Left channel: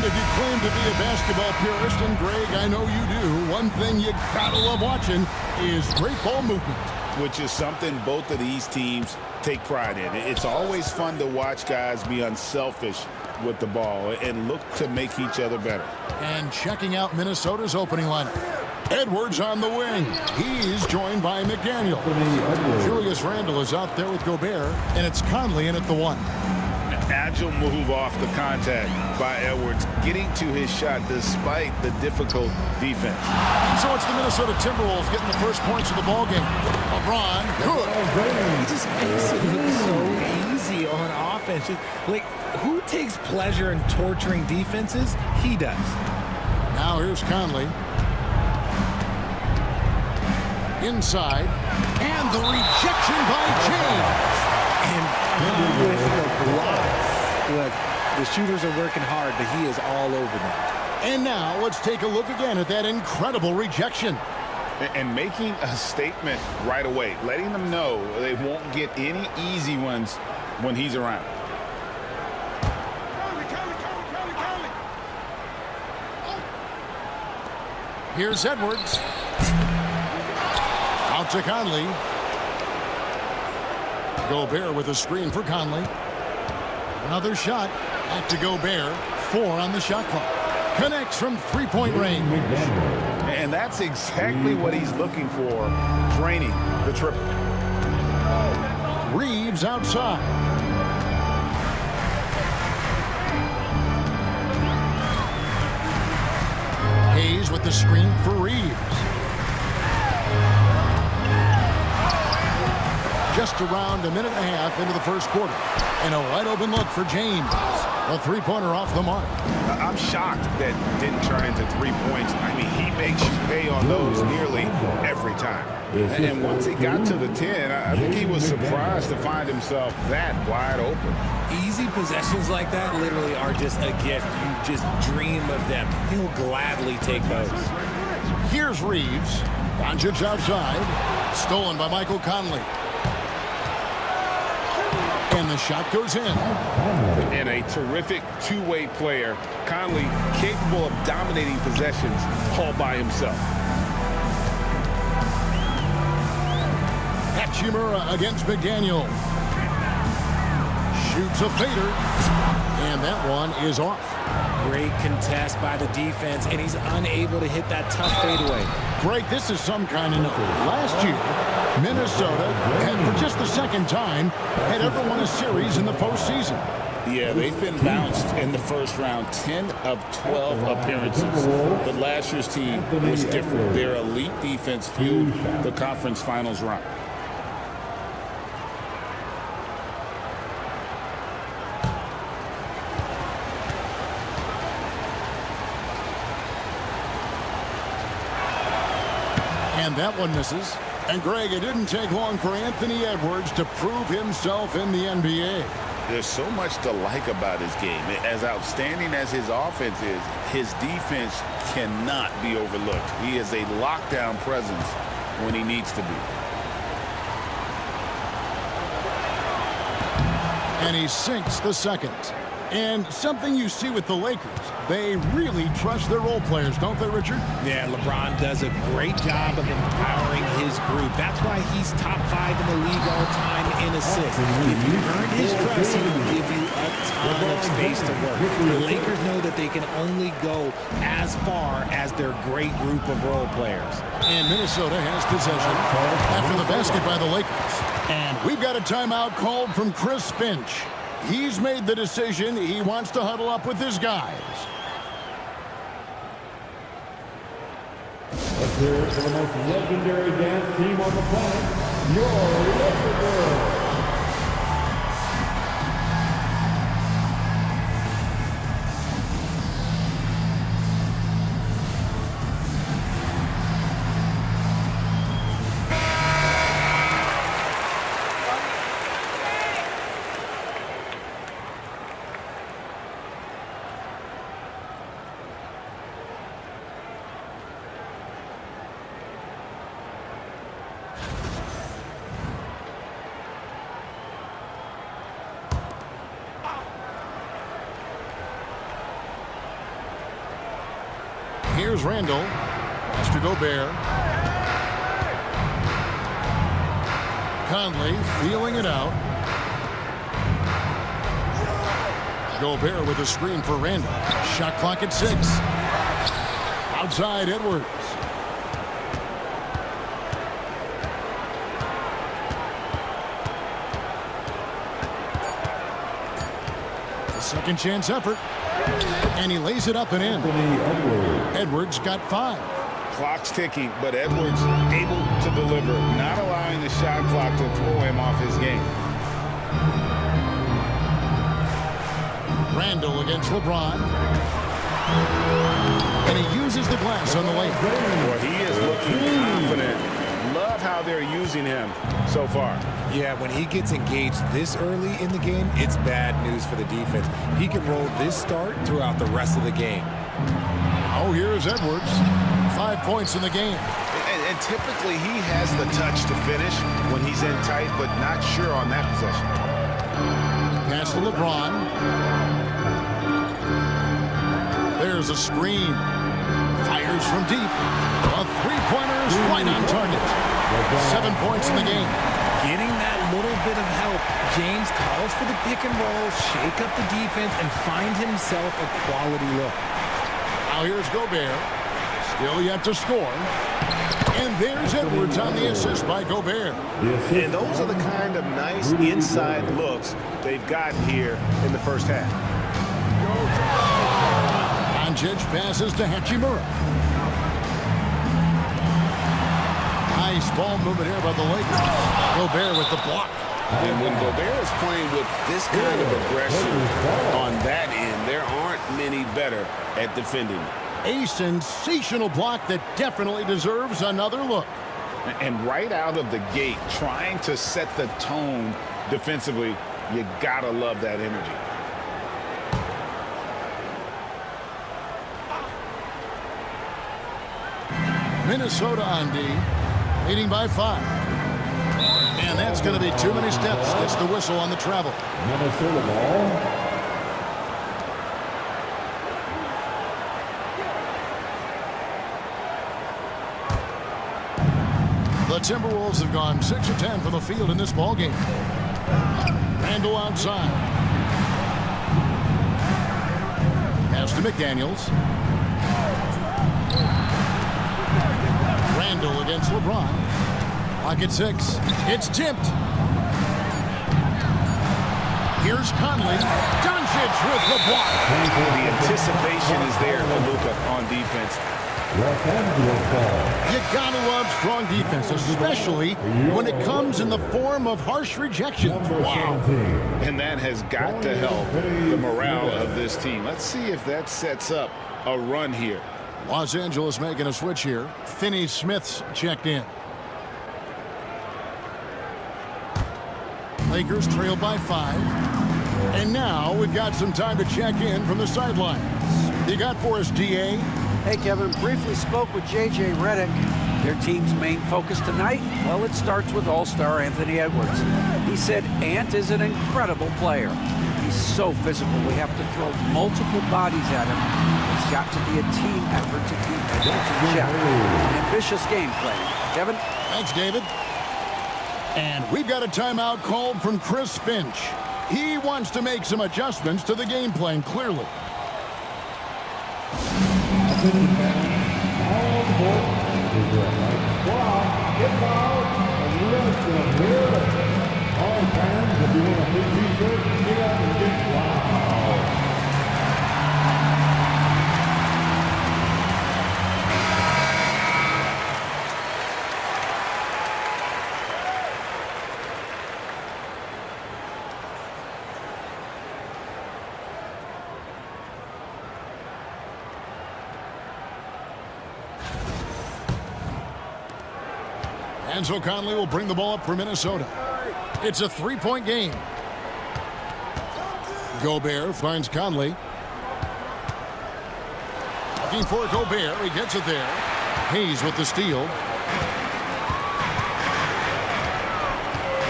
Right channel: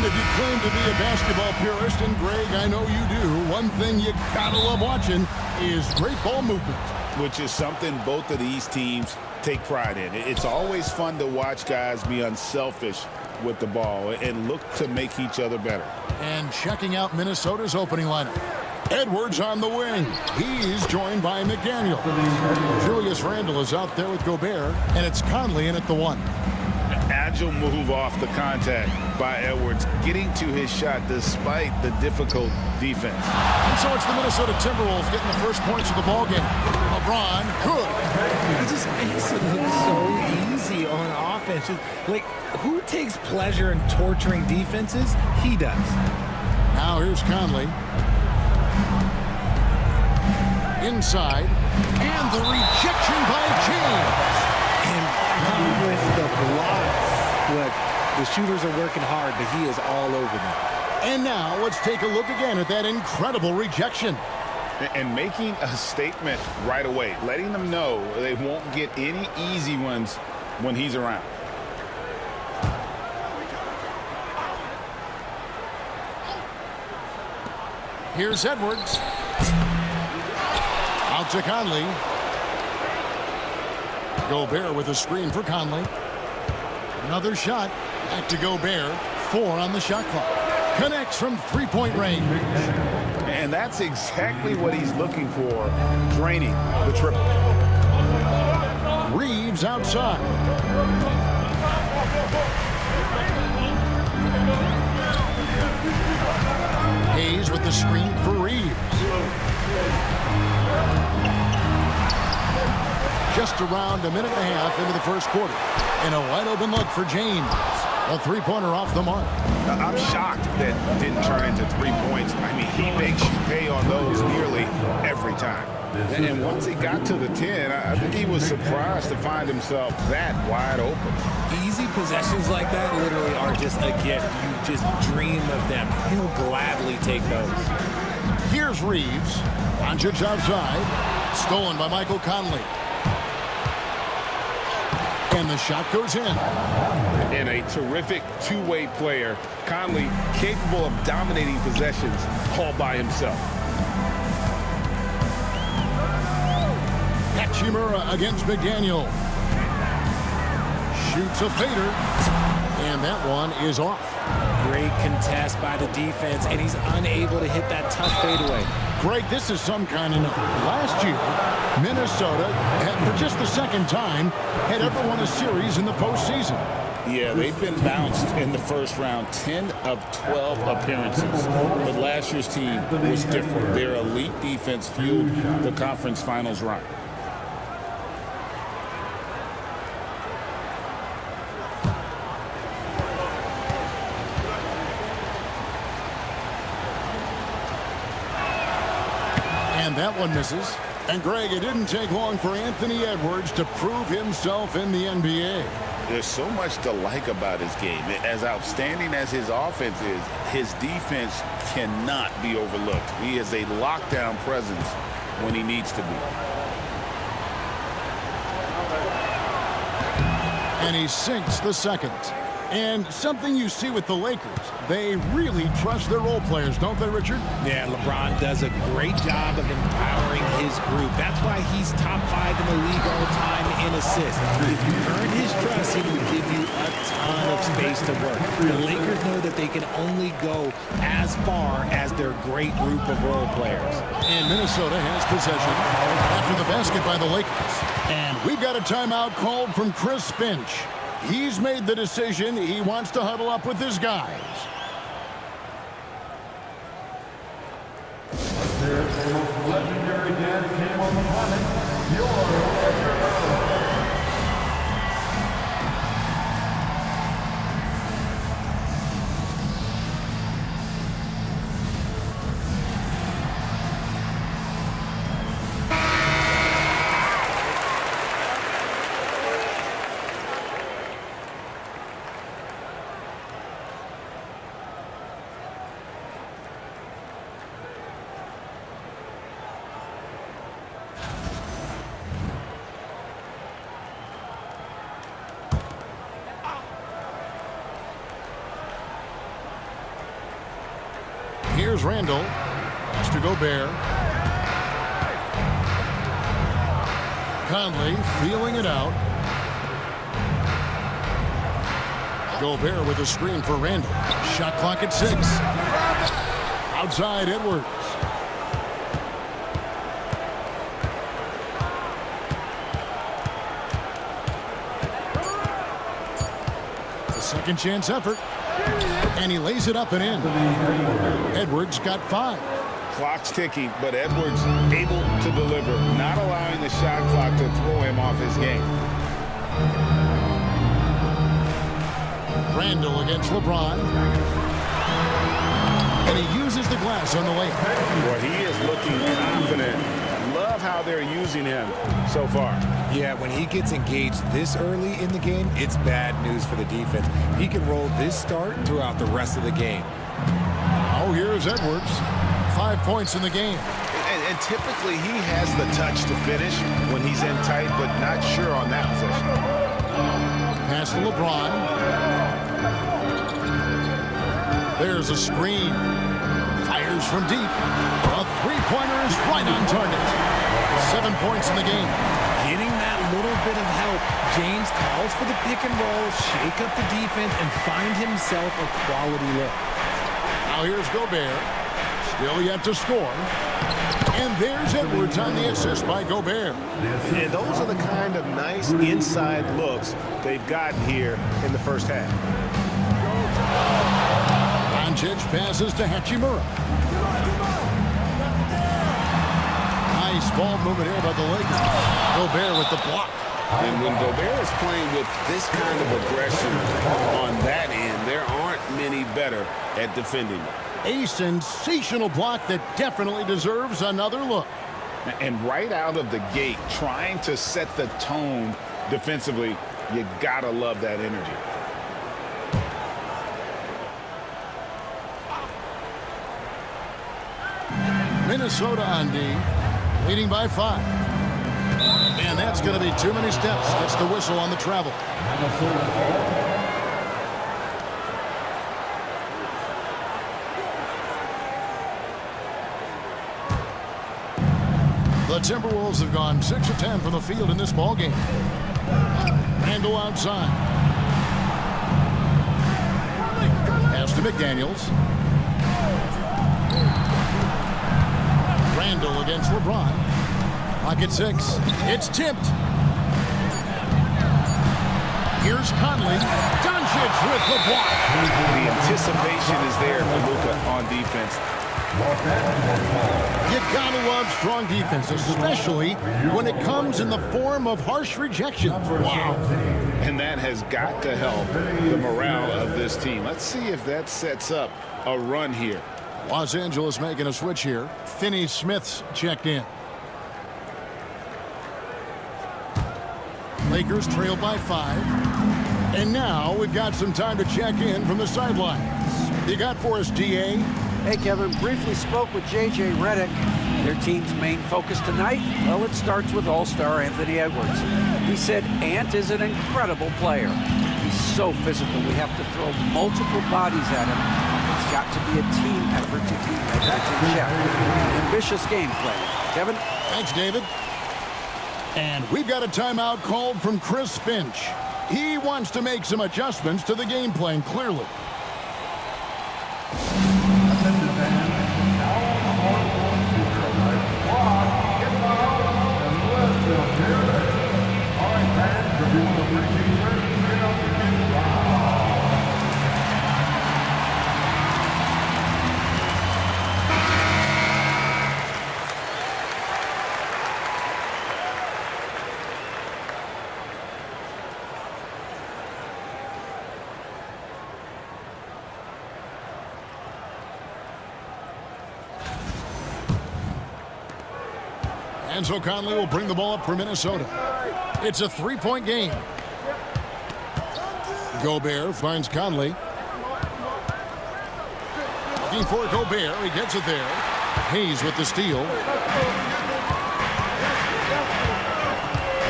And if you claim to be a basketball purist, and Greg, I know you do, one thing you gotta love watching is great ball movement. Which is something both of these teams take pride in. It's always fun to watch guys be unselfish with the ball and look to make each other better. And checking out Minnesota's opening lineup. Edwards on the wing. He's joined by McDaniel. Julius Randle is out there with Gobert, and it's Conley in at the 1. An agile move off the contact by Edwards, getting to his shot despite the difficult defense. And so it's the Minnesota Timberwolves getting the first points of the ball game. LeBron, good. He just makes it look so easy on offense. Like, who takes pleasure in torturing defenses? He does. Now here's Conley. Inside. And the rejection by James. And with the blocks. Look, the shooters are working hard, but he is all over them. And now let's take a look again at that incredible rejection. And making a statement right away, letting them know they won't get any easy ones when he's around. Here's Edwards. Out to Conley. Gobert with a screen for Conley. Another shot. Back to Gobert. 4 on the shot clock. Connects from three-point range. And that's exactly what he's looking for, draining the triple. Reeves outside. Hayes with the screen for Reeves. Just around a minute and a half into the first quarter. And a wide open look for James. A three-pointer off the mark. I'm shocked that didn't turn into 3 points. I mean, he makes you pay on those nearly every time. And once he got to the 10, I think he was surprised to find himself that wide open. Easy possessions like that literally are just a gift. You just dream of them. He'll gladly take those. Here's Reeves. Doncic outside. Stolen by Michael Conley. And the shot goes in. And a terrific two-way player. Conley capable of dominating possessions all by himself. Hachimura against McDaniel. Shoots a fader. And that one is off. Great contest by the defense, and he's unable to hit that tough fadeaway. Greg, this is some kind of note. Last year, Minnesota, for just the second time, had ever won a series in the postseason. Yeah, they've been bounced in the first round, 10 of 12 appearances. But last year's team was different. Their elite defense fueled the conference finals run. And that one misses. And Greg, it didn't take long for Anthony Edwards to prove himself in the NBA. There's so much to like about his game. As outstanding as his offense is, his defense cannot be overlooked. He is a lockdown presence when he needs to be. And he sinks the second. And something you see with the Lakers, they really trust their role players, don't they, Richard? Yeah, LeBron does a great job of empowering his group. That's why he's top 5 in the league all time in assists. If you earn his trust, he will give you a ton of space to work. The Lakers know that they can only go as far as their great group of role players. And Minnesota has possession after the basket by the Lakers. And we've got a timeout called from Chris Finch. He's made the decision. He wants to huddle up with his guys. There's the most legendary dance team on the planet, your LAKERS. Here's Randall. Pass to Gobert. Conley feeling it out. Gobert with a screen for Randall. Shot clock at 6. Outside Edwards. A second chance effort. And he lays it up and in. Edwards got 5. Clock's ticking, but Edwards able to deliver, not allowing the shot clock to throw him off his game. Randall against LeBron. And he uses the glass on the layup. Boy, he is looking confident. Love how they're using him so far. Yeah, when he gets engaged this early in the game, it's bad news for the defense. He can roll this start throughout the rest of the game. Now here's Edwards. 5 points in the game. And typically he has the touch to finish when he's in tight, but not sure on that possession. Pass to LeBron. There's a screen. Fires from deep. A three-pointer is right on target. 7 points in the game. Getting that little bit of help, James calls for the pick and roll, shake up the defense, and find himself a quality look. Now here's Gobert. Still yet to score. And there's Edwards on the assist by Gobert. And those are the kind of nice inside looks they've gotten here in the first half. Doncic passes to Hachimura. Nice ball movement here by the Lakers. Gobert with the block. And when Gobert is playing with this kind of aggression on that end, there aren't many better at defending it. A sensational block that definitely deserves another look. And right out of the gate, trying to set the tone defensively, you gotta love that energy. Minnesota on D, leading by 5. And that's going to be too many steps. Gets the whistle on the travel. Minnesota ball. The Timberwolves have gone 6 of 10 from the field in this ball game. Randall outside. Pass to McDaniels. Randall against LeBron. Clock at 6. It's tipped. Here's Conley. Doncic with the block. The anticipation is there for Luka on defense. Los Angeles ball. You gotta love strong defense, especially when it comes in the form of harsh rejections. Wow. And that has got to help the morale of this team. Let's see if that sets up a run here. Los Angeles making a switch here. Finney-Smith's checked in. Lakers trail by 5. And now we've got some time to check in from the sidelines. You got for us, DA? Hey, Kevin, briefly spoke with J.J. Redick. Their team's main focus tonight, well, it starts with all-star Anthony Edwards. He said Ant is an incredible player. He's so physical, we have to throw multiple bodies at him. It's got to be a team effort to keep Edwards in check. An ambitious game plan. Kevin? Thanks, David. And we've got a timeout called from Chris Finch. He wants to make some adjustments to the game plan, clearly. Attention fans, all court is your right squad. Get out and let's hear it. All right, fans, if you want to free t-shirt, get up and get loud. And so Conley will bring the ball up for Minnesota. It's a three-point game. Gobert finds Conley. Looking for Gobert. He gets it there. Hayes with the steal.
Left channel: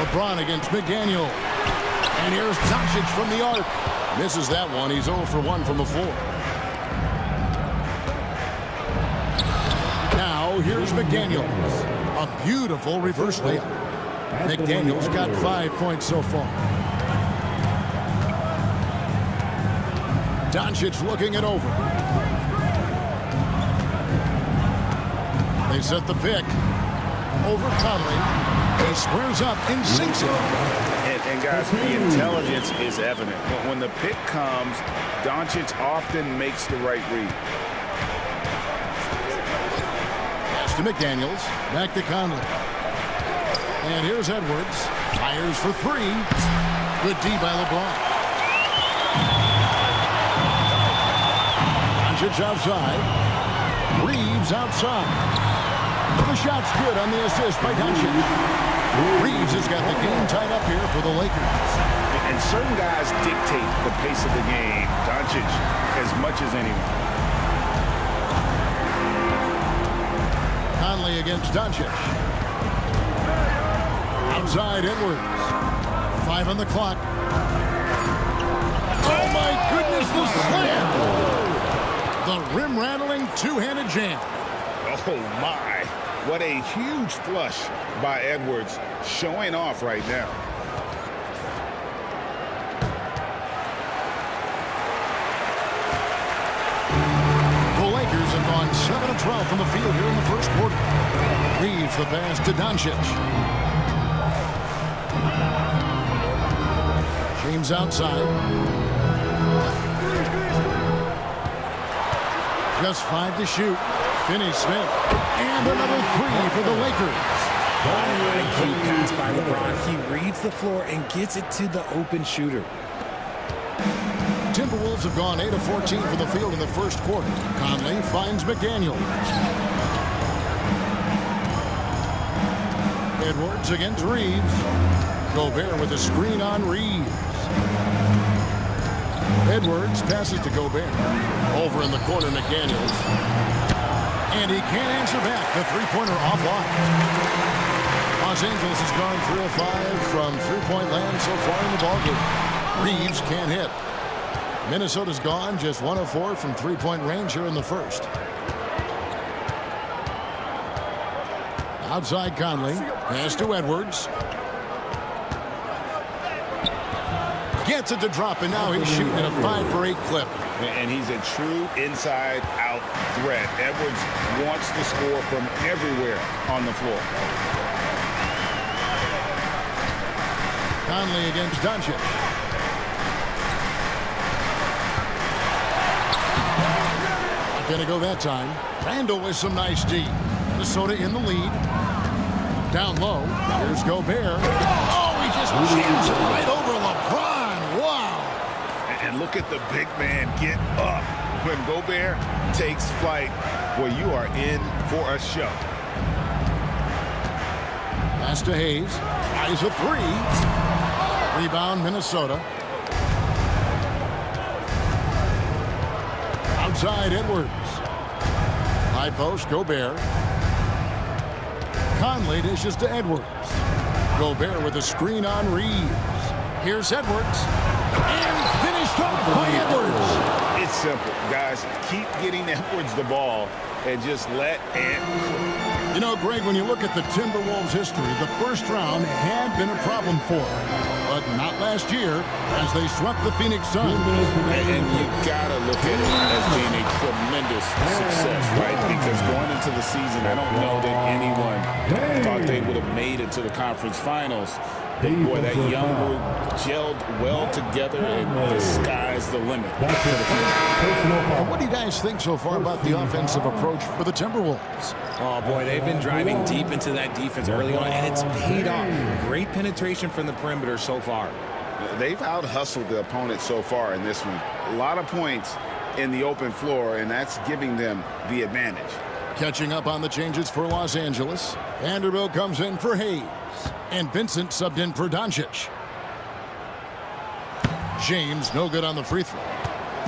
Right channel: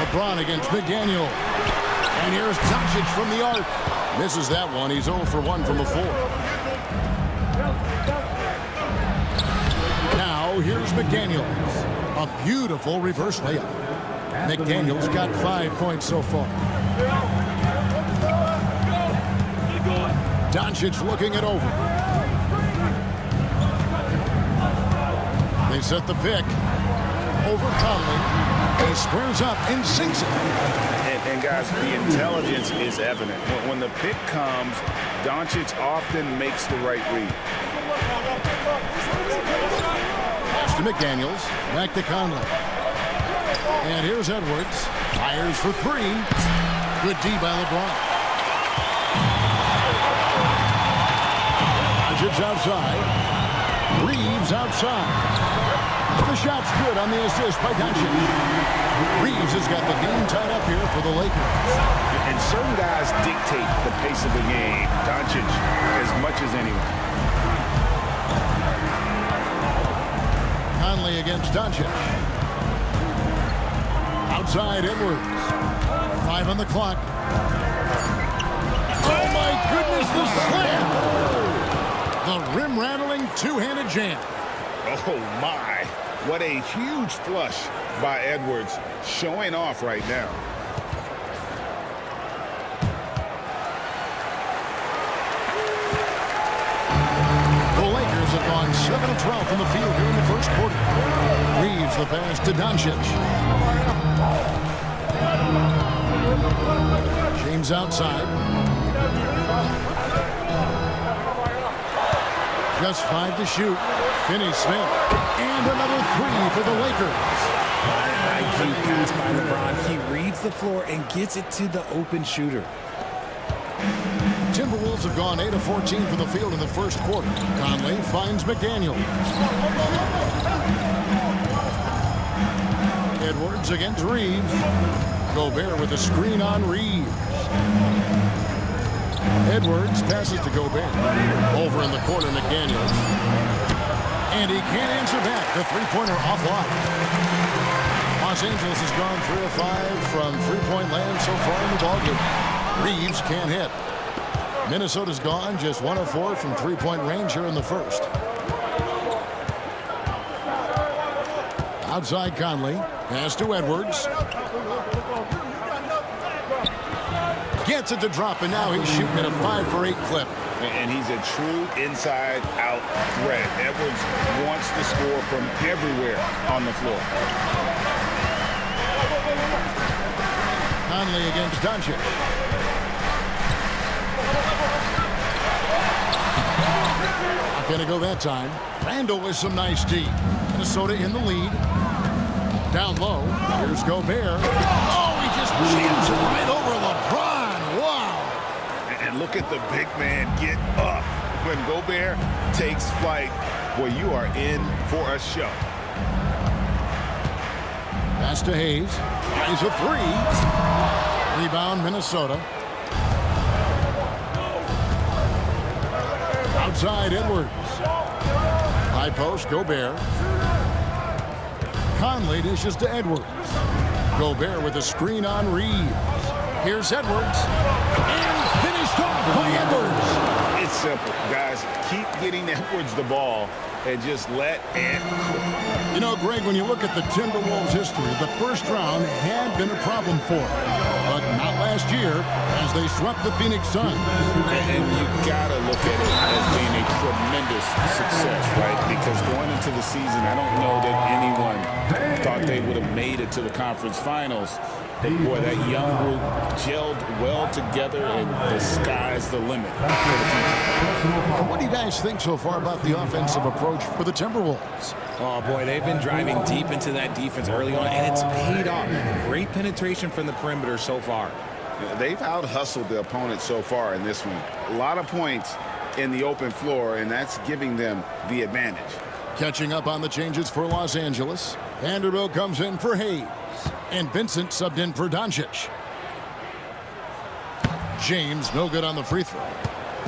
LeBron against McDaniel. And here's Doncic from the arc. Misses that one. He's 0 for 1 from the floor. So here's McDaniels. A beautiful reverse layup. McDaniels got 5 points so far. Doncic looking it over. They set the pick. Over Conley. He squares up and sinks it. And guys, the intelligence is evident. When the pick comes, Doncic often makes the right read. Pass to McDaniels. Back to Conley. And here's Edwards. Fires for three. Good D by LeBron. Doncic outside. Reeves outside. The shot's good on the assist by Doncic. Reeves has got the game tied up here for the Lakers. And certain guys dictate the pace of the game. Doncic as much as anyone. Conley against Doncic. Outside Edwards. 5 on the clock. Oh my goodness, the slam! The rim-rattling two-handed jam. Oh my, what a huge flush by Edwards, showing off right now. The Lakers have gone 7 of 12 from the field here in the first quarter. Reeves the pass to Doncic. James outside. Just 5 to shoot. Finney-Smith. And another 3 for the Lakers. IQ pass by LeBron. He reads the floor and gets it to the open shooter. Timberwolves have gone 8 of 14 from the field in the first quarter. Conley finds McDaniels. Edwards against Reeves. Gobert with a screen on Reeves. Edwards passes to Gobert. Over in the corner, McDaniels. And he can't answer back. The three-pointer offline. Los Angeles has gone 3 of 5 from three-point land so far in the ballgame. Reeves can't hit. Minnesota's gone just 1 of 4 from three-point range here in the first. Outside Conley. Pass to Edwards. Gets it to drop, and now he's shooting at a 5 for 8 clip. And he's a true inside-out threat. Edwards wants to score from everywhere on the floor. Conley against Doncic. Not going to go that time. Randall with some nice D. Minnesota in the lead. Down low. Here's Gobert. Oh, he just jams it right over LeBron. Wow. And look at the big man get up. When Gobert takes flight, boy, you are in for a show. Pass to Hayes. Tries a 3. Rebound, Minnesota. Outside, Edwards. High post, Gobert. Conley dishes to Edwards. Gobert with a screen on Reeves. Here's Edwards. And finished off by Edwards. It's simple, guys. Keep getting Edwards the ball and just let it cook. You know, Greg, when you look at the Timberwolves' history, the first round had been a problem for them. But not last year, as they swept the Phoenix Suns. And you gotta look at it as being a tremendous success, right? Because going into the season, I don't know that anyone thought they would have made it to the conference finals. But boy, that young group gelled well together, and the sky's the limit for the future. And what do you guys think so far about the offensive approach for the Timberwolves? Oh, boy, they've been driving deep into that defense early on, and it's paid off. Great penetration from the perimeter so far. They've out-hustled the opponent so far in this one. A lot of points in the open floor, and that's giving them the advantage. Catching up on the changes for Los Angeles. Vanderbilt comes in for Hayes. And Vincent subbed in for Doncic. James no good on the free throw.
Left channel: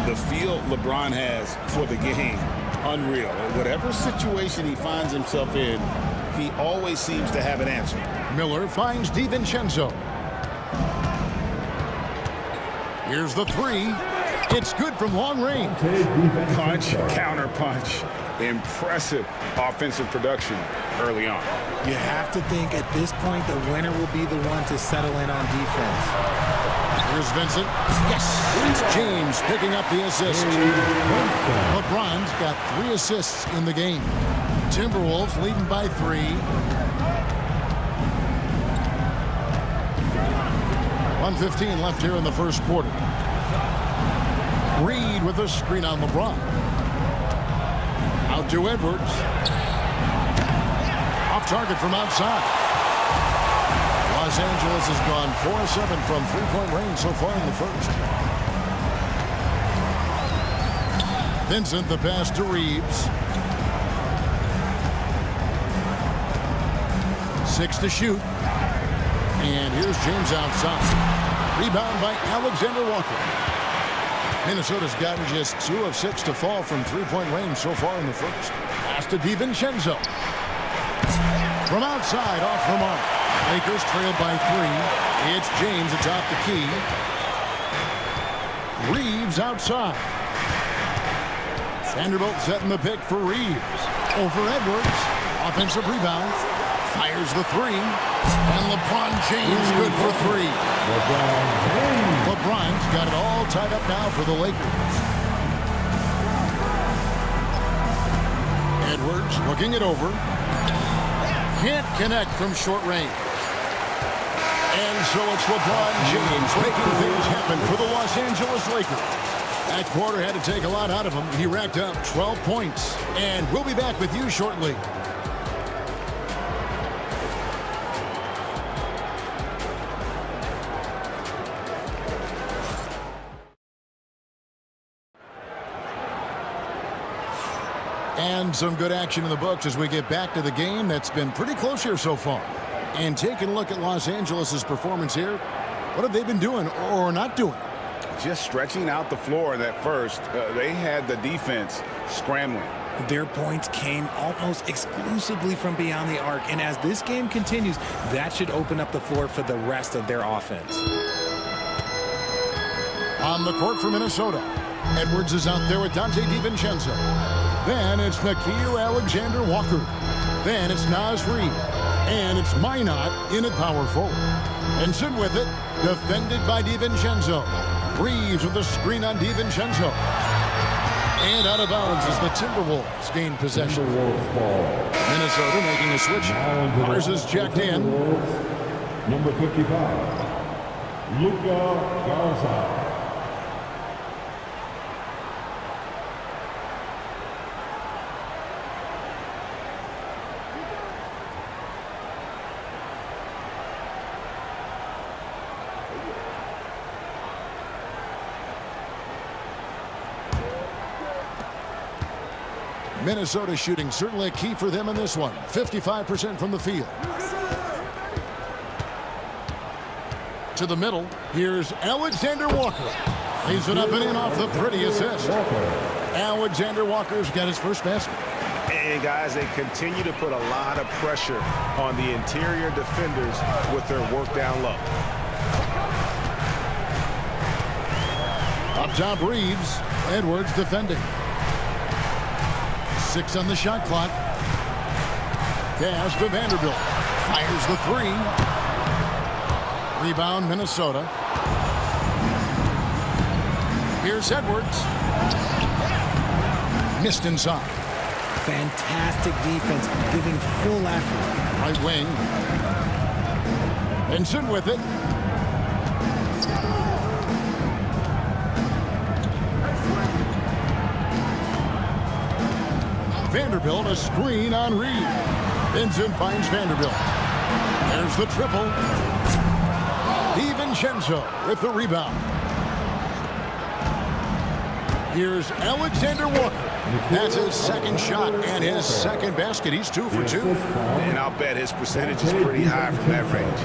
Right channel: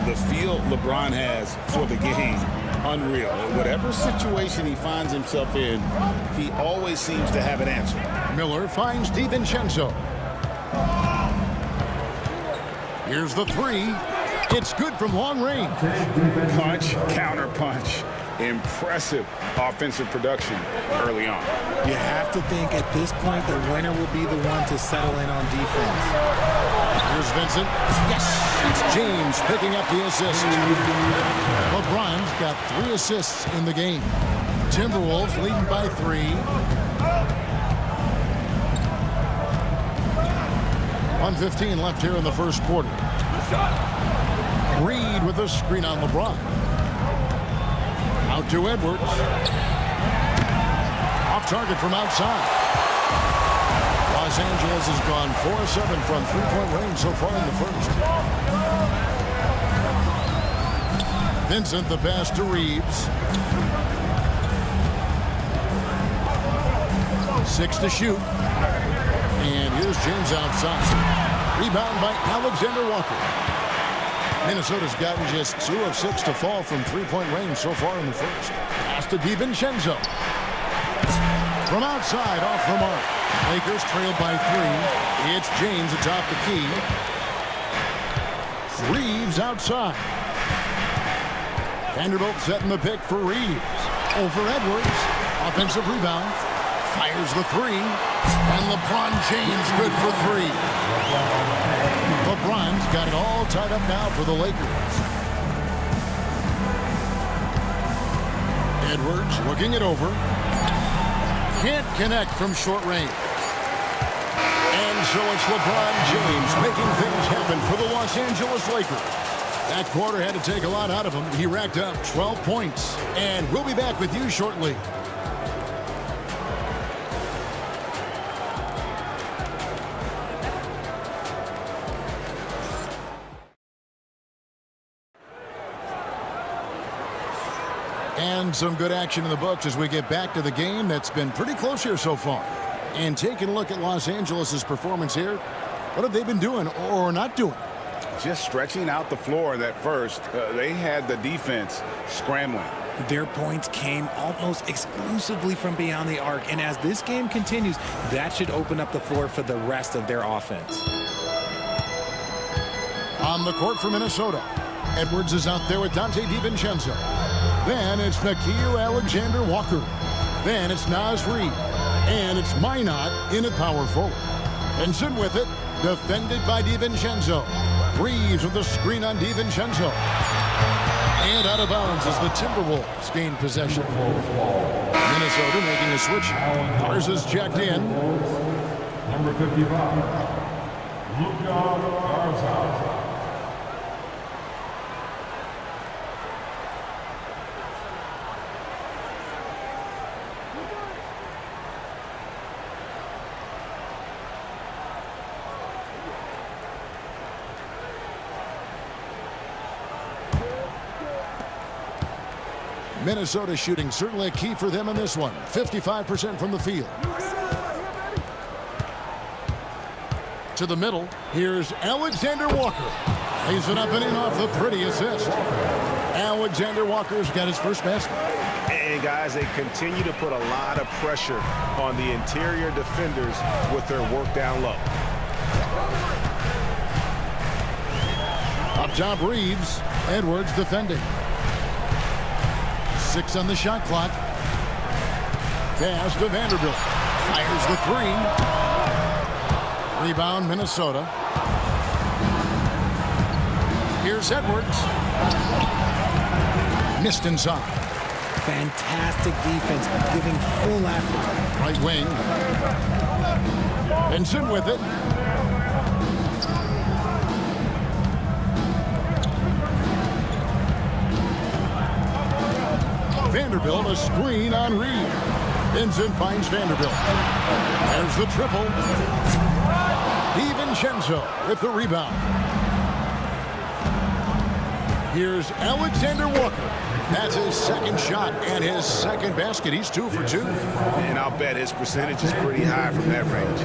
The feel LeBron has for the game, unreal. Whatever situation he finds himself in, he always seems to have an answer. Miller finds DiVincenzo. Here's the 3. It's good from long range. Punch, counter punch. impressive offensive production early on. You have to think at this point the winner will be the one to settle in on defense. Here's Vincent. Yes, it's James picking up the assist. LeBron's got 3 assists in the game. Timberwolves leading by 3. .115 left here in the first quarter. Reed with a screen on LeBron. Out to Edwards. Off target from outside. Los Angeles has gone 4 of 7 from three-point range so far in the first. Vincent, the pass to Reeves. 6 to shoot. And here's James outside. Rebound by Alexander Walker. Minnesota's gotten just 2 of 6 to fall from three-point range so far in the first. Pass to DiVincenzo. From outside, off the mark. Lakers trail by 3. It's James atop the key. Reeves outside. Vanderbilt setting the pick for Reeves. Over Edwards. Offensive rebound. Fires the 3. And LeBron James good for 3. LeBron's got it all tied up now for the Lakers. Edwards looking it over. Can't connect from short range. And so it's LeBron James making things happen for the Los Angeles Lakers. That quarter had to take a lot out of him. He racked up 12 points. And we'll be back with you shortly. And some good action in the books as we get back to the game that's been pretty close here so far. And taking a look at Los Angeles' performance here, what have they been doing or not doing? Just stretching out the floor that first. They had the defense scrambling. Their points came almost exclusively from beyond the arc. And as this game continues, that should open up the floor for the rest of their offense. On the court for Minnesota, Edwards is out there with Dante DiVincenzo. Then it's Nickeil Alexander-Walker. Then it's Naz Reid. And it's Minot in at power forward. Vincent with it, defended by DiVincenzo. Reeves with the screen on DiVincenzo. And out of bounds as the Timberwolves gain possession. Minnesota making a switch. Ours is checked in. Number 55, Luka Garza. Minnesota shooting certainly a key for them in this one. 55% from the field. To the middle. Here's Alexander Walker. Lays it up and in off the pretty assist. Alexander Walker's got his first basket. And guys, they continue to put a lot of pressure on the interior defenders with their work down low. Up top, Reeves. Edwards defending. 6 on the shot clock. Pass to Vanderbilt. Fires the 3. Rebound, Minnesota. Here's Edwards. Missed inside. Fantastic defense, giving full effort. Right wing. Vincent with it. Vanderbilt, a screen on Reed. Vincent finds Vanderbilt. There's the triple. DiVincenzo with the rebound. Here's Alexander Walker. That's his second shot and his second basket. He's 2 for 2. And I'll bet his percentage is pretty high from that range.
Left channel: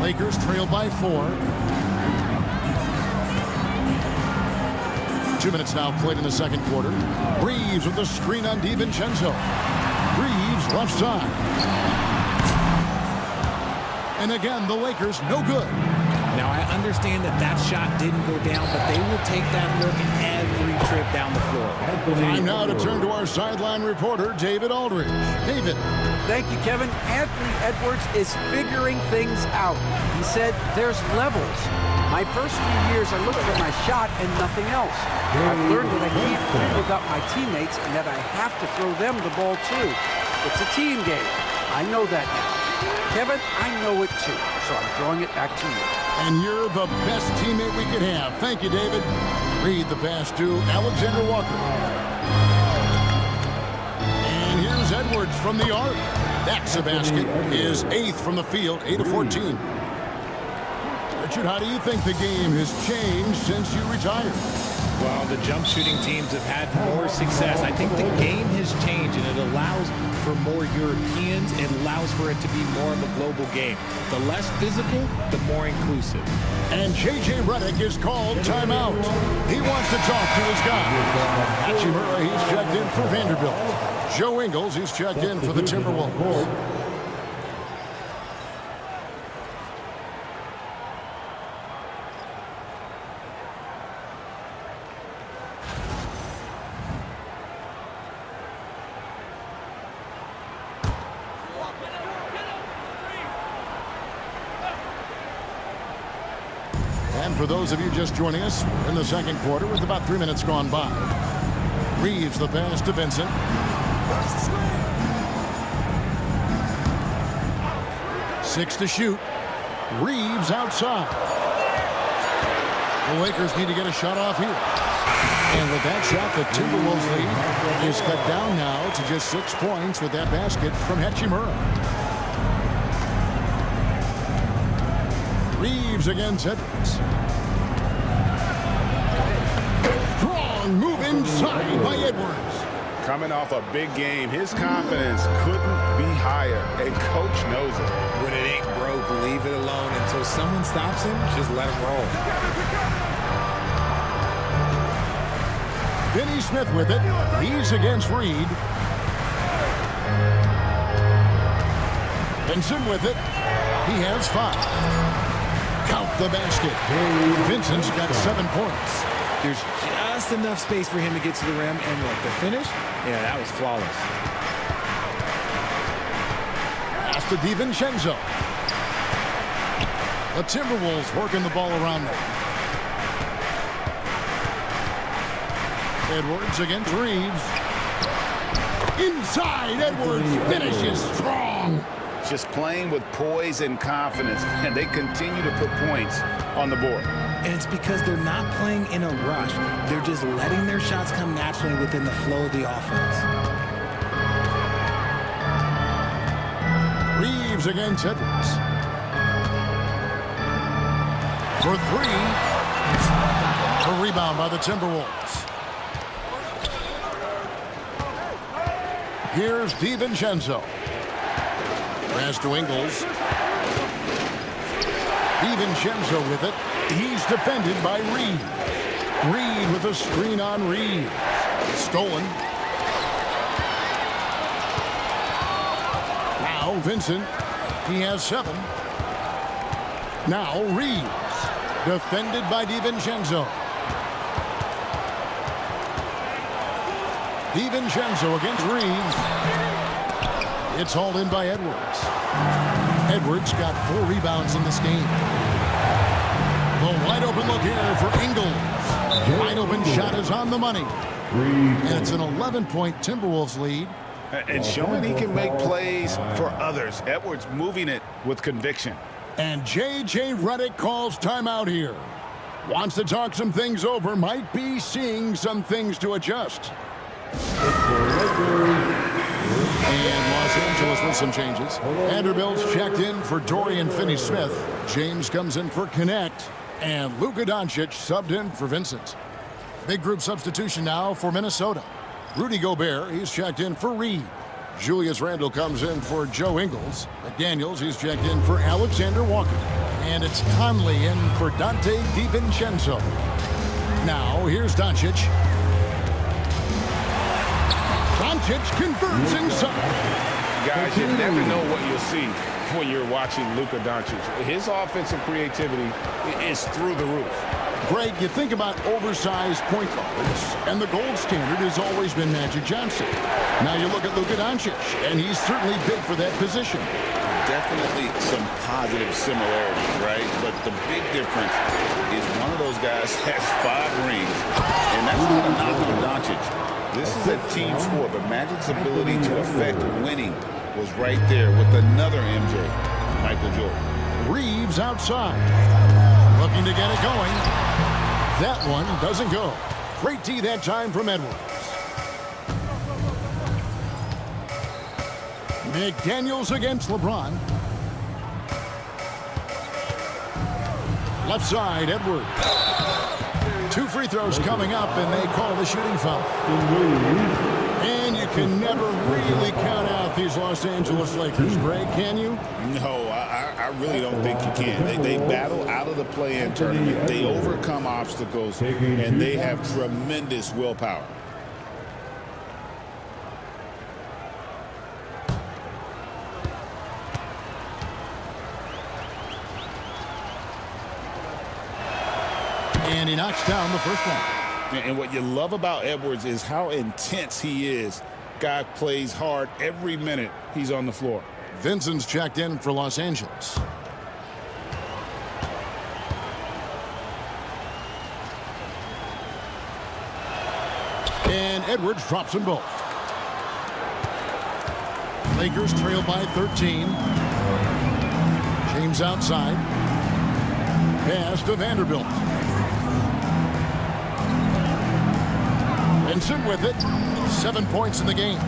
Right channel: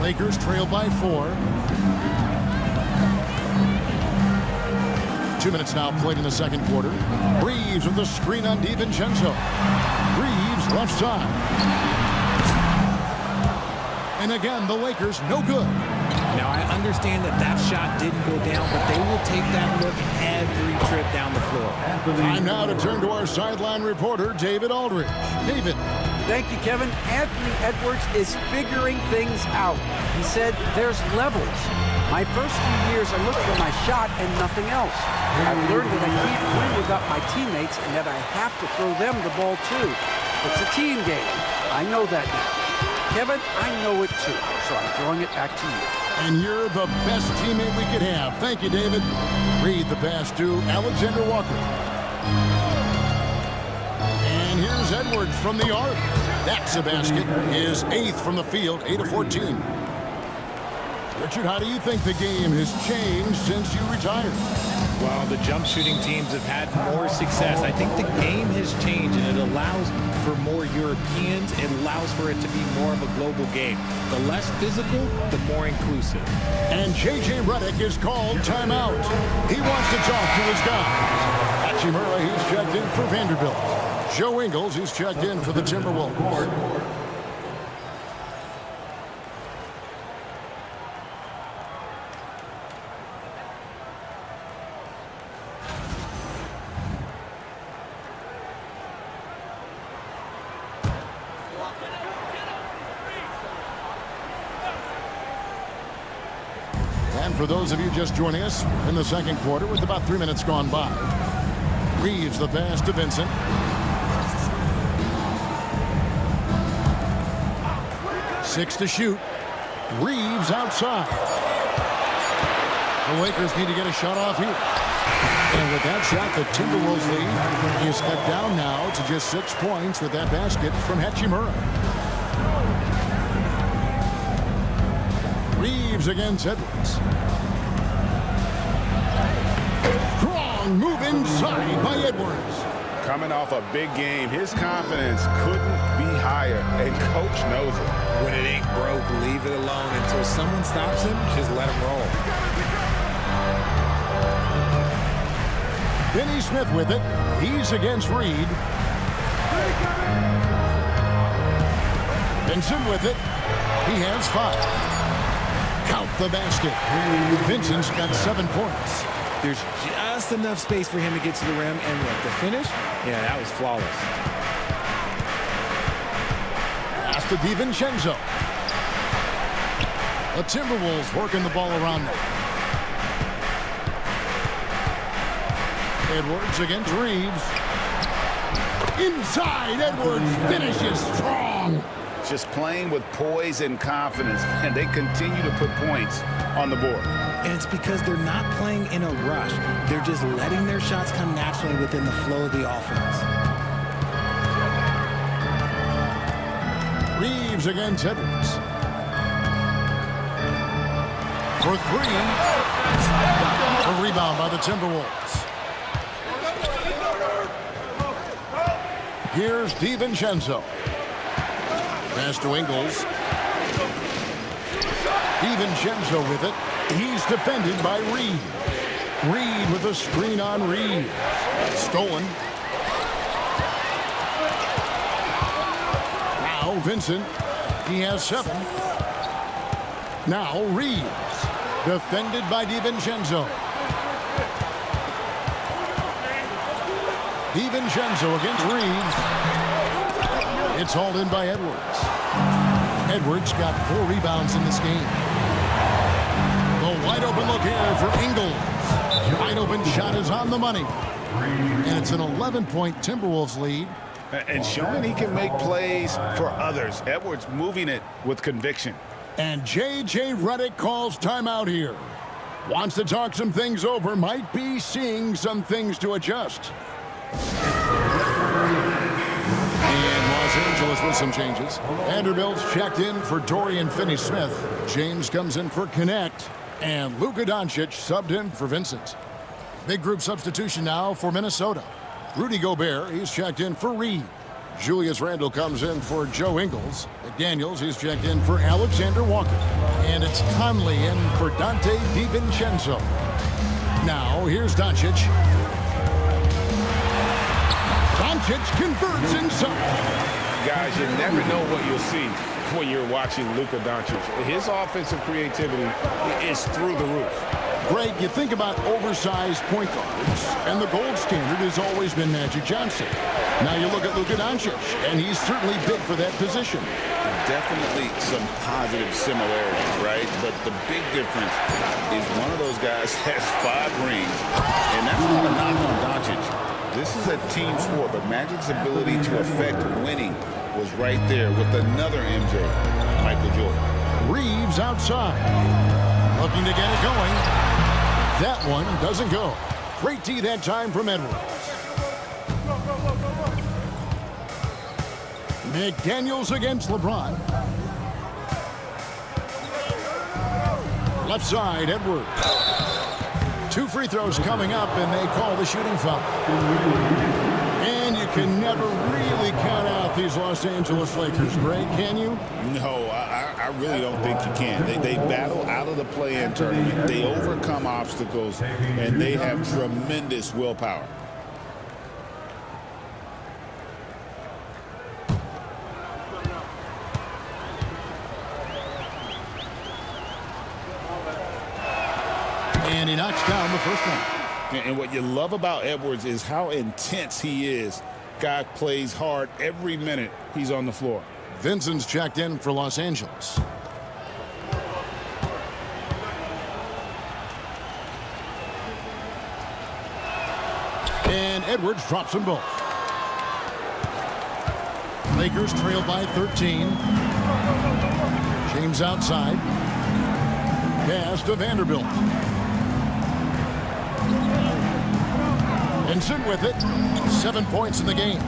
Lakers trail by 4. 2 minutes now played in the second quarter. Reeves with the screen on DiVincenzo. Reeves left side. And again, the Lakers no good. Now, I understand that that shot didn't go down, but they will take that look every trip down the floor. Time now to turn to our sideline reporter, David Aldridge. David. Thank you, Kevin. Anthony Edwards is figuring things out. He said there's levels. My first few years, I looked for my shot and nothing else. I've learned that I can't win without my teammates and that I have to throw them the ball too. It's a team game. I know that now. Kevin, I know it too, so I'm throwing it back to you. And you're the best teammate we could have. Thank you, David. Read the pass to Alexander Walker. And here's Edwards from the arc. That's a basket. His 8th from the field, 8 of 14. Richard, how do you think the game has changed since you retired? Well, the jump shooting teams have had more success. I think the game has changed, and it allows for more Europeans. It allows for it to be more of a global game. The less physical, the more inclusive. And J.J. Redick is called timeout. He wants to talk to his guys. Hachimura, he's checked in for Vanderbilt. Joe Ingles, he's checked in for the Timberwolves. And for those of you just joining us, we're in the second quarter with about 3 minutes gone by. Reeves the pass to Vincent. 6 to shoot. Reeves outside. The Lakers need to get a shot off here. And with that shot, the Timberwolves lead is cut down now to just 6 points with that basket from Hachimura. Reeves against Edwards. Strong move inside by Edwards. Coming off a big game, his confidence couldn't be higher, and coach knows it. When it ain't broke, leave it alone until someone stops him. Just let him roll. Finney Smith with it. He's against Reed. Vincent with it. He has 5. Count the basket. Vincent's got 7 points. There's just enough space for him to get to the rim, and look, the finish, yeah, that was flawless. Pass to DiVincenzo. The Timberwolves working the ball around now. Edwards against Reeves. Inside, Edwards finishes strong. Just playing with poise and confidence, and they continue to put points on the board. And it's because they're not playing in a rush. They're just letting their shots come naturally within the flow of the offense. Reeves against Edwards. For 3. A rebound by the Timberwolves. Here's DiVincenzo. Pass to Ingles. DiVincenzo with it. He's defended by Reed. Reed with a screen on Reed. Stolen. Now Vincent. He has 7. Now Reeves. Defended by DiVincenzo. DiVincenzo against Reeves. It's hauled in by Edwards. Edwards got 4 rebounds in this game. The wide open look here for Ingles. Wide open shot is on the money. And it's an 11-point Timberwolves lead. And showing he can make plays for others. Edwards moving it with conviction. And J.J. Redick calls timeout here. Wants to talk some things over. Might be seeing some things to adjust. And Los Angeles with some changes. Vanderbilt's checked in for Dorian Finney-Smith. James comes in for Connect. And Luka Doncic subbed in for Vincent. Big group substitution now for Minnesota. Rudy Gobert, he's checked in for Reed. Julius Randle comes in for Joe Ingles. McDaniels, he's checked in for Alexander Walker. And it's Conley in for Dante DiVincenzo. Now, here's Doncic. Doncic converts inside. Guys, you never know what you'll see. when you're watching Luka Doncic. His offensive creativity is through the roof. Greg, you think about oversized point guards, and the gold standard has always been Magic Johnson. Now you look at Luka Doncic, and he's certainly big for that position. Definitely some positive similarities, right? But the big difference is one of those guys has 5 rings, and that's not a knock on Doncic. This is a team sport, but Magic's ability to affect winning was right there with another MJ, Michael Jordan. Reeves outside, looking to get it going. That one doesn't go. Great D that time from Edwards. McDaniels against LeBron. Left side, Edwards. 2 free throws coming up, and they call the shooting foul. And you can never really count out these Los Angeles Lakers, Greg, can you? No, I really don't think you can. They battle out of the play-in tournament. They overcome obstacles, and they have tremendous willpower. And he knocks down the first one. And what you love about Edwards is how intense he is. Guy plays hard every minute he's on the floor. Vincent's checked in for Los Angeles. And Edwards drops them both. Lakers trail by 13. James outside. Pass to Vanderbilt. Vincent with it. 7 points in the game.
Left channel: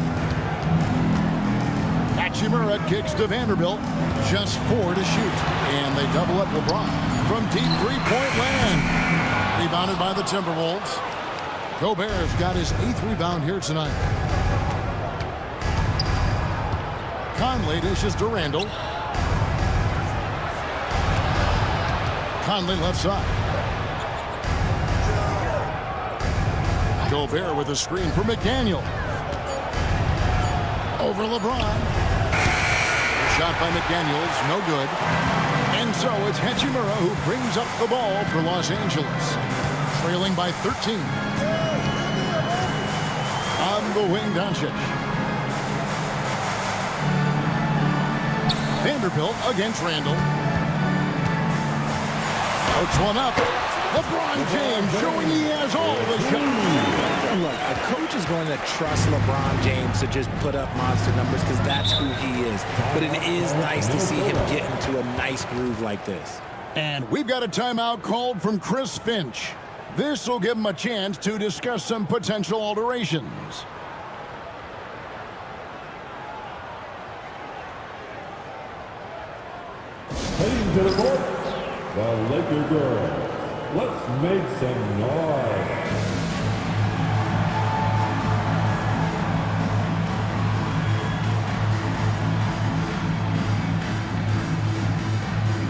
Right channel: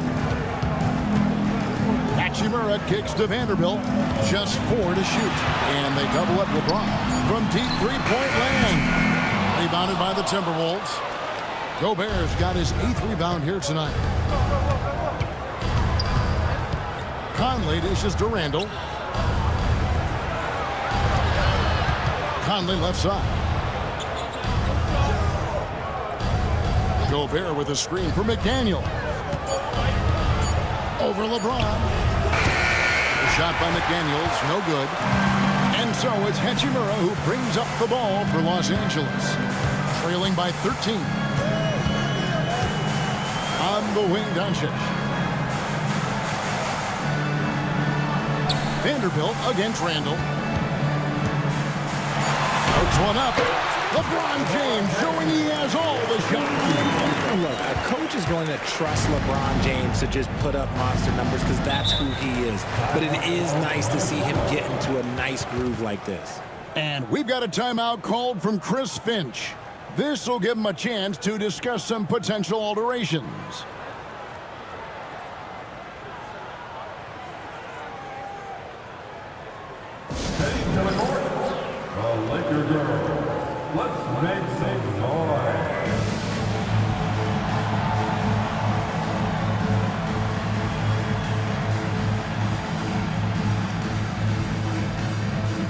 Hachimura kicks to Vanderbilt. Just 4 to shoot. And they double up LeBron from deep three-point land. Rebounded by the Timberwolves. Gobert's got his 8th rebound here tonight. Conley dishes to Randall. Conley left side. Gobert with a screen for McDaniel. Over LeBron. A shot by McDaniels, no good. And so it's Hachimura who brings up the ball for Los Angeles. Trailing by 13. On the wing, Doncic. Vanderbilt against Randall. Floats one up. LeBron James showing he has all the shots. Look, a coach is going to trust LeBron James to just put up monster numbers because that's who he is. But it is nice to see him get into a nice groove like this. And we've got a timeout called from Chris Finch. This will give him a chance to discuss some potential alterations. Heading to the court, the Laker girls. Let's make some noise.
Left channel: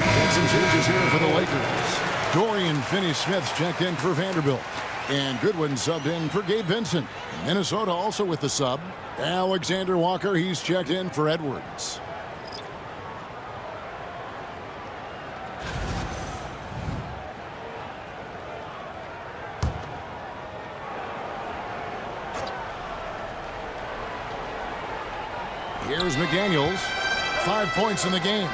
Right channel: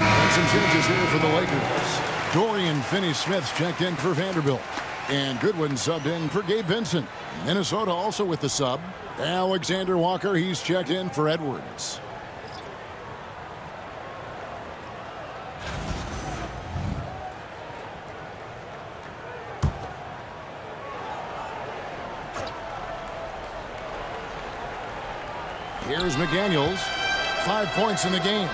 And some changes here for the Lakers. Dorian Finney-Smith's checked in for Vanderbilt. And Goodwin subbed in for Gabe Vincent. Minnesota also with the sub. Alexander Walker, he's checked in for Edwards. Here's McDaniels. 5 points in the game.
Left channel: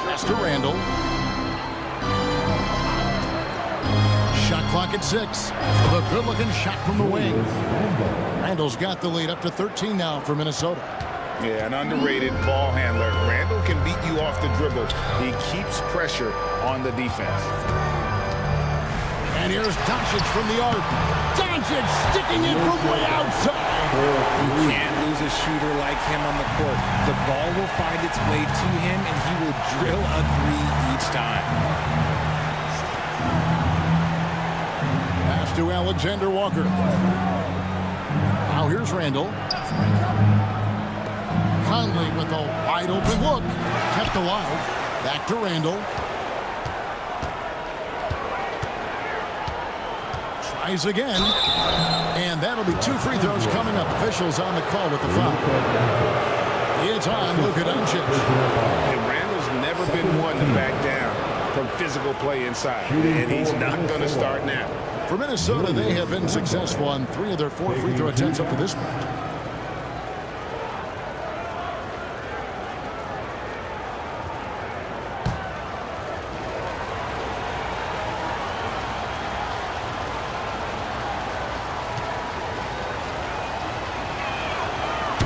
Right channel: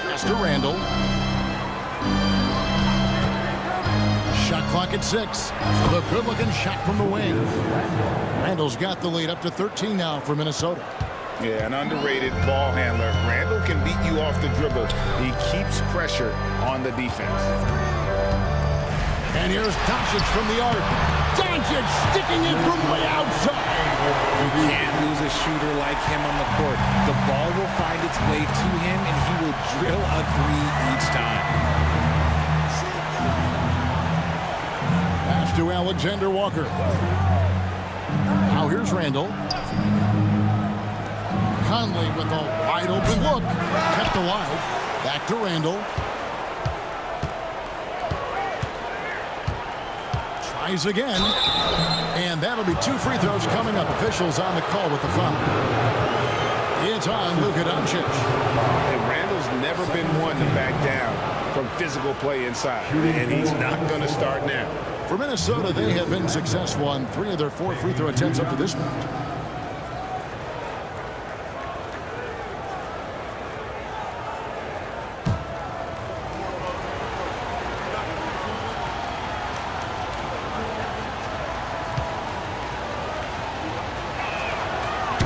Pass to Randall. Shot clock at 6. The good-looking shot from the wing. Randall's got the lead up to 13 now for Minnesota. Yeah, an underrated ball handler. Randall can beat you off the dribble. He keeps pressure on the defense. And here's Doncic from the arc. Doncic sticking it from way outside. You can't lose a shooter like him on the court. The ball will find its way to him, and he will drill a 3 each time. Pass to Alexander Walker. Now here's Randall. Conley with a wide open look. Kept alive. Back to Randall. Tries again. And that'll be 2 free throws coming up. Officials on the call with the foul. It's on Luka Doncic. And Randall's never been one to back down from physical play inside. And he's not going to start now. For Minnesota, they have been successful on 3 of their 4 free throw attempts up to this point.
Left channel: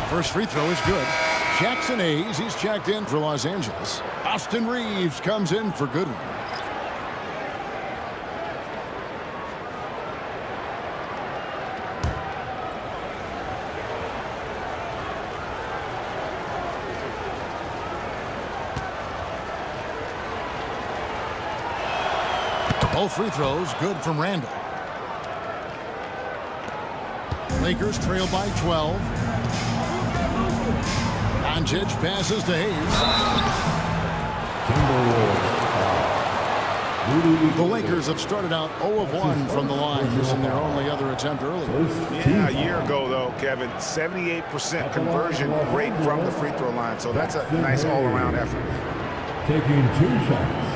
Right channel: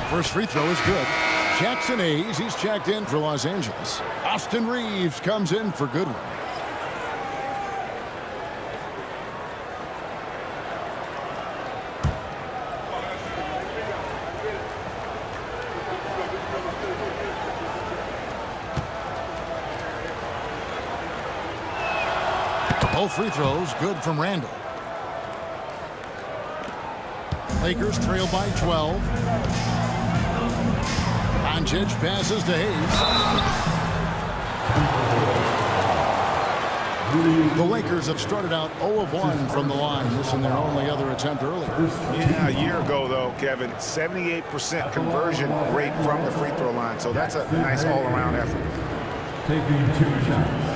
First free throw is good. Jackson Hayes, he's checked in for Los Angeles. Austin Reeves comes in for Goodwin. Both free throws good from Randall. Lakers trail by 12. Doncic passes to Hayes. The Lakers have started out 0 of 1 from the line, missing their only other attempt earlier. Yeah, a year ago, though, Kevin, 78% conversion rate from the free throw line. So that's a nice all-around effort. Taking 2 shots.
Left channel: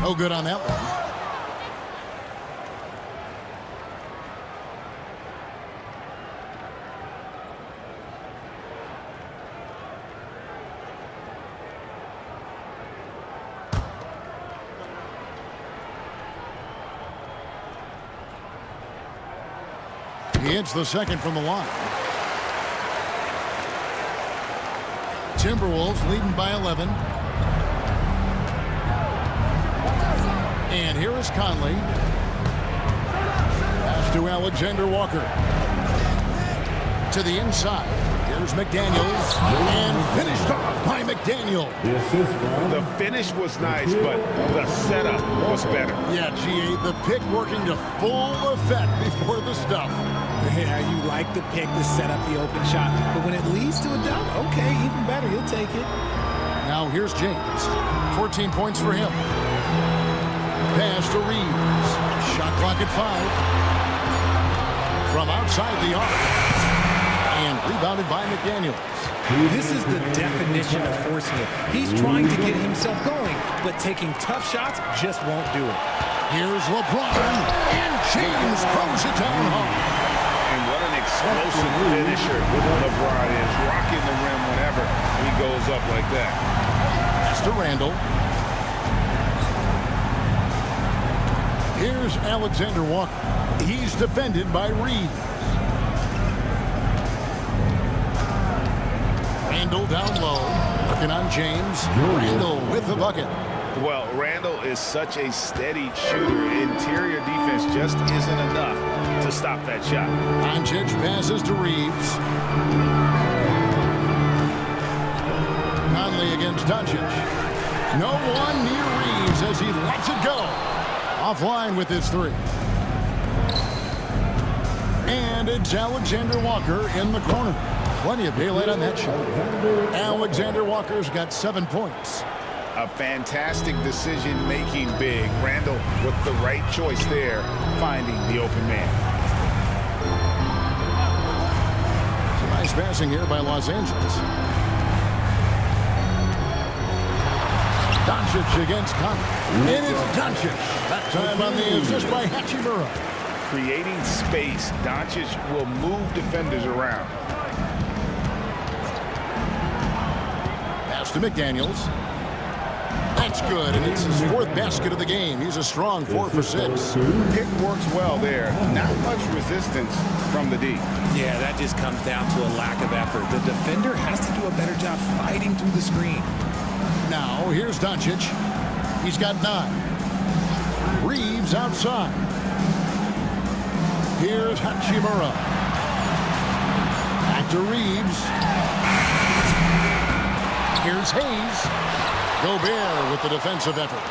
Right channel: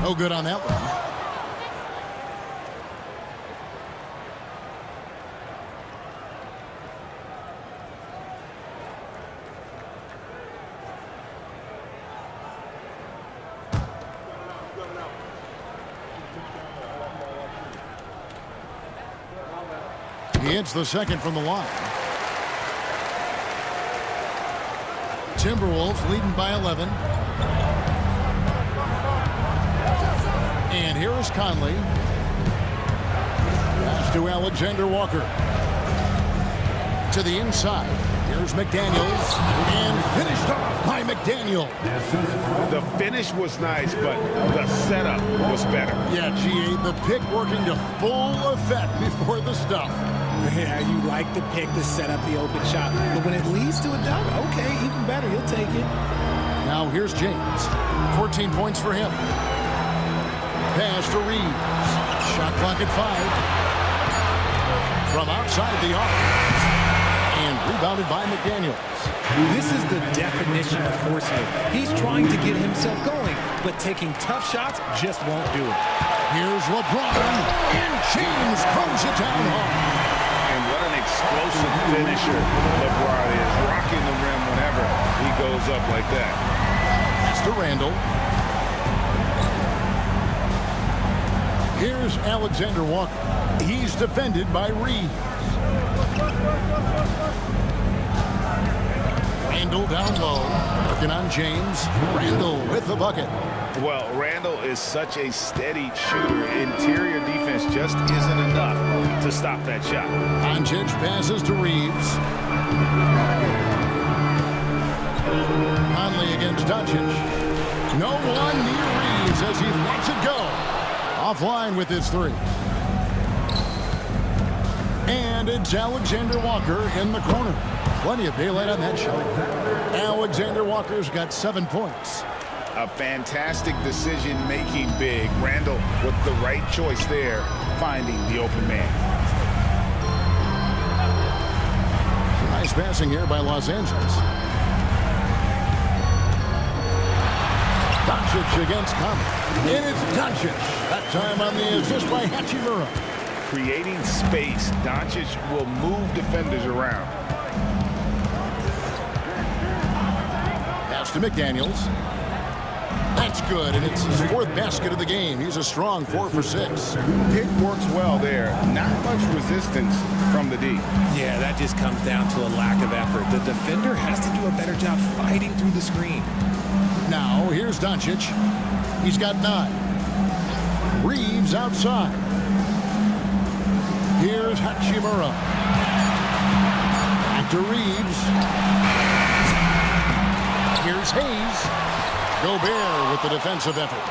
No good on that one. He hits the second from the line. Timberwolves leading by 11. And here is Conley. Pass to Alexander Walker. To the inside. Here's McDaniels. And finished off by McDaniel. The finish was nice, but the setup was better. Yeah, GA, the pick working to full effect before the stuff. Yeah, you like the pick to set up the open shot. But when it leads to a dunk, okay, even better. You'll take it. Now here's James. 14 points for him. Pass to Reeves. Shot clock at 5. From outside the arc. And rebounded by McDaniels. This is the definition of forcing it. He's trying to get himself going, but taking tough shots just won't do it. Here's LeBron. And James throws it down hard. And what an explosive finisher LeBron is. Rocking the rim whenever he goes up like that. Pass to Randall. Here's Alexander Walker. He's defended by Reeves. Randall down low. Working on James. Randall with the bucket. Well, Randall is such a steady shooter. Interior defense just isn't enough to stop that shot. Doncic passes to Reeves. Conley against Doncic. No one near Reeves as he lets it go. Offline with his 3. And it's Alexander Walker in the corner. Plenty of daylight on that shot. Alexander Walker's got 7 points. A fantastic decision-making big. Randall with the right choice there, finding the open man. Some nice passing here by Los Angeles. Doncic against Conley. And it's Doncic. That time on the assist by Hachimura. Creating space, Doncic will move defenders around. Pass to McDaniels. That's good, and it's his 4th basket of the game. He's a strong 4 for 6. Pick works well there. Not much resistance from the D. Yeah, that just comes down to a lack of effort. The defender has to do a better job fighting through the screen. Now, here's Doncic. He's got 9. Reeves outside. Here's Hachimura. Back to Reeves. Here's Hayes. Gobert with the defensive effort.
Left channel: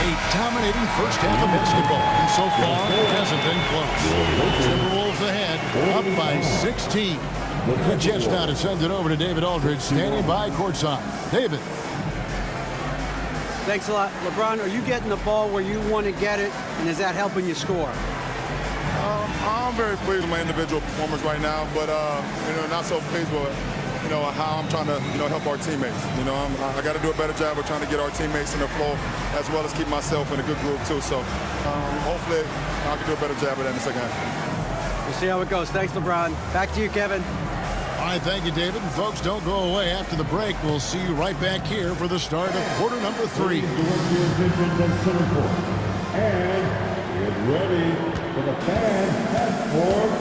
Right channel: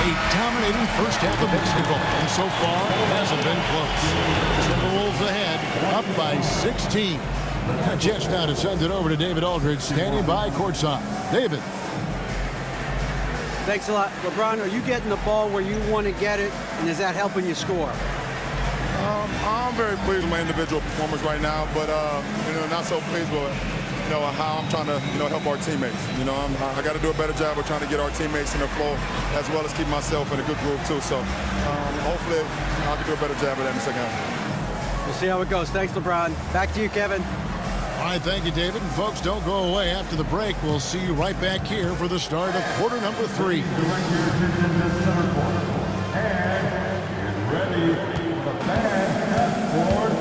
A dominating first half of basketball, and so far hasn't been close. Timberwolves ahead, up by 16. A chance now to send it over to David Aldridge, standing by courtside. David. Thanks a lot. LeBron, are you getting the ball where you want to get it, and is that helping you score? I'm very pleased with my individual performance right now, but not so pleased with how I'm trying to help our teammates. I got to do a better job of trying to get our teammates in the flow, as well as keep myself in a good groove too. So hopefully I can do a better job of that in the second half. We'll see how it goes. Thanks, LeBron. Back to you, Kevin. All right, thank you, David. And folks, don't go away. After the break, we'll see you right back here for the start of quarter number 3. Direct your attention to center court. And get ready for the fan half-court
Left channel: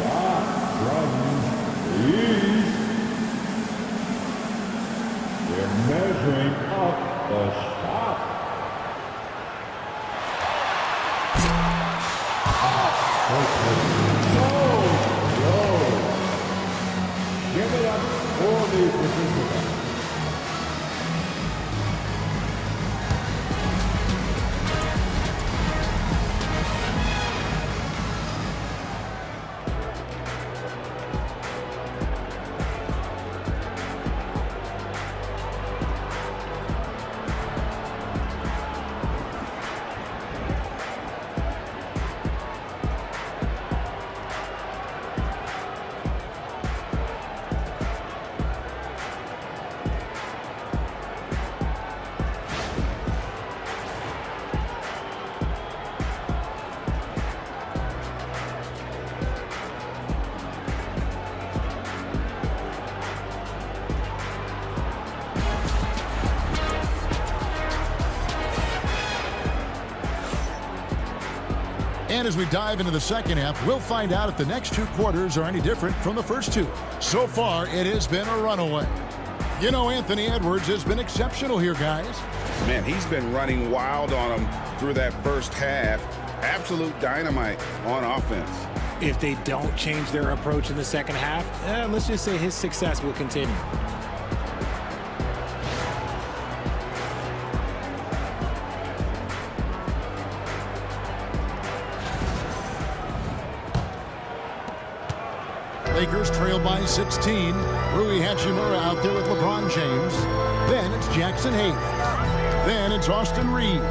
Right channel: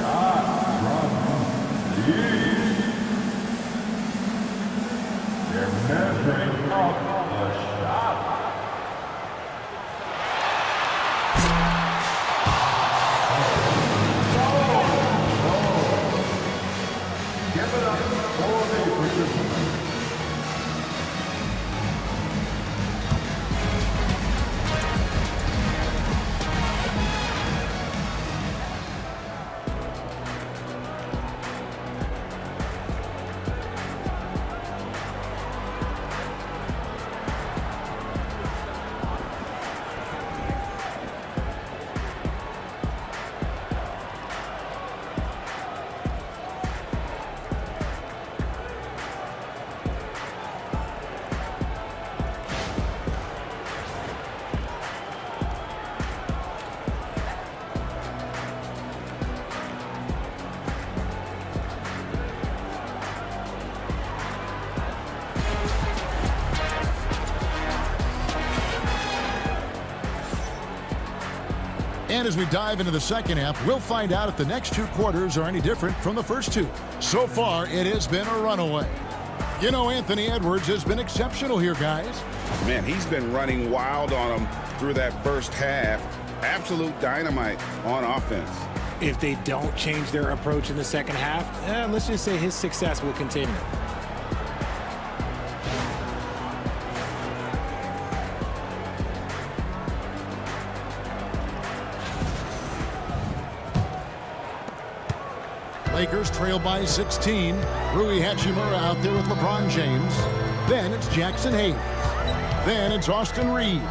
shot from the East. They're measuring up the shot. Give it up for the participants. And as we dive into the second half, we'll find out if the next 2 quarters are any different from the first 2. So far, it has been a runaway. Anthony Edwards has been exceptional here, guys. Man, he's been running wild on them through that first half. Absolute dynamite on offense. If they don't change their approach in the second half, let's just say his success will continue. Lakers trail by 16. Rui Hachimura out there with LeBron James. Then it's Jackson Hayes. Then it's Austin Reeves.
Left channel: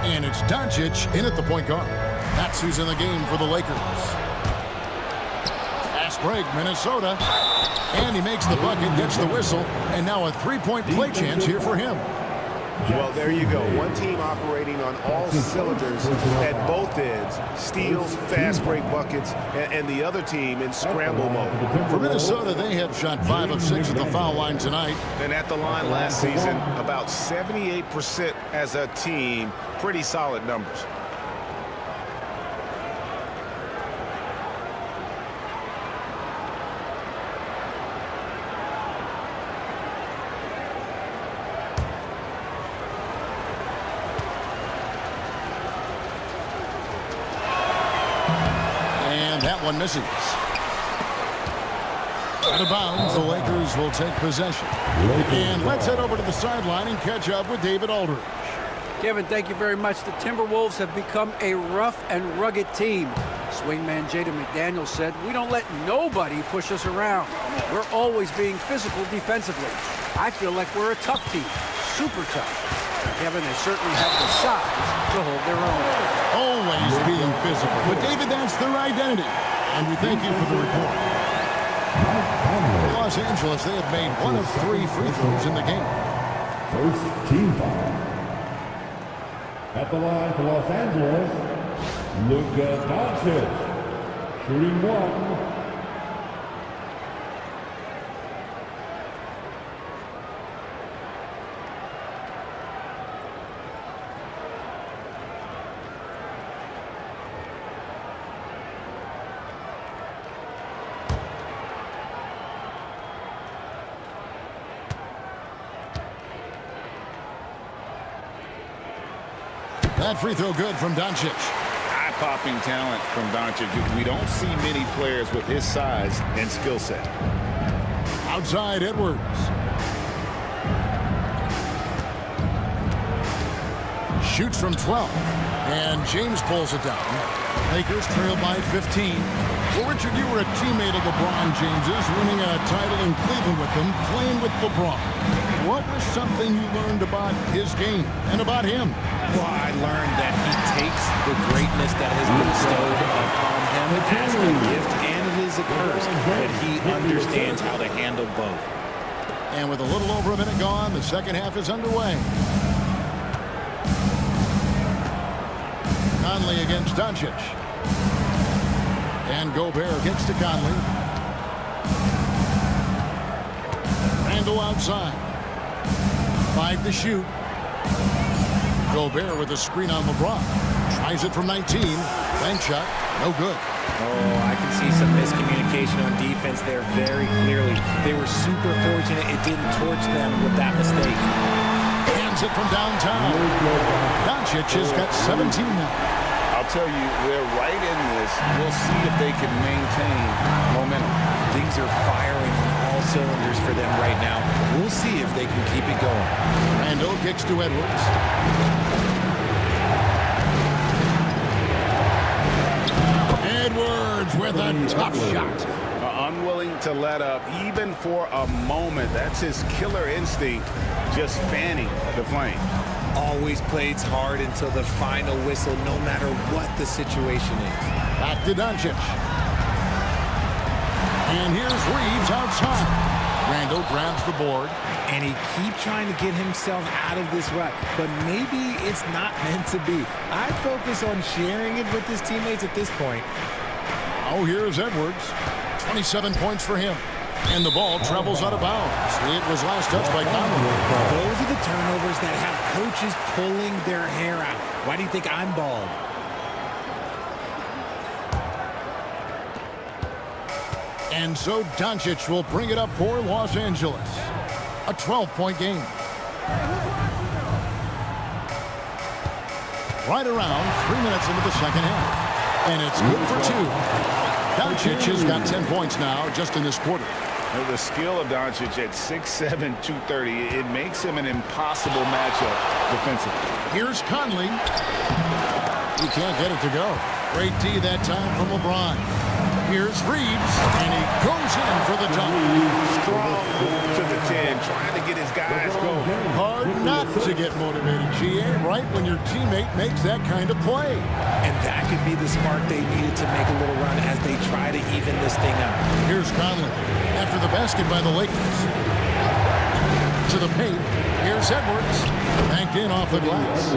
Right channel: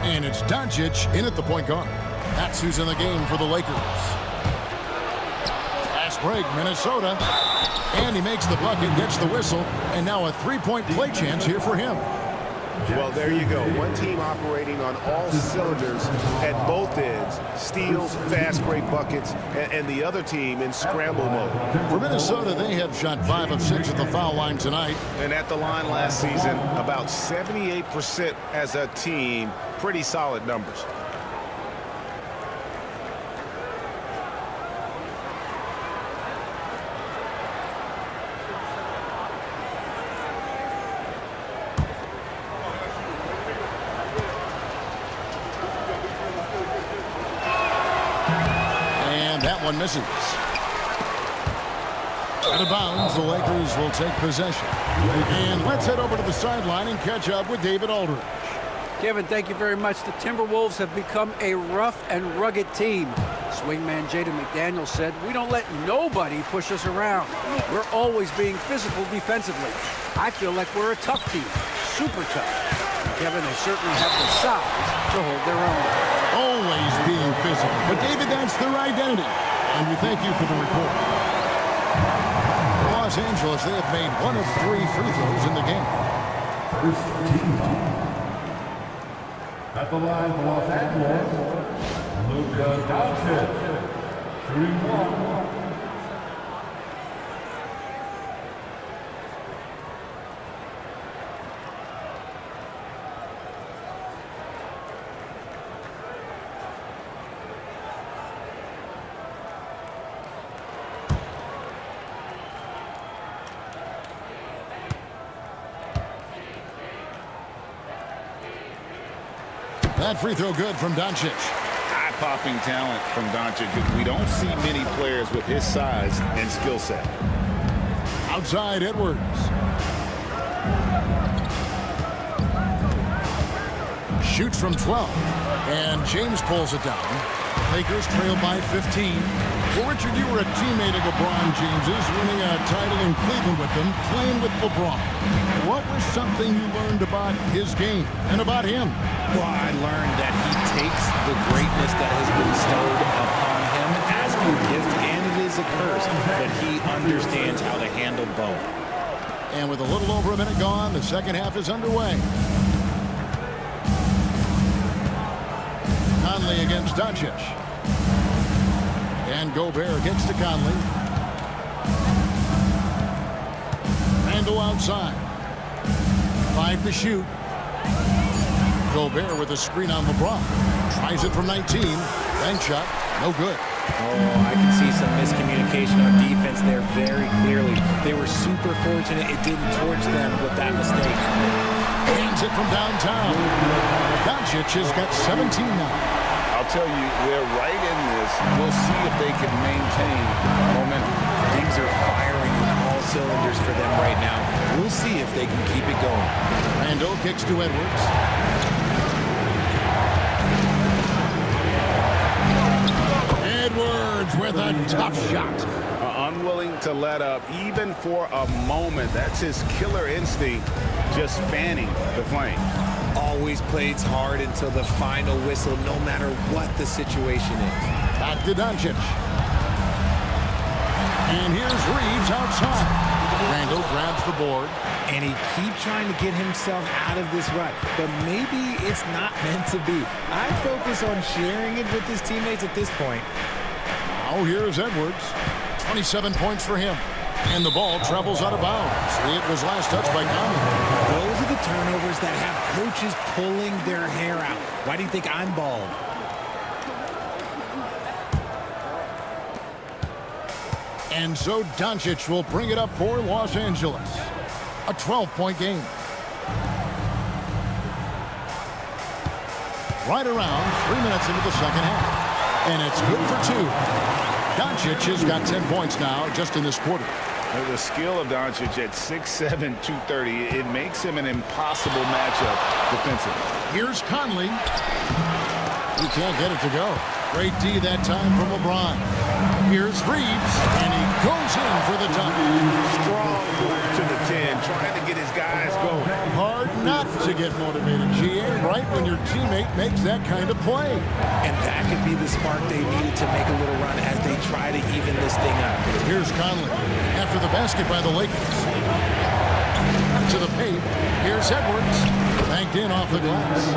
And it's Doncic in at the point guard. That's who's in the game for the Lakers. Fast break, Minnesota. And he makes the bucket, gets the whistle, and now a 3-point play chance here for him. Well, there you go. One team operating on all cylinders at both ends. Steals, fast break buckets, and the other team in scramble mode. For Minnesota, they have shot 5 of 6 at the foul line tonight. And at the line last season, about 78% as a team. Pretty solid numbers. That one misses. Out of bounds, the Lakers will take possession. And let's head over to the sideline and catch up with David Aldridge. Kevin, thank you very much. The Timberwolves have become a rough and rugged team. Swingman Jaden McDaniels said, "We don't let nobody push us around. We're always being physical defensively. I feel like we're a tough team, super tough." And Kevin, they certainly have the size to hold their own. Always being physical. But David, that's their identity. And we thank you for the report. For Los Angeles, they have made 1 of 3 free throws in the game. First team foul. At the line for Los Angeles, Luka Doncic, shooting 1. That free throw good from Doncic. Eye-popping talent from Doncic. We don't see many players with his size and skill set. Outside Edwards. Shoots from 12. And James pulls it down. Lakers trail by 15. Well, Richard, you were a teammate of LeBron James's, winning a title in Cleveland with him, playing with LeBron. What was something you learned about his game and about him? Well, I learned that he takes the greatness that has been bestowed upon him as a gift, and it is a curse, but he understands how to handle both. And with a little over a minute gone, the second half is underway. Conley against Doncic. And Gobert kicks to Conley. Randle outside. 5 to shoot. Gobert with a screen on LeBron. Tries it from 19. Bank shot. No good. Oh, I can see some miscommunication on defense there very clearly. They were super fortunate it didn't torch them with that mistake. Hands it from downtown. Doncic has got 17 now. I'll tell you, they're right in this. We'll see if they can maintain momentum. Things are firing on all cylinders for them right now. We'll see if they can keep it going. Randle kicks to Edwards. Edwards with a tough shot. Unwilling to let up even for a moment. That's his killer instinct, just fanning the flames. Always plays hard until the final whistle, no matter what the situation is. Back to Doncic. And here's Reeves outside. Randle grabs the board. And he keeps trying to get himself out of this rut, but maybe it's not meant to be. I focus on sharing it with his teammates at this point. Now here's Edwards. 27 points for him. And the ball travels out of bounds. It was last touched by Conley. Those are the turnovers that have coaches pulling their hair out. Why do you think I'm bald? And so Doncic will bring it up for Los Angeles. A 12-point game. Right around 3 minutes into the second half. And it's good for 2. Doncic has got 10 points now just in this quarter. The skill of Doncic at 6'7", 230, it makes him an impossible matchup defensively. Here's Conley. He can't get it to go. Great D that time from LeBron. Here's Reeves, and he goes in for the dunk. Strong move to the 10, trying to get his guys going. Hard not to get motivated, GA, right when your teammate makes that kind of play. And that could be the spark they needed to make a little run as they try to even this thing up. Here's Conley after the basket by the Lakers. To the paint. Here's Edwards. Banked in off the glass.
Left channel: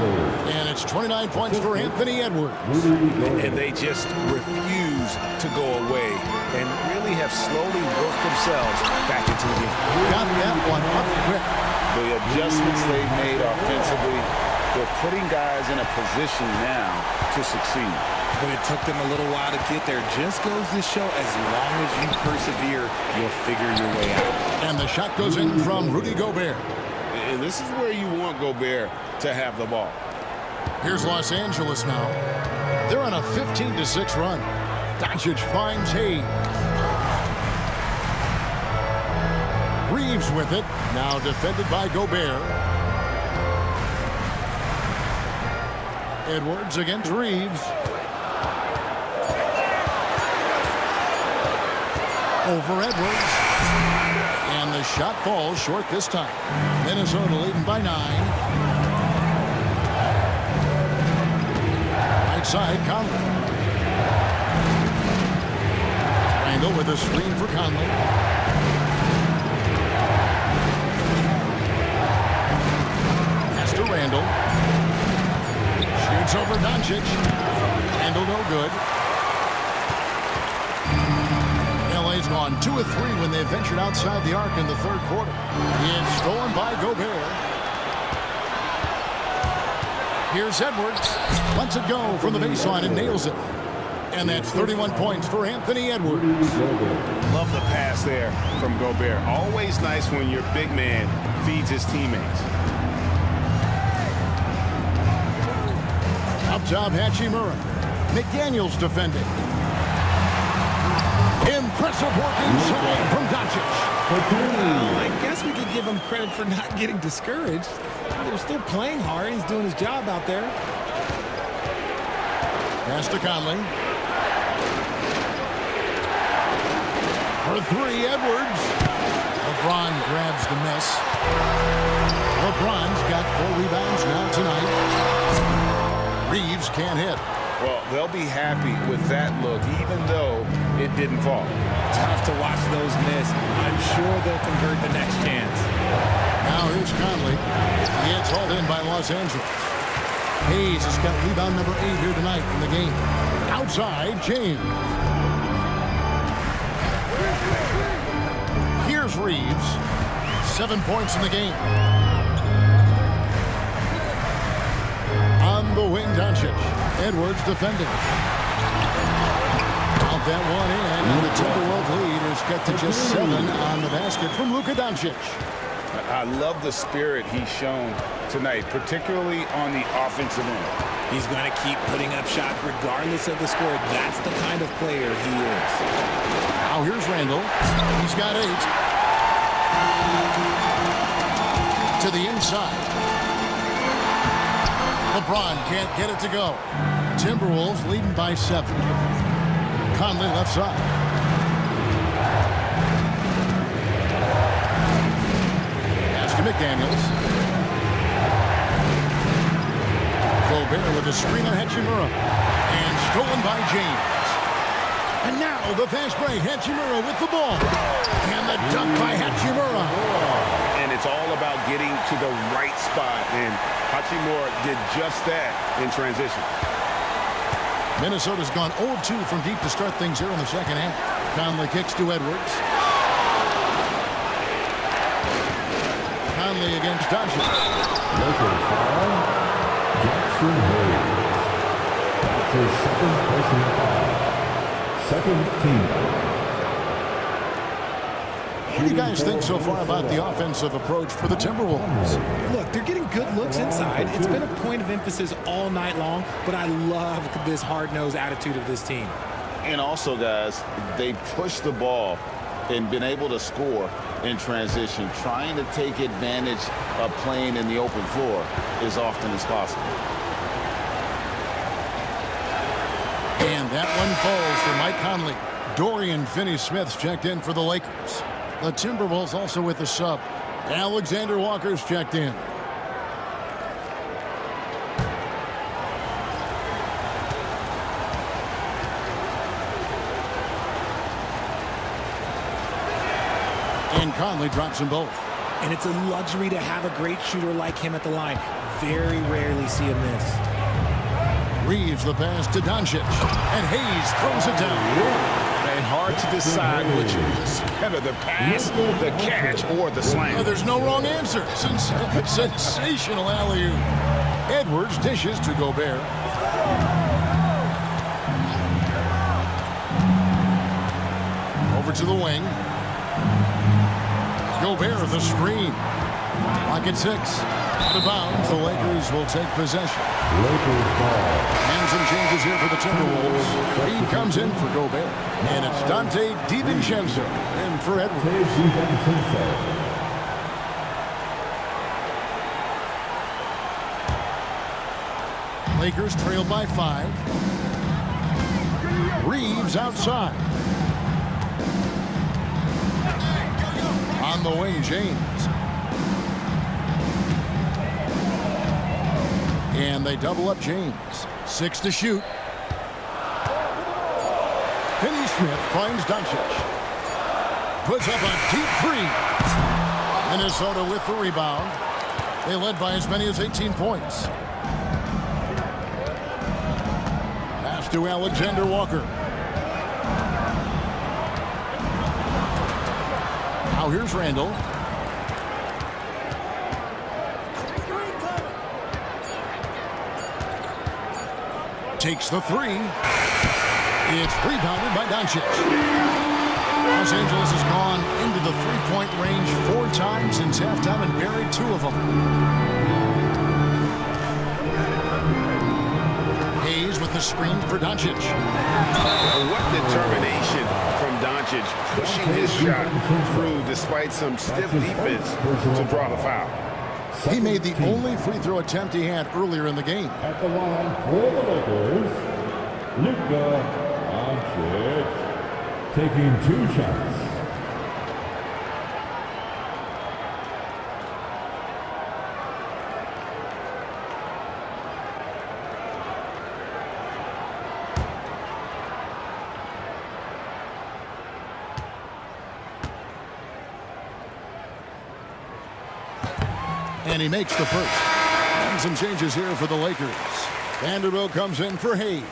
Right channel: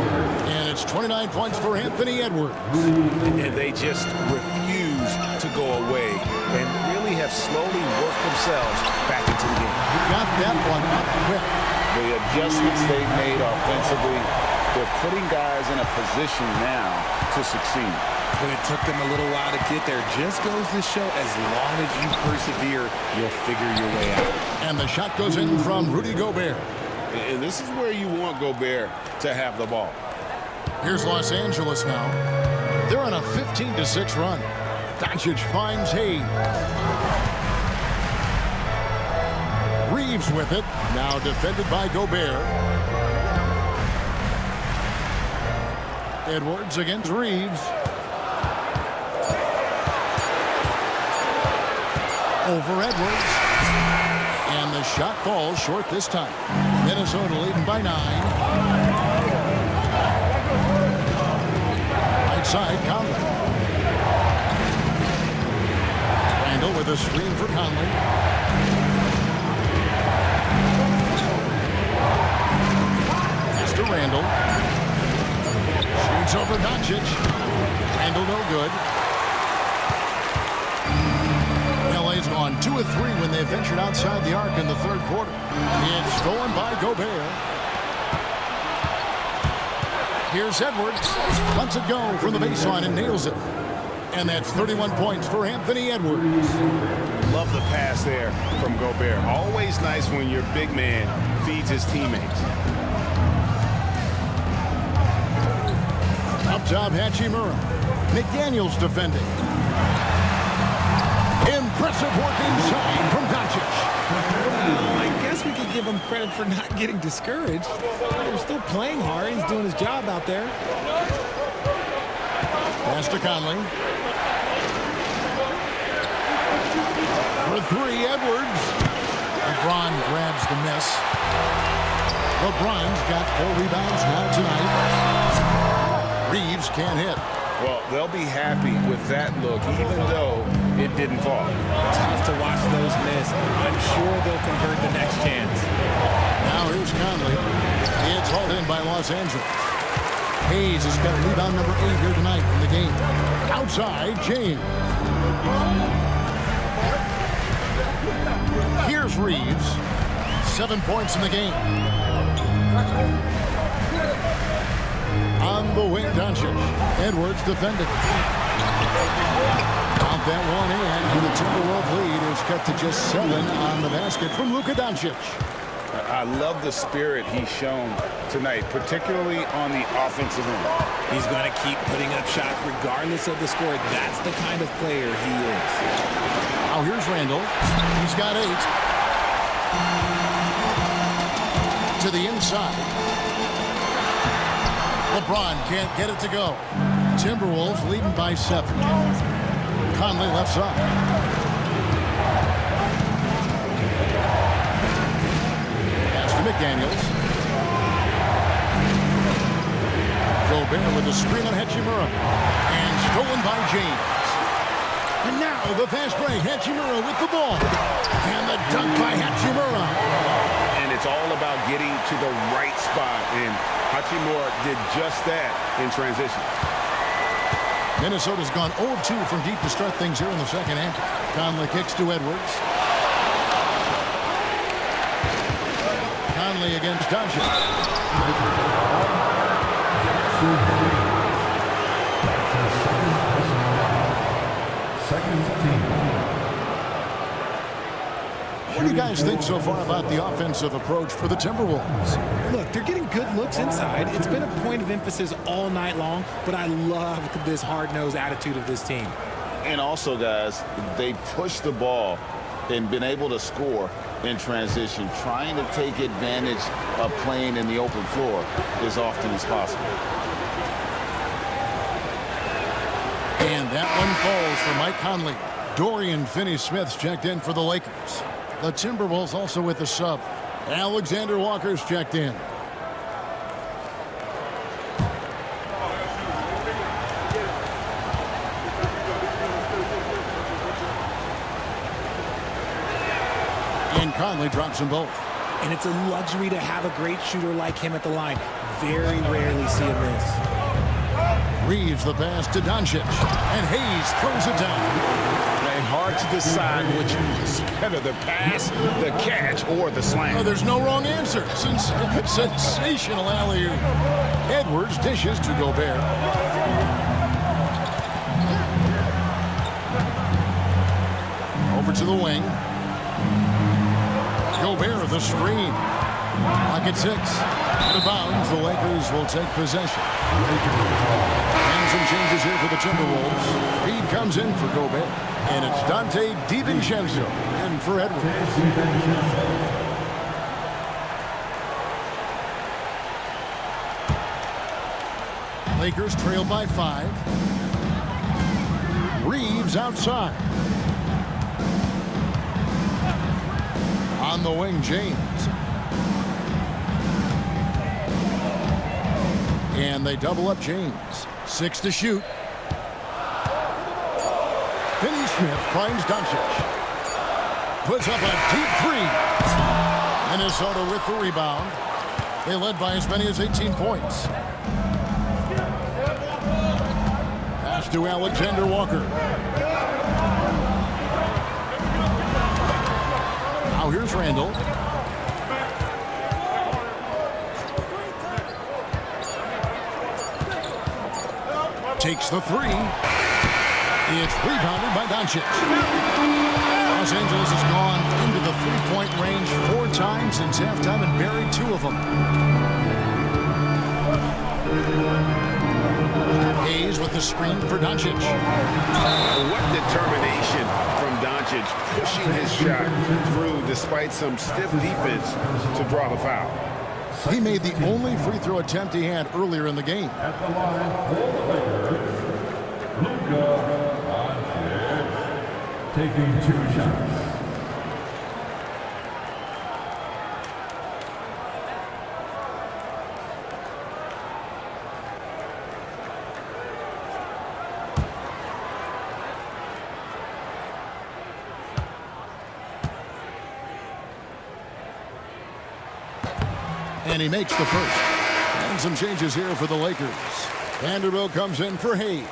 And it's 29 points for Anthony Edwards. And they just refuse to go away and really have slowly worked themselves back into the game. Got that one up quick. The adjustments they've made offensively, they're putting guys in a position now to succeed. But it took them a little while to get there. Just goes to show as long as you persevere, you'll figure your way out. And the shot goes in from Rudy Gobert. And this is where you want Gobert to have the ball. Here's Los Angeles now. They're on a 15-6 run. Doncic finds Hayes. Reeves with it. Now defended by Gobert. Edwards against Reeves. Over Edwards. And the shot falls short this time. Minnesota leading by 9. Right side, Conley. Randle with a screen for Conley. Pass to Randle. Shoots over Doncic. Randle no good. LA's gone 2 of 3 when they ventured outside the arc in the third quarter. It's stolen by Gobert. Here's Edwards. Lets it go from the baseline and nails it. And that's 31 points for Anthony Edwards. Love the pass there from Gobert. Always nice when your big man feeds his teammates. Up top, Hachimura. McDaniels defending. Impressive work inside from Doncic. Well, I guess we could give him credit for not getting discouraged. They're still playing hard. He's doing his job out there. Pass to Conley. For three, Edwards. LeBron grabs the miss. LeBron's got 4 rebounds now tonight. Reeves can't hit. Well, they'll be happy with that look, even though it didn't fall. Tough to watch those miss. I'm sure they'll convert the next chance. Now here's Conley. It's hauled in by Los Angeles. Hayes has got rebound number 8 here tonight in the game. Outside, James. Here's Reeves. 7 points in the game. On the wing, Doncic. Edwards defending. Count that one in, and the Timberwolves lead is cut to just 7 on the basket from Luka Doncic. I love the spirit he's shown tonight, particularly on the offensive end. He's going to keep putting up shots regardless of the score. That's the kind of player he is. Now here's Randall. He's got 8. To the inside. LeBron can't get it to go. Timberwolves leading by 7. Conley left side. Pass to McDaniels. Gobert with a screen on Hachimura. And stolen by James. And now the fast break. Hachimura with the ball. And the dunk by Hachimura. And it's all about getting to the right spot. And Hachimura did just that in transition. Minnesota's gone 0 of 2 from deep to start things here in the second half. Conley kicks to Edwards. Conley against Doncic. That's his second personal foul. Second team. What do you guys think so far about the offensive approach for the Timberwolves? Look, they're getting good looks inside. It's been a point of emphasis all night long, but I love this hard-nosed attitude of this team. And also, guys, they pushed the ball and been able to score in transition, trying to take advantage of playing in the open floor as often as possible. And that one falls for Mike Conley. Dorian Finney-Smith's checked in for the Lakers. The Timberwolves also with the sub. Alexander Walker's checked in. And Conley drops them both. And it's a luxury to have a great shooter like him at the line. Very rarely see a miss. Reeves the pass to Doncic. And Hayes throws it down. And hard to decide which was better, the pass, the catch, or the slam. Oh, there's no wrong answer. Sensational alley-oop. Edwards dishes to Gobert. Over to the wing. Gobert the screen. Lock at 6. Out of bounds, the Lakers will take possession. And some changes here for the Timberwolves. Reed comes in for Gobert. And it's Dante DiVincenzo in for Edwards. Lakers trail by 5. Reeves outside. On the wing, James. And they double up James. 6 to shoot. Finney-Smith finds Doncic. Puts up a deep 3. Minnesota with the rebound. They led by as many as 18 points. Pass to Alexander Walker. Now here's Randall. Takes the 3. It's rebounded by Doncic. Los Angeles has gone into the three-point range 4 times since halftime and buried 2 of them. Hayes with the screen for Doncic. What determination from Doncic, pushing his shot through despite some stiff defense to draw the foul. He made the only free throw attempt he had earlier in the game. At the line for the Lakers, Luka Doncic taking 2 shots. And he makes the first. And some changes here for the Lakers. Vanderbilt comes in for Hayes.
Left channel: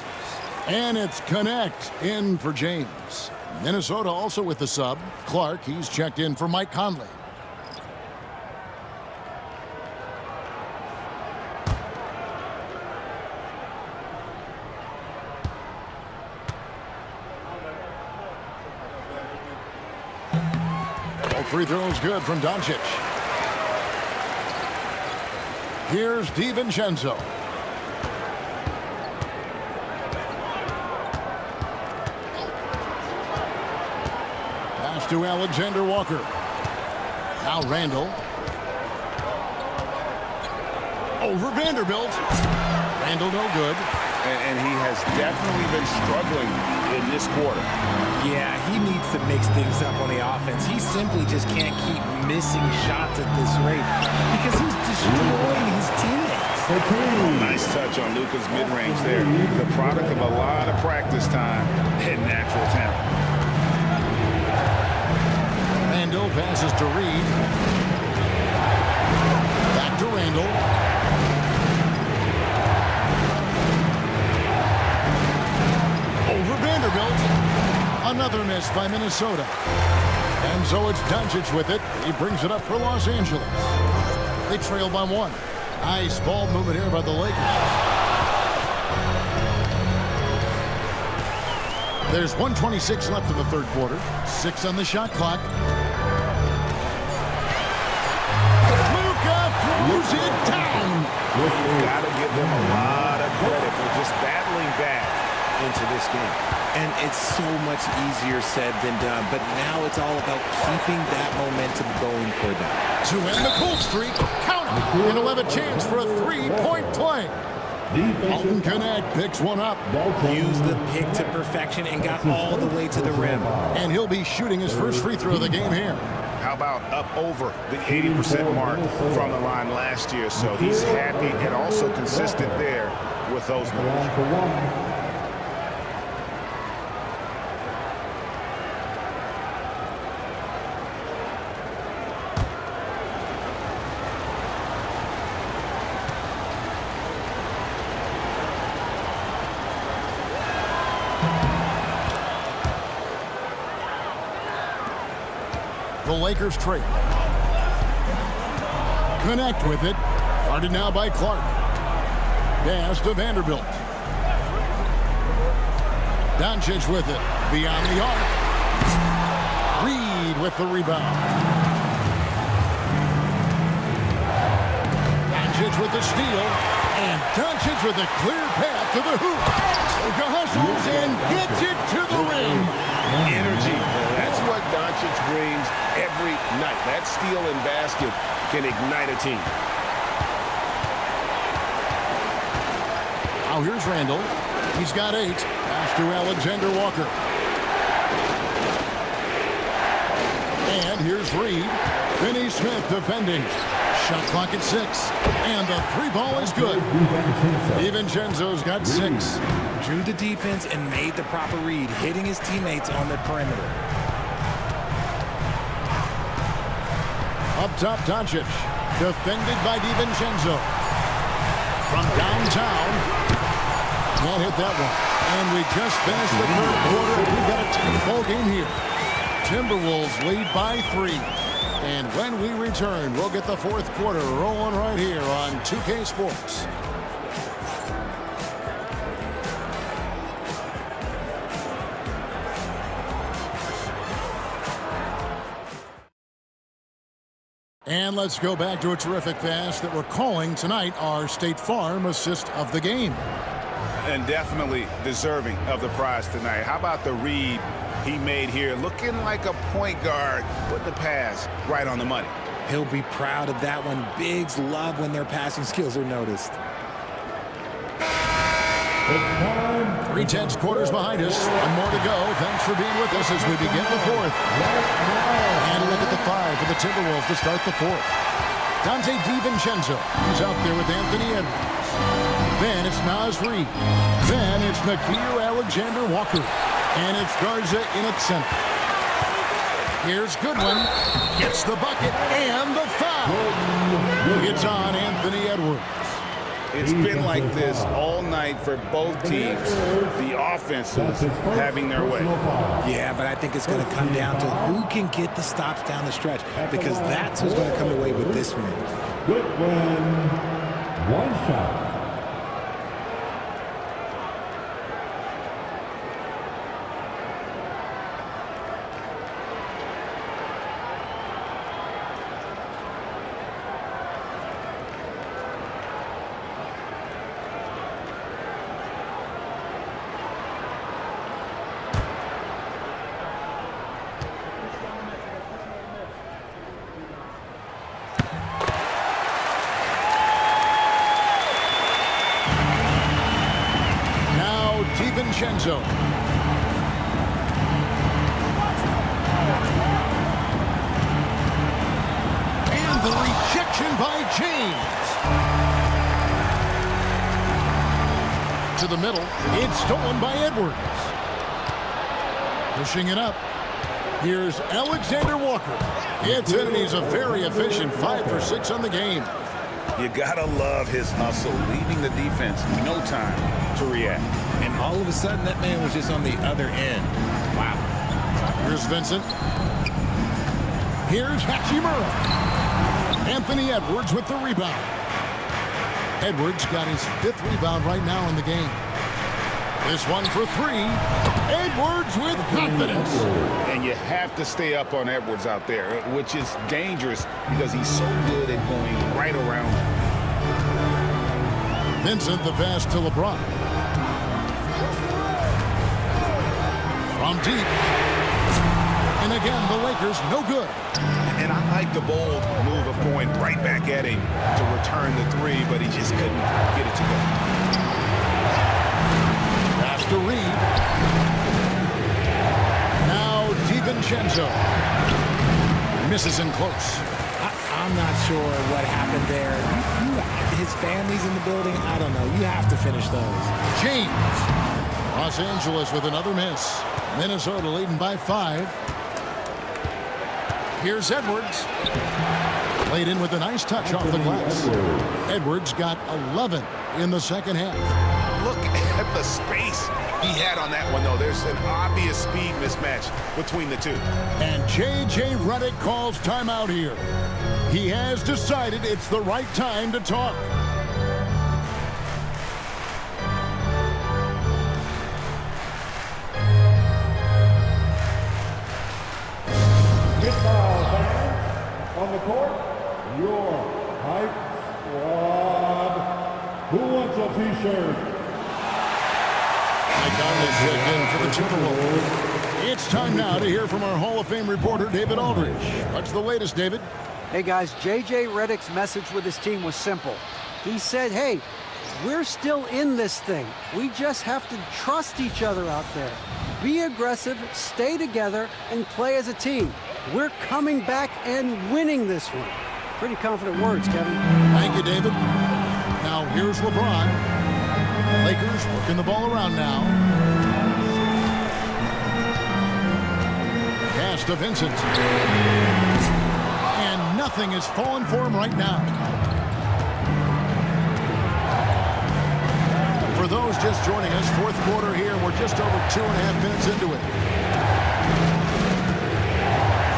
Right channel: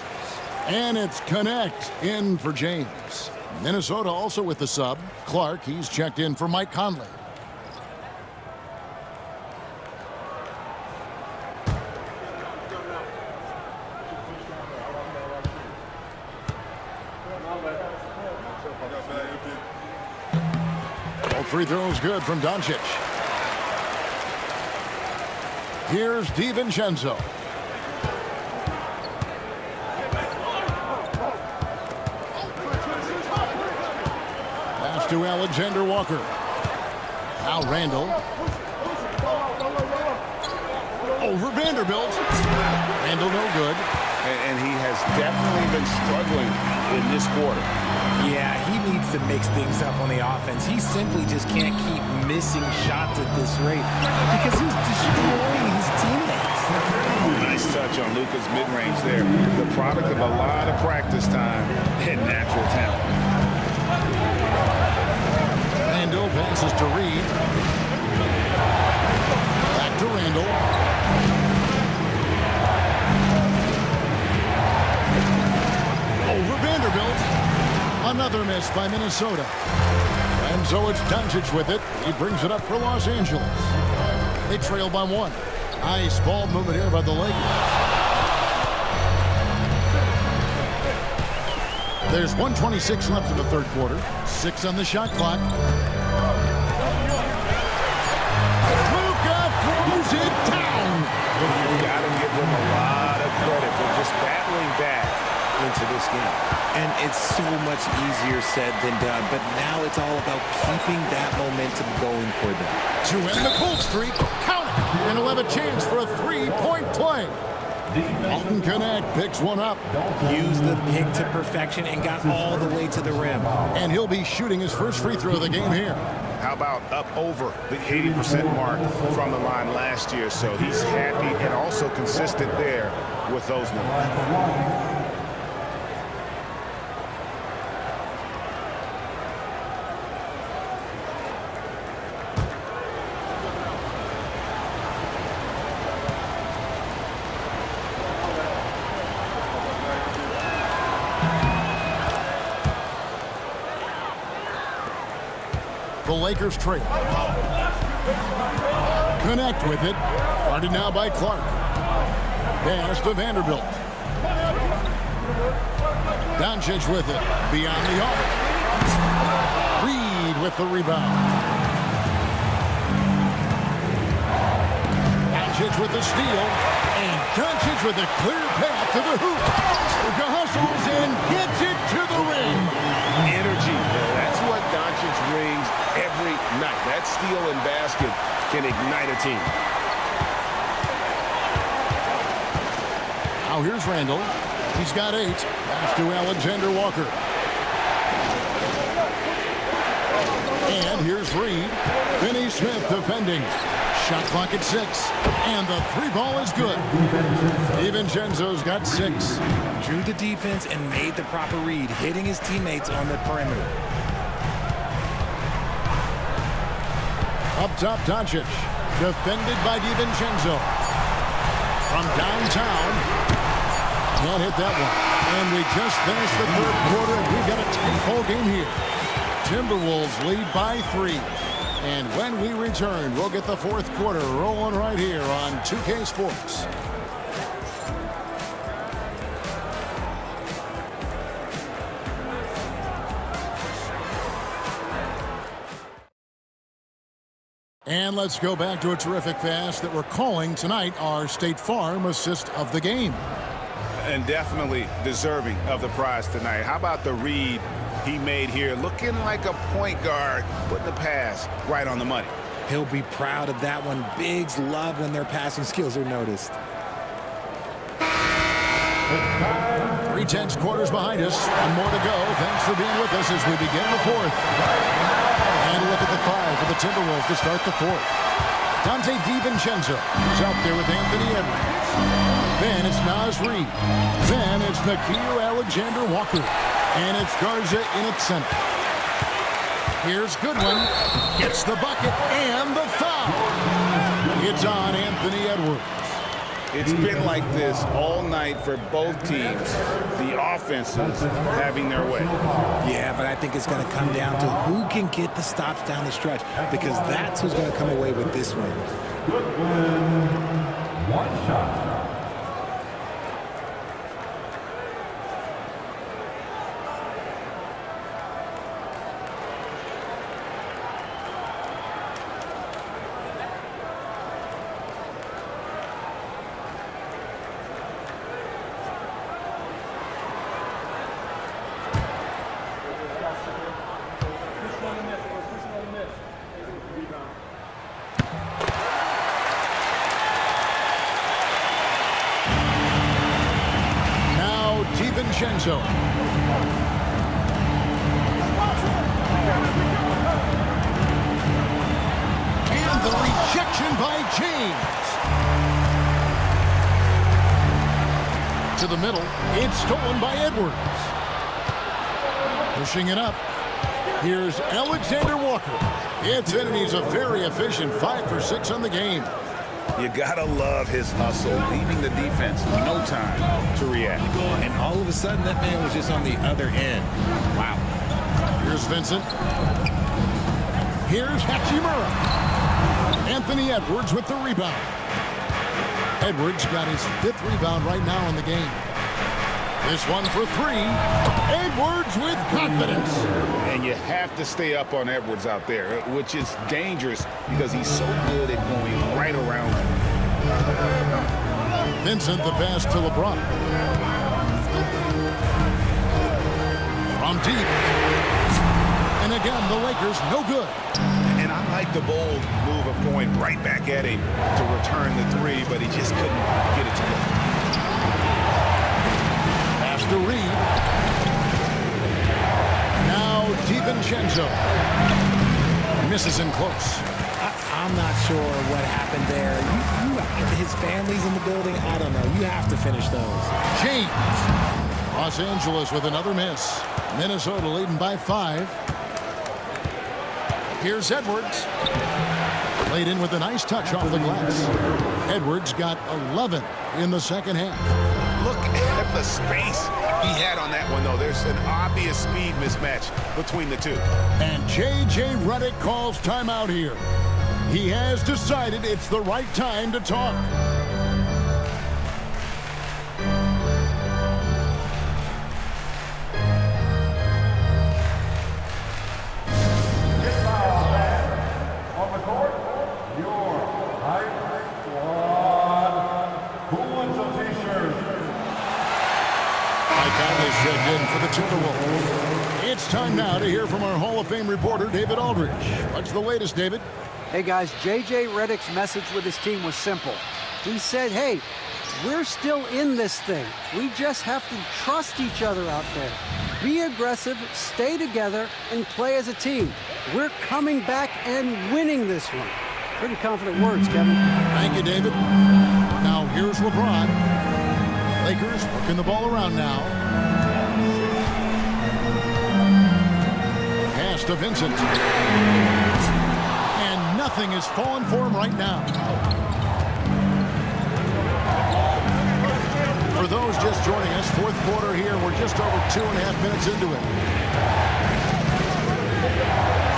And it's Connect in for James. Minnesota also with the sub. Clark, he's checked in for Mike Conley. All free throws good from Doncic. Here's DiVincenzo. Pass to Alexander Walker. Now Randall. Over Vanderbilt. Randall no good. And he has definitely been struggling in this quarter. Yeah, he needs to mix things up on the offense. He simply just can't keep missing shots at this rate because he's destroying his teammates. Oh, nice touch on Luka's mid-range there. The product of a lot of practice time and natural talent. Randall passes to Reed. Back to Randall. Over Vanderbilt. Another miss by Minnesota. And so it's Doncic with it. He brings it up for Los Angeles. They trail by 1. Nice ball movement here by the Lakers. There's 1:26 left in the third quarter. 6 on the shot clock. Luka throws it down. You've got to give them a lot of credit for just battling back into this game. And it's so much easier said than done, but now it's all about keeping that momentum going for them. To end the cold streak, count it, and he'll have a chance for a 3-point play. Alton Connect picks one up. Used the pick to perfection and got all the way to the rim. And he'll be shooting his first free throw of the game here. How about up over the 80% mark from the line last year? So he's happy and also consistent there with those numbers. The Lakers trail. Connect with it. Guarded now by Clark. Pass to Vanderbilt. Doncic with it. Beyond the arc. Reed with the rebound. Doncic with the steal. And Doncic with a clear path to the hoop. Luka hustles and gets it to the rim. Energy. That's what Doncic brings every night. That steal and basket can ignite a team. Now here's Randall. He's got 8. Pass to Alexander Walker. And here's Reed. Finney Smith defending. Shot clock at 6. And the 3 ball is good. DiVincenzo's got 6. Drew the defense and made the proper read, hitting his teammates on the perimeter. Up top, Doncic. Defended by DiVincenzo. From downtown. Can't hit that one. And we just finished the third quarter. We've got a tight ball game here. Timberwolves lead by 3. And when we return, we'll get the fourth quarter rolling right here on 2K Sports. And let's go back to a terrific pass that we're calling tonight our State Farm assist of the game. And definitely deserving of the prize tonight. How about the read he made here? Looking like a point guard, putting the pass right on the money. He'll be proud of that one. Bigs love when their passing skills are noticed. 3/10 quarters behind us. One more to go. Thanks for being with us as we begin the fourth. And a look at the 5 for the Timberwolves to start the fourth. Dante DiVincenzo. He's out there with Anthony Edwards. Then it's Naz Reid. Then it's Nickeil Alexander-Walker. And it's Garza in at center. Here's Goodwin. Gets the bucket and the foul. It's on Anthony Edwards. It's been like this all night for both teams. The offenses having their way. Yeah, but I think it's going to come down to who can get the stops down the stretch, because that's who's going to come away with this win. Goodwin, one shot. Now DiVincenzo. And the rejection by James. To the middle. It's stolen by Edwards. Pushing it up. Here's Alexander Walker. It's in, and he's a very efficient 5 for 6 on the game. You gotta love his hustle, leaving the defense no time to react. And all of a sudden, that man was just on the other end. Wow. Here's Vincent. Here's Hachimura. Anthony Edwards with the rebound. Edwards got his 5th rebound right now in the game. This one for 3. Edwards with confidence. And you have to stay up on Edwards out there, which is dangerous because he's so good at going right around you. Vincent, the pass to LeBron. From deep. And again, the Lakers no good. And I like the bold move of going right back at him to return the 3, but he just couldn't get it to go. Pass to Reid. Now DiVincenzo. Misses in close. I'm not sure what happened there. His family's in the building. I don't know. You have to finish those. James. Los Angeles with another miss. Minnesota leading by 5. Here's Edwards. Played in with a nice touch off the glass. Edwards got 11 in the second half. Look at the space he had on that one, though. There's an obvious speed mismatch between the two. And J.J. Redick calls timeout here. He has decided it's the right time to talk. On the court, your hype squad. Who wants a t-shirt? Mike Conley's checked in for the Timberwolves. It's time now to hear from our Hall of Fame reporter, David Aldridge. What's the latest, David? Hey guys, J.J. Redick's message with his team was simple. He said, hey, we're still in this thing. We just have to trust each other out there. Be aggressive, stay together, and play as a team. We're coming back and winning this one. Pretty confident words, Kevin. Thank you, David. Now here's LeBron. Lakers working the ball around now. Pass to Vincent. And nothing is falling for him right now. For those just joining us, fourth quarter here. We're just over 2.5 minutes into it.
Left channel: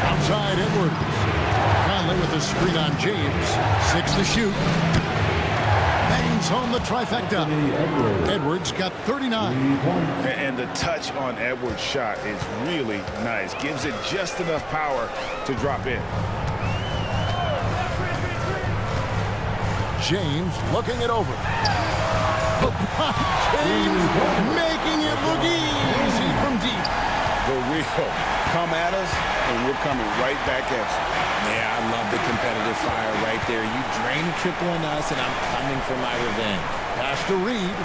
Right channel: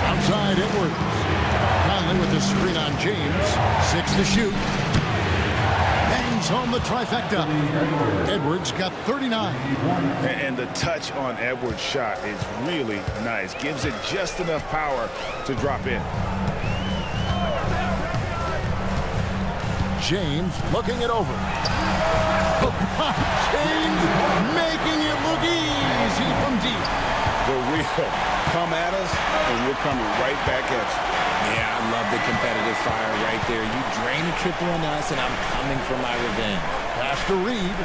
Outside Edwards. Conley with the screen on James. 6 to shoot. Bangs home the trifecta. Edwards got 39. And the touch on Edwards' shot is really nice. Gives it just enough power to drop in. James looking it over. LeBron James making it look easy from deep. The real come at us, and we're coming right back at you. Yeah, I love the competitive fire right there. You drain a triple on us, and I'm coming for my revenge. Pass to Reed.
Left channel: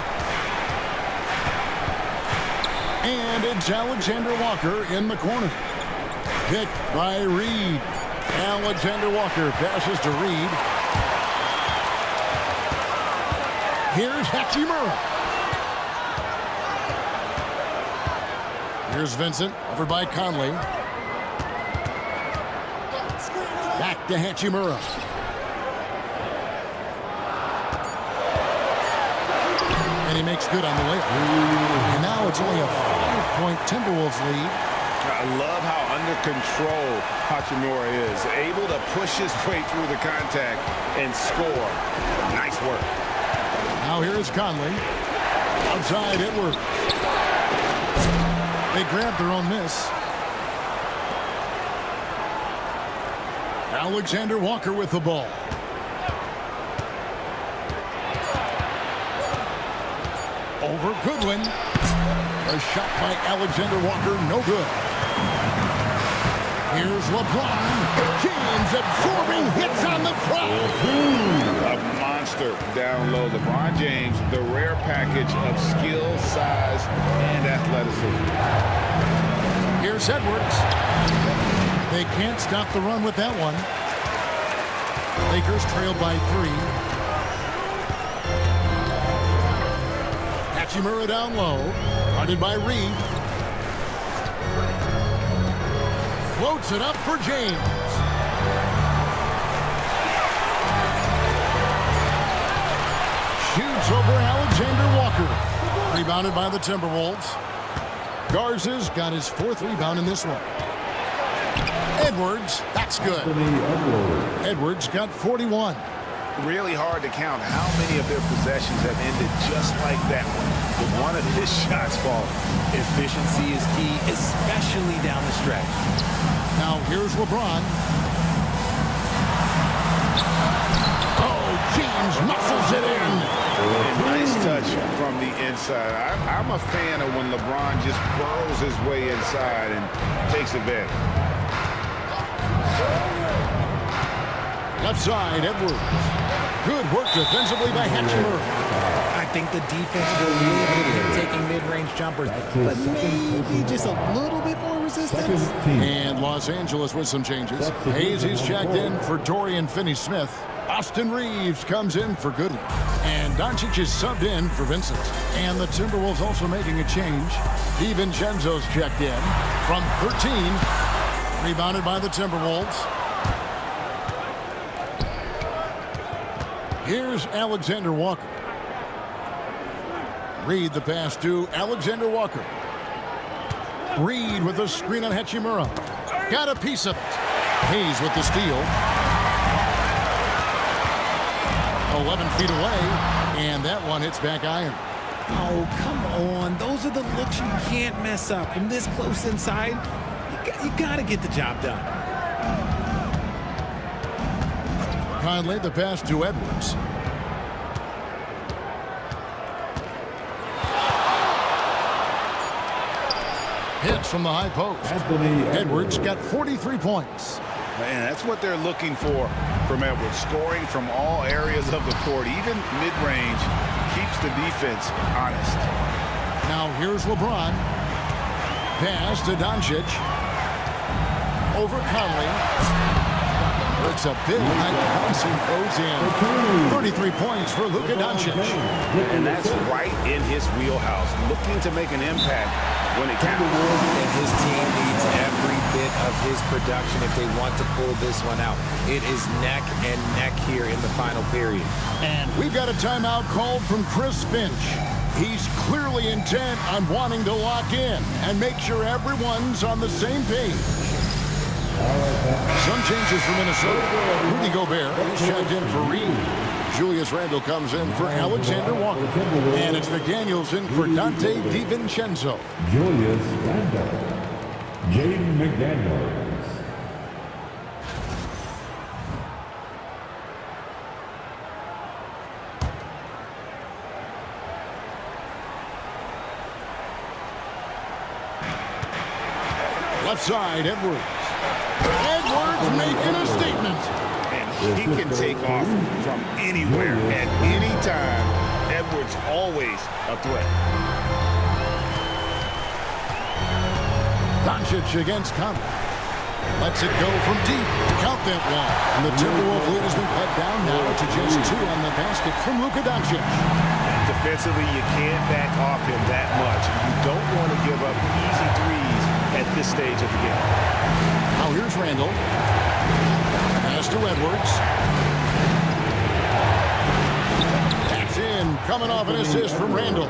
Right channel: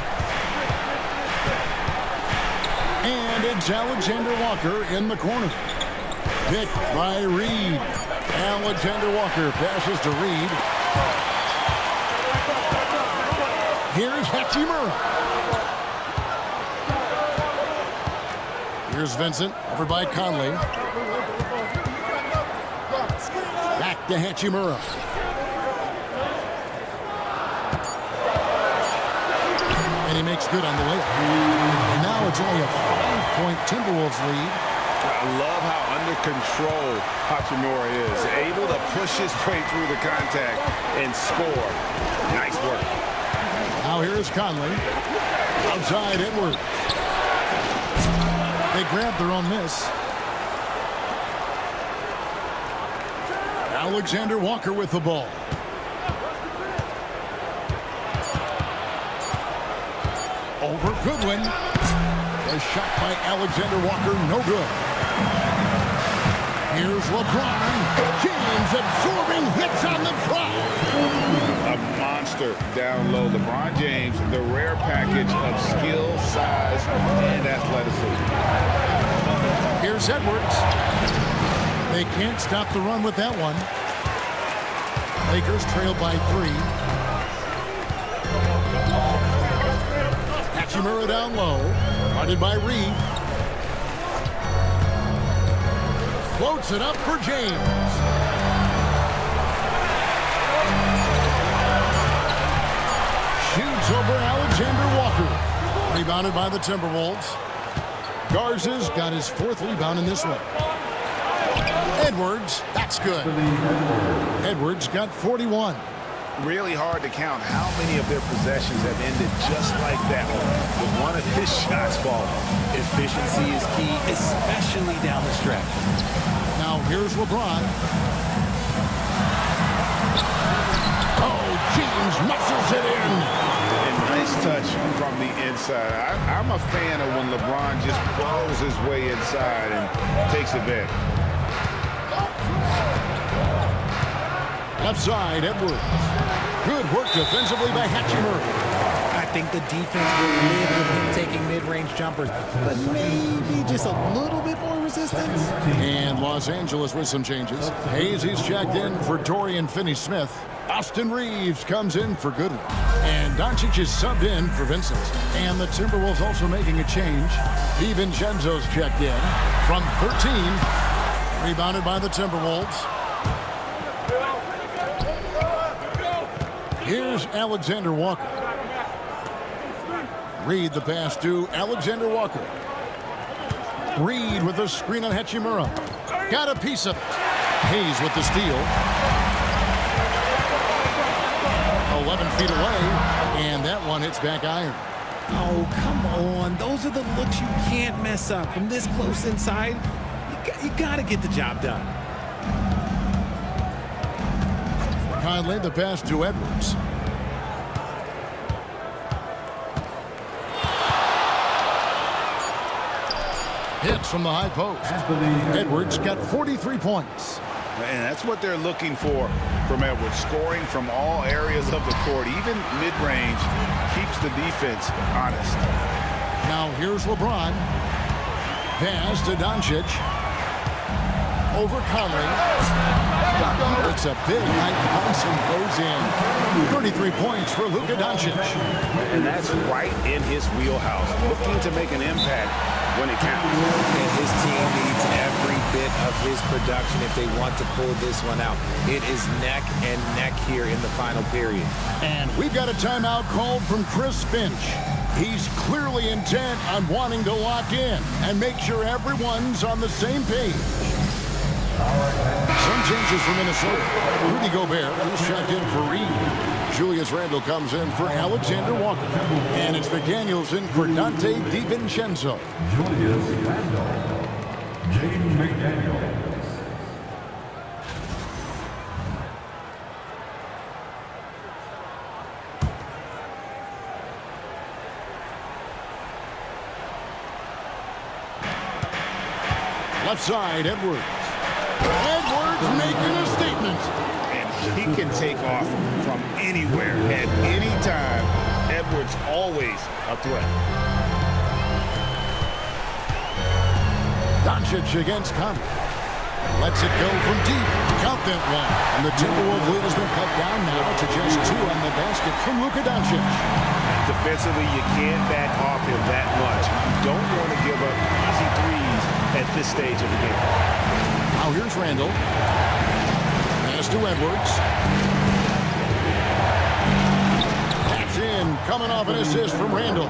And it's Alexander Walker in the corner. Picked by Reed. Alexander Walker passes to Reed. Here's Hachimura. Here's Vincent, over by Conley. Back to Hachimura. And he makes good on the layup. And now it's only a 5-point Timberwolves lead. I love how under control Hachimura is. Able to push his way through the contact and score. Nice work. Now here's Conley. Outside Edwards. They grab their own miss. Alexander Walker with the ball. Over Goodwin. A shot by Alexander Walker, no good. Here's LeBron James absorbing hits on the drive. A monster down low. LeBron James, the rare package of skill, size, and athleticism. Here's Edwards. They can't stop the run with that one. Lakers trail by 3. Hachimura down low. Guarded by Reed. Floats it up for James. Shoots over Alexander Walker. Rebounded by the Timberwolves. Garza's got his 4th rebound in this one. Edwards, that's good. Edwards got 41. Really hard to count how many of their possessions have ended just like that one, with one of his shots falling. Efficiency is key, especially down the stretch. Now here's LeBron. Oh, James muscles it in. And nice touch from the inside. I'm a fan of when LeBron just burrows his way inside and takes advantage. Left side, Edwards. Good work defensively by Hachimura. I think the defense will live with him taking mid-range jumpers, but maybe just a little bit more resistance. And Los Angeles with some changes. He's checked in for Dorian Finney-Smith. Austin Reeves comes in for Goodwin. And Doncic is subbed in for Vincent. And the Timberwolves also making a change. DiVincenzo's checked in from 13. Rebounded by the Timberwolves. Here's Alexander Walker. Reed the pass to Alexander Walker. Reed with the screen on Hachimura. Got a piece of it. Hayes with the steal. 11 feet away, and that one hits back iron. Oh, come on. Those are the looks you can't mess up. From this close inside, you got to get the job done. Conley the pass to Edwards. Hits from the high post. Edwards got 43 points. And that's what they're looking for from Edwards. Scoring from all areas of the court, even mid-range, keeps the defense honest. Now here's LeBron. Pass to Doncic. Over Conley. It's a big high bouncing goes in. 33 points for Luka Doncic. And that's right in his wheelhouse. Looking to make an impact when it counts. And his team needs every bit of his production if they want to pull this one out. It is neck and neck here in the final period. And we've got a timeout called from Chris Finch. He's clearly intent on wanting to lock in and make sure everyone's on the same page. Some changes for Minnesota. Rudy Gobert is checked in for Reed. Julius Randle comes in for Alexander Walker. And it's McDaniels in for Dante DiVincenzo. Julius Randle. Jaden McDaniels. Left side, Edwards. Edwards making a statement. And he can take off from anywhere at any time. Edwards always a threat. Doncic against Conley. Lets it go from deep. Count that one. And the Timberwolves lead has been cut down now to just 2 on the basket from Luka Doncic. And defensively, you can't back off him that much. You don't want to give up easy threes at this stage of the game. Now here's Randall. Pass to Edwards. That's in. Coming off an assist from Randall.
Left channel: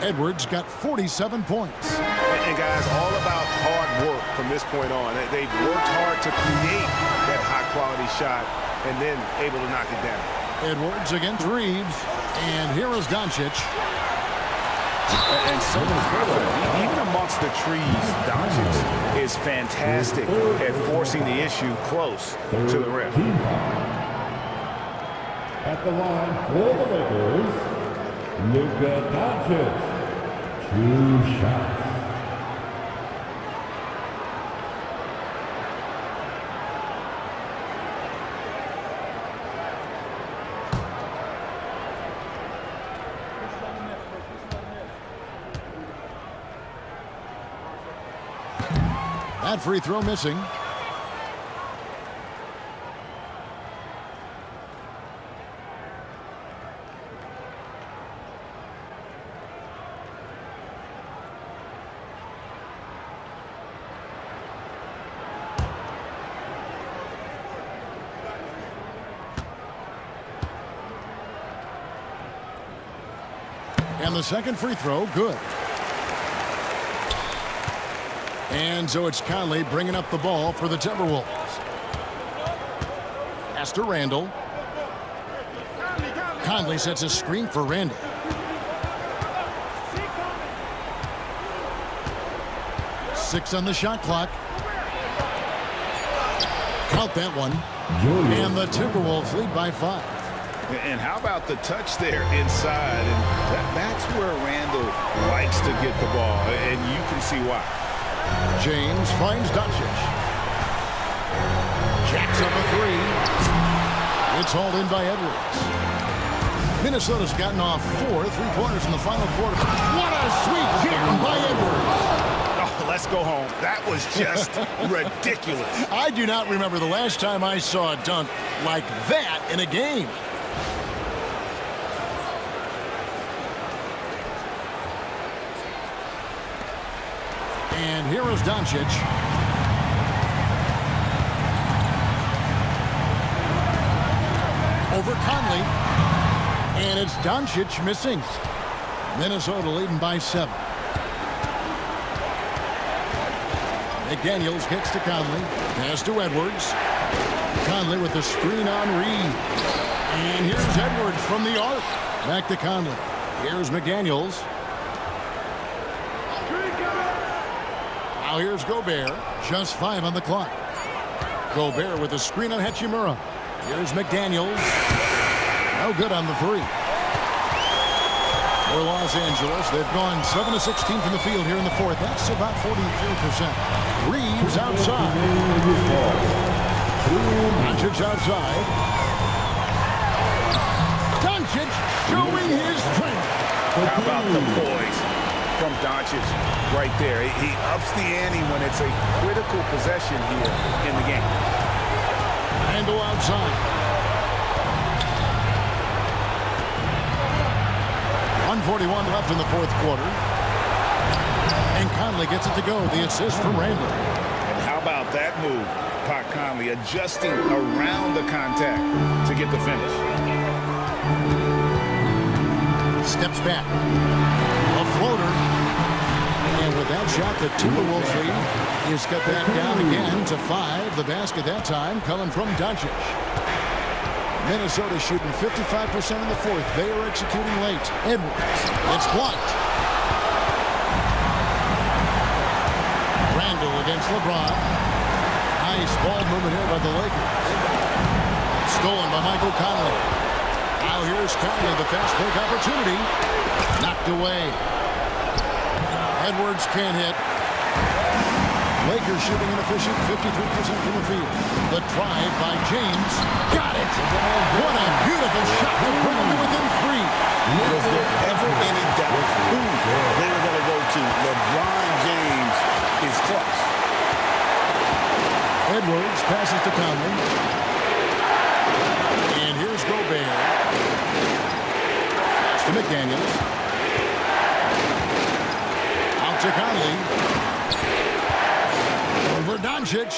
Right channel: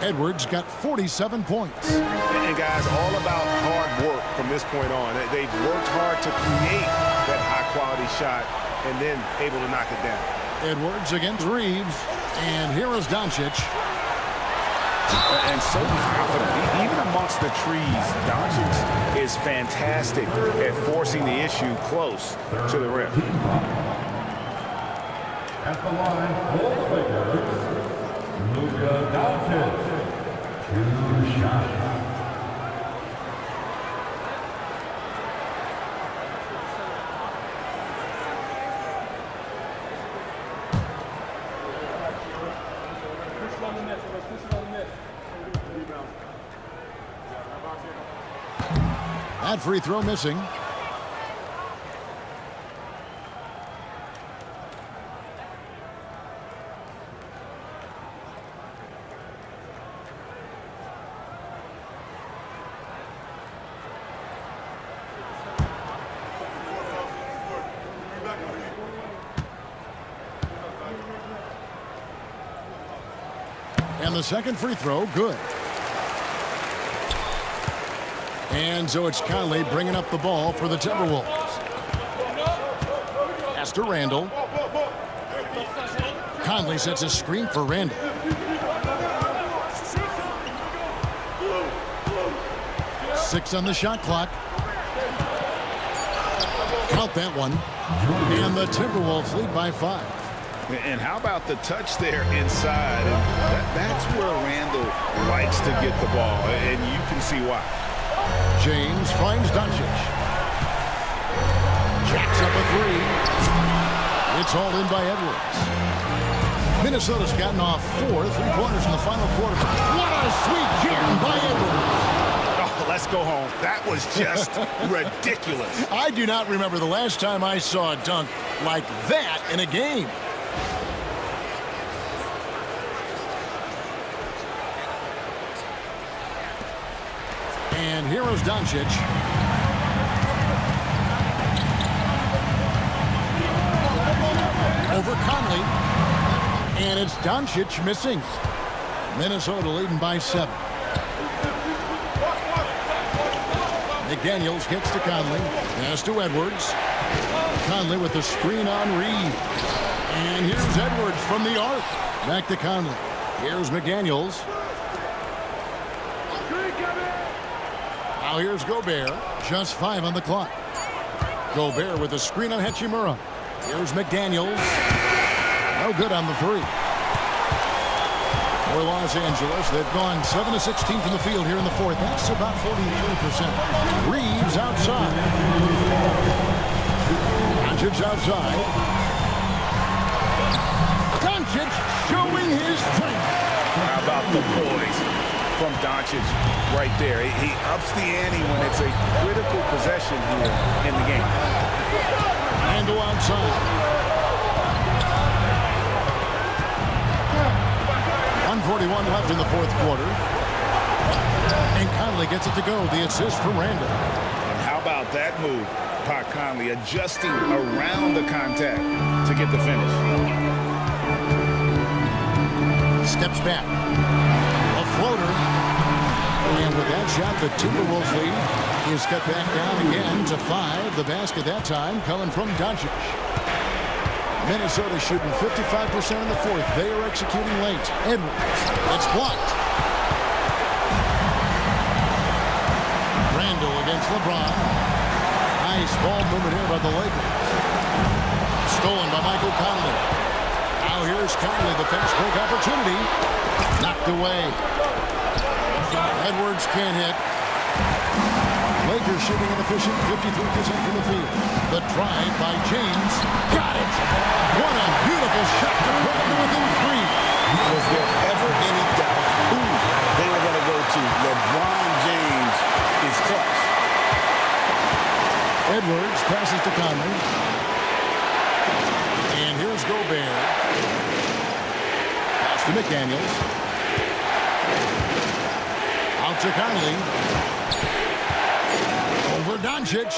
Edwards got 47 points. And guys, all about hard work from this point on. They've worked hard to create that high-quality shot and then able to knock it down. Edwards against Reeves. And here is Doncic. And so confident. Even amongst the trees, Doncic is fantastic at forcing the issue close to the rim. At the line for the Lakers, Luka Doncic. 2 shots. That free throw missing. And the second free throw, good. And so it's Conley bringing up the ball for the Timberwolves. Pass to Randall. Conley sets a screen for Randall. Six on the shot clock. Count that one. And the Timberwolves lead by 5. And how about the touch there inside? And that's where Randall likes to get the ball, and you can see why. James finds Doncic. Jacks up a 3. It's hauled in by Edwards. Minnesota's gotten off 4 3-pointers in the final quarter. What a sweet jam by Edwards. Oh, let's go home. That was just ridiculous. I do not remember the last time I saw a dunk like that in a game. And here is Doncic. Over Conley. And it's Doncic missing. Minnesota leading by 7. McDaniels kicks to Conley. Pass to Edwards. Conley with the screen on Reed. And here's Edwards from the arc. Back to Conley. Here's McDaniels. Now here's Gobert. Just 5 on the clock. Gobert with a screen on Hachimura. Here's McDaniels. No good on the 3. For Los Angeles, they've gone 7 of 16 from the field here in the 4th. That's about 43%. Reeves outside. Doncic outside. Doncic showing his strength. How about the poise from Doncic right there? He ups the ante when it's a critical possession here in the game. Randall outside. 1:41 left in the 4th quarter. And Conley gets it to go. The assist from Randall. And how about that move? Pat Conley adjusting around the contact to get the finish. Steps back. A floater. And with that shot, the Timberwolves lead is cut back down again to 5. The basket that time coming from Doncic. Minnesota shooting 55% in the 4th. They are executing late. Edwards. It's blocked. Randall against LeBron. Nice ball movement here by the Lakers. Stolen by Michael Conley. Now here's Conley, the fast break opportunity. Knocked away. Edwards can't hit. Lakers shooting an efficient 53% from the field. The drive by James. Got it! What a beautiful shot to bring him to within 3. Was there ever any doubt who they were going to go to? LeBron James is clutch. Edwards passes to Conley. And here's Gobert. Pass to McDaniels. Out to Conley. Over Doncic.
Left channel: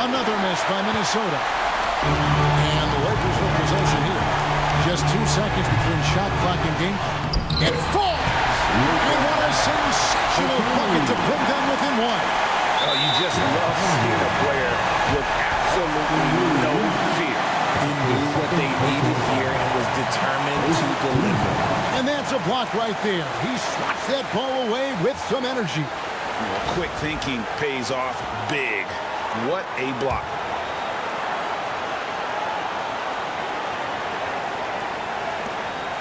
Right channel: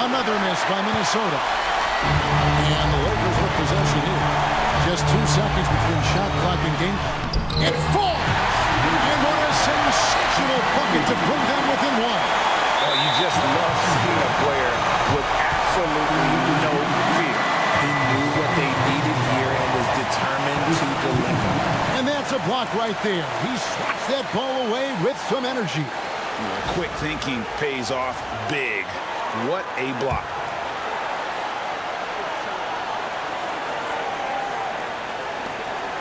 Another miss by Minnesota. And the Lakers with possession here. Just 2 seconds between shot clock and game clock. It falls! And what a sensational bucket to bring them within 1. Oh, you just love seeing a player with absolutely no fear. He knew what they needed here and was determined to deliver. And that's a block right there. He swats that ball away with some energy. Yeah, quick thinking pays off big. What a block.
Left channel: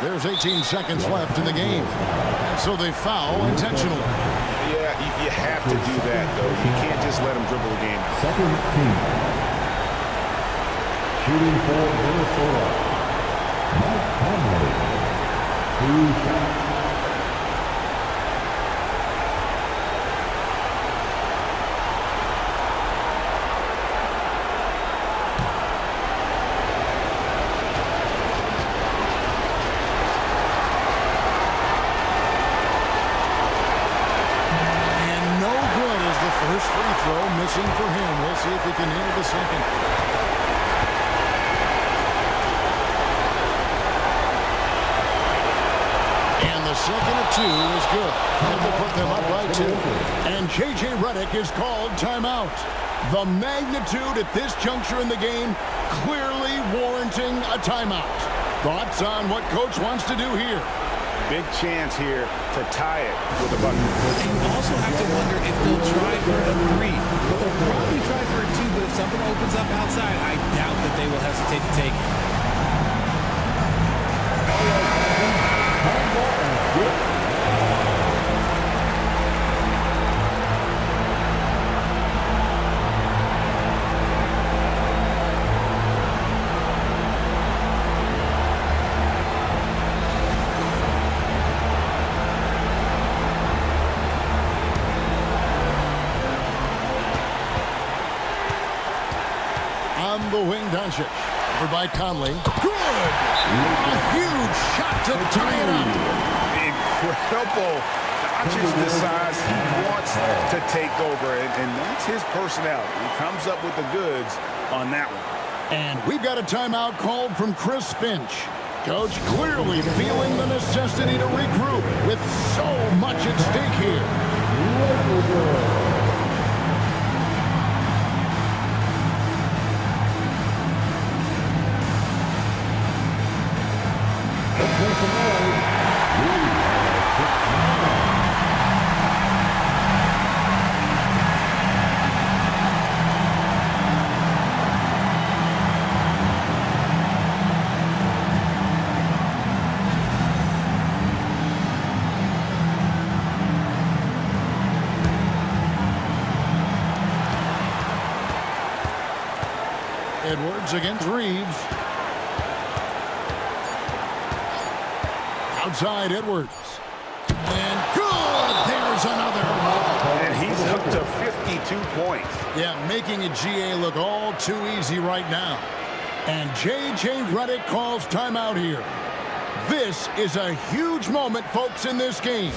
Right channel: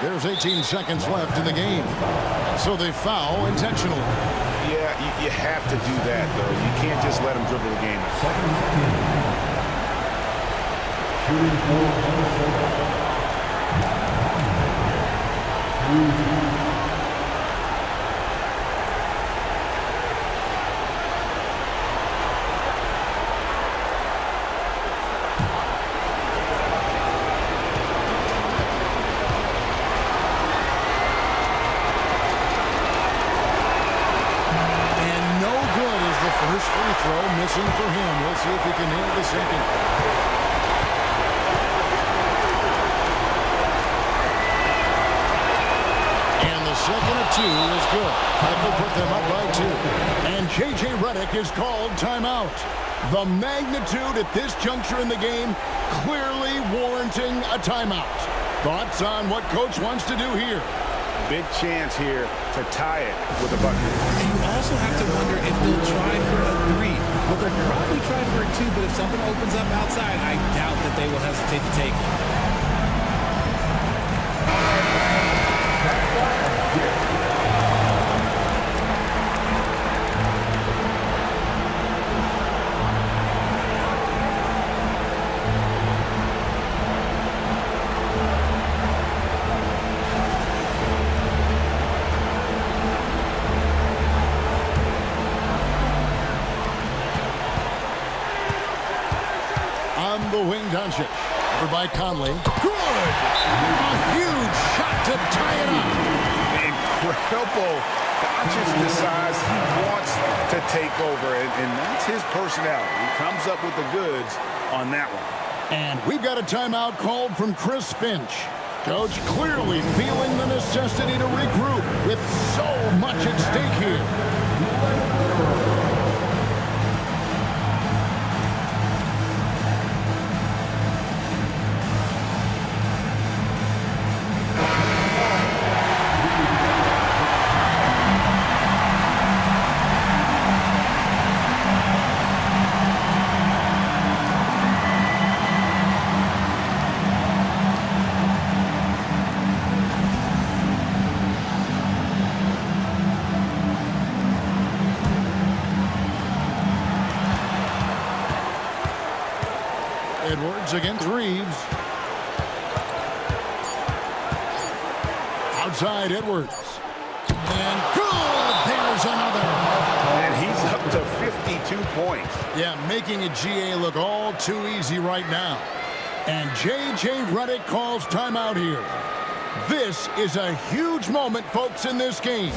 There's 18 seconds left in the game. And so they foul intentionally. Yeah, you have to do that, though. You can't just let them dribble the game out. Second team. Shooting for Minnesota. Matt Conley. 2 seconds. The first free throw missing for him. We'll see if he can nail the second. And the second of 2 is good. That will put them up by 2. And J.J. Redick is called timeout. The magnitude at this juncture in the game clearly warranting a timeout. Thoughts on what Coach wants to do here? Big chance here to tie it with a bucket. And you also have to wonder if they'll try for a 3. Well, they'll probably try for a 2, but if something opens up outside, I doubt that they will hesitate to take it. On the wing, Doncic. Over by Conley. Good! A huge shot to tie it up. Incredible. Doncic decides he wants to take over, and that's his personality. He comes up with the goods on that one. And we've got a timeout called from Chris Finch. Coach clearly feeling the necessity to regroup with so much at stake here. Edwards against Reeves. Outside Edwards. And good! There's another. And he's up to 52 points. Yeah, making a GA look all too easy right now. And J.J. Redick calls timeout here. This is a huge moment, folks, in this game.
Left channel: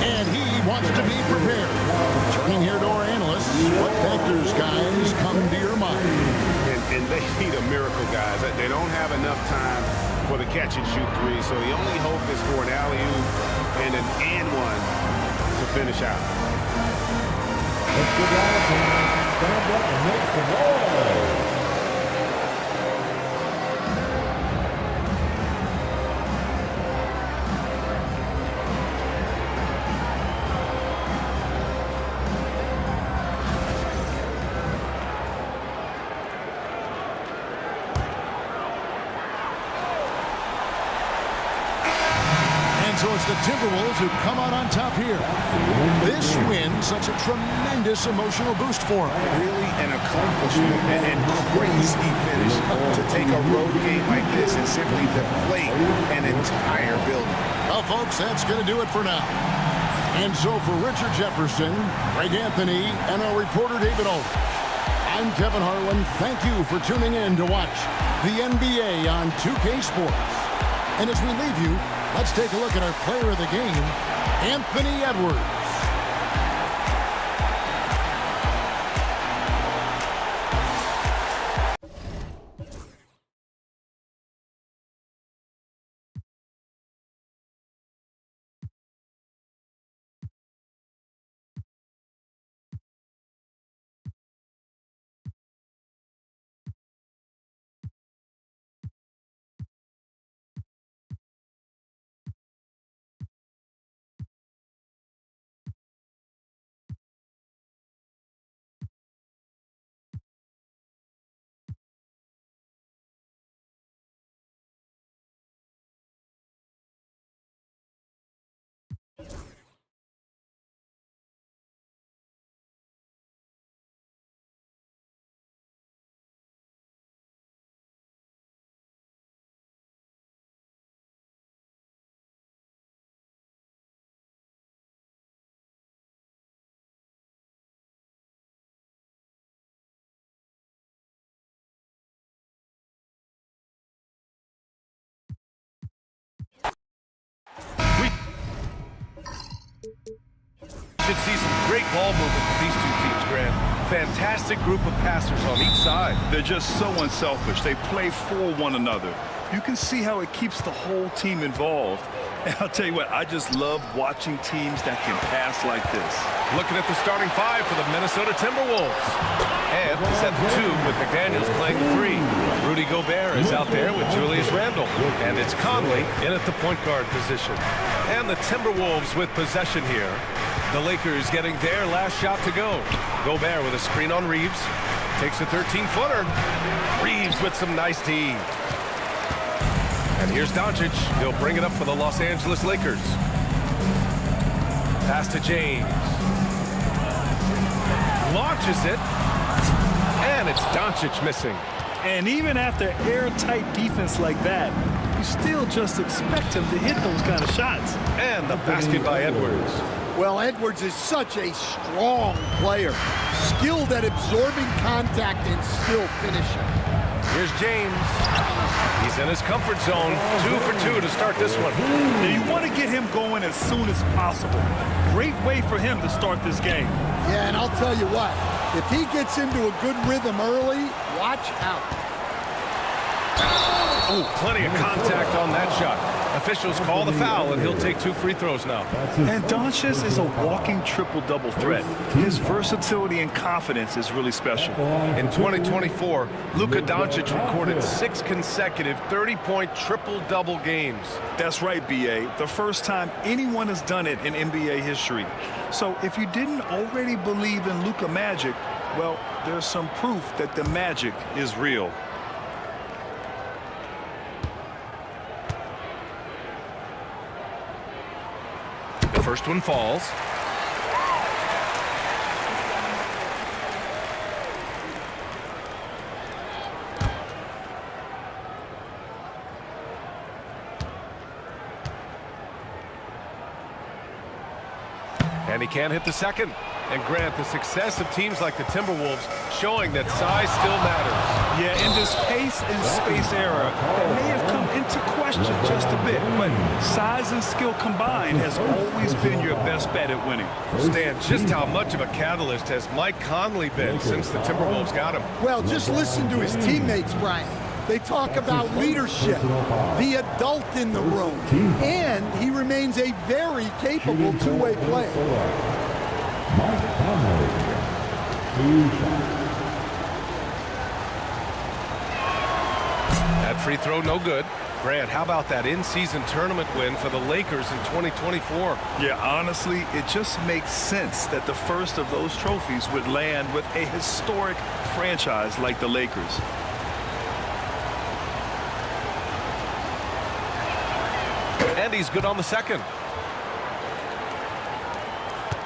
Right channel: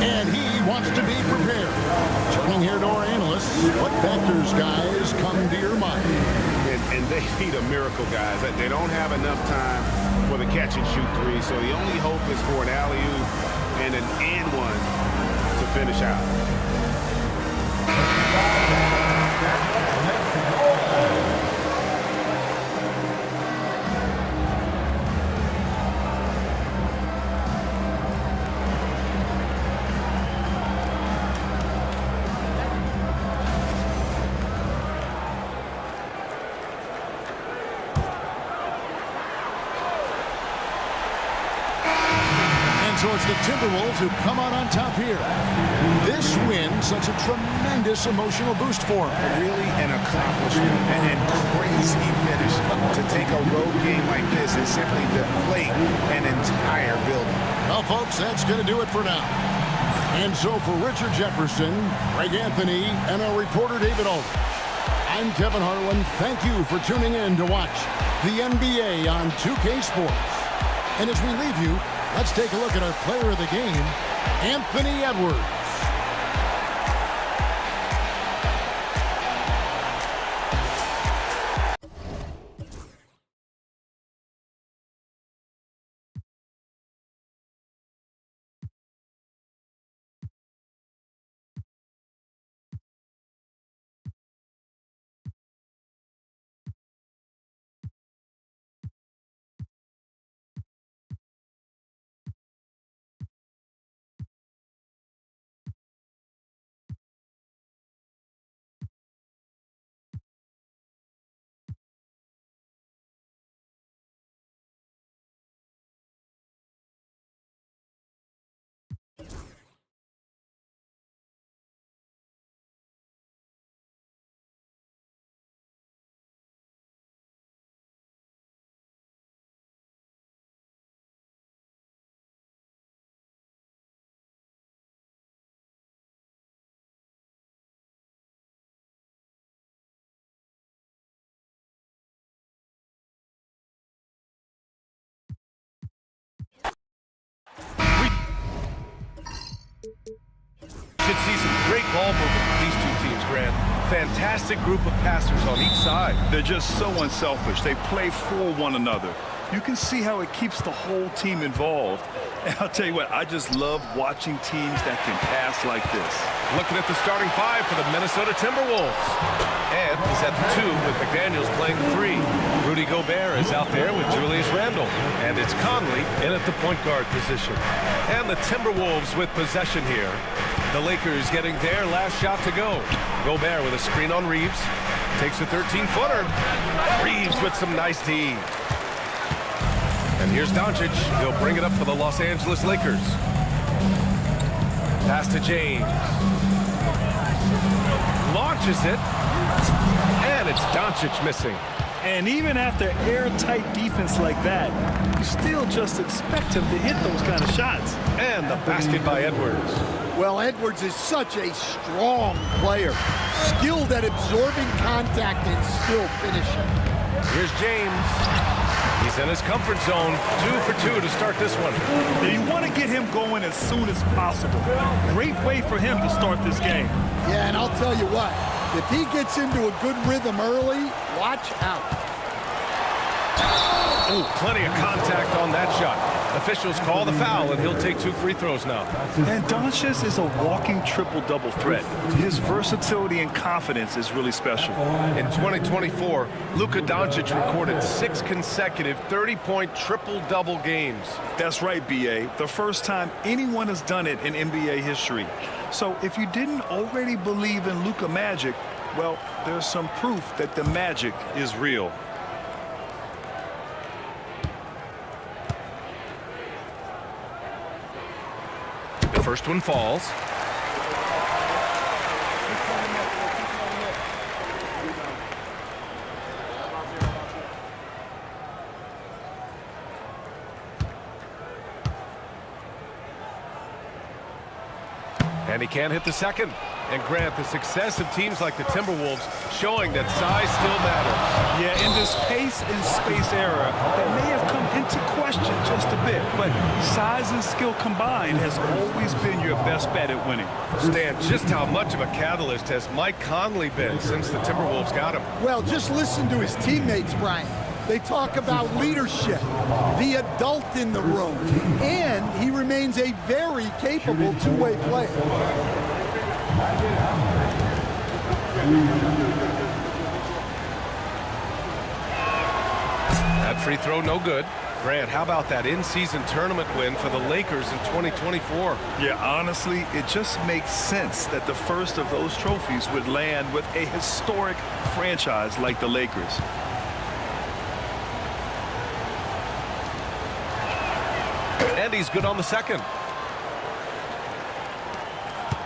And he wants to be prepared. Turning here to our analysts, what factors, guys, come to your mind? And they need a miracle, guys. They don't have enough time for the catch-and-shoot 3, so the only hope is for an alley-oop and an and-one to finish out. Let's get out and stand up and make some noise. so it's the Timberwolves who come out on top here. This win, such a tremendous emotional boost for them. Really an accomplishment and crazy finish to take a road game like this and simply deflate an entire building. Well, folks, that's going to do it for now. And so for Richard Jefferson, Greg Anthony, and our reporter David Aldridge, I'm Kevin Harlan. Thank you for tuning in to watch the NBA on 2K Sports. And as we leave you, let's take a look at our player of the game, Anthony Edwards. Should see some great ball movement with these two teams, Grant. Fantastic group of passers on each side. They're just so unselfish. They play for one another. You can see how it keeps the whole team involved. And I'll tell you what, I just love watching teams that can pass like this. Looking at the starting five for the Minnesota Timberwolves. Ant is at the 2 with McDaniels playing the 3. Rudy Gobert is out there with Julius Randle. And it's Conley in at the point guard position. And the Timberwolves with possession here. The Lakers getting their last shot to go. Gobert with a screen on Reeves. Takes a 13-footer. Reeves with some nice D. And here's Doncic. He'll bring it up for the Los Angeles Lakers. Pass to James. Launches it. And it's Doncic missing. And even after airtight defense like that, you still just expect him to hit those kind of shots. And the basket by Edwards. Well, Edwards is such a strong player, skilled at absorbing contact and still finishing. Here's James. He's in his comfort zone. 2 for 2 to start this one. Now you want to get him going as soon as possible. Great way for him to start this game. Yeah, and I'll tell you what, if he gets into a good rhythm early, watch out. Oh, plenty of contact on that shot. Officials call the foul, and he'll take 2 free throws now. And Doncic is a walking triple-double threat. His versatility and confidence is really special. In 2024, Luka Doncic recorded 6 consecutive 30-point triple-double games. That's right, B.A. The first time anyone has done it in NBA history. So if you didn't already believe in Luka magic, well, there's some proof that the magic is real. The first one falls. And he can't hit the second. And Grant, the success of teams like the Timberwolves showing that size still matters. Yeah, in this pace and space era, that may have come into question just a bit, but size and skill combined has always been your best bet at winning. Stan, just how much of a catalyst has Mike Conley been since the Timberwolves got him? Well, just listen to his teammates, Brian. They talk about leadership, the adult in the room, and he remains a very capable two-way player. That free throw no good. Grant, how about that in-season tournament win for the Lakers in 2024? Yeah, honestly, it just makes sense that the first of those trophies would land with a historic franchise like the Lakers. And he's good on the second.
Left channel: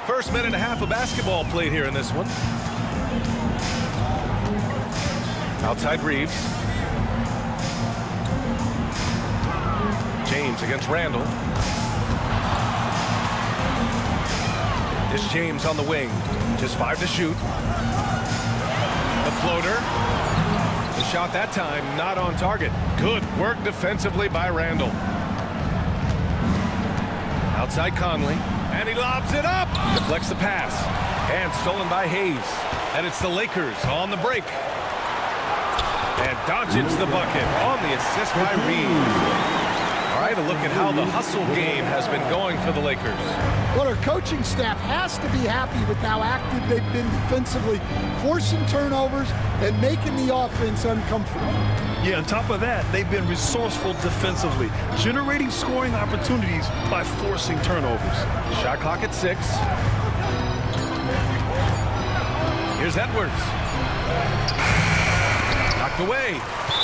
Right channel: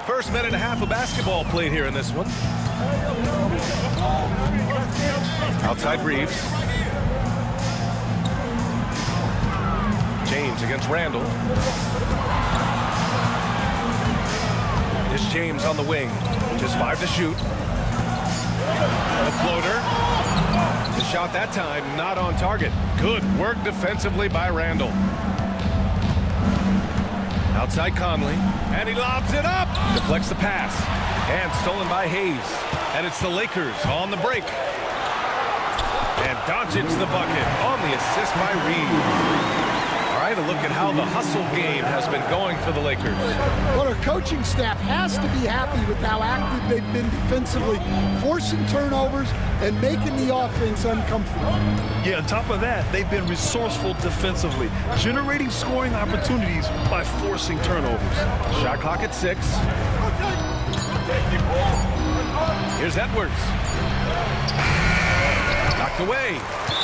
First minute and a half of basketball played here in this one. Outside Reeves. James against Randall. It's James on the wing. Just 5 to shoot. The floater. The shot that time not on target. Good work defensively by Randall. Outside Conley. And he lobs it up. Deflects the pass. And stolen by Hayes. And it's the Lakers on the break. And Doncic the bucket on the assist by Reeves. All right, a look at how the hustle game has been going for the Lakers. Well, our coaching staff has to be happy with how active they've been defensively, forcing turnovers and making the offense uncomfortable. Yeah, on top of that, they've been resourceful defensively, generating scoring opportunities by forcing turnovers. Shot clock at 6. Here's Edwards. Knocked away.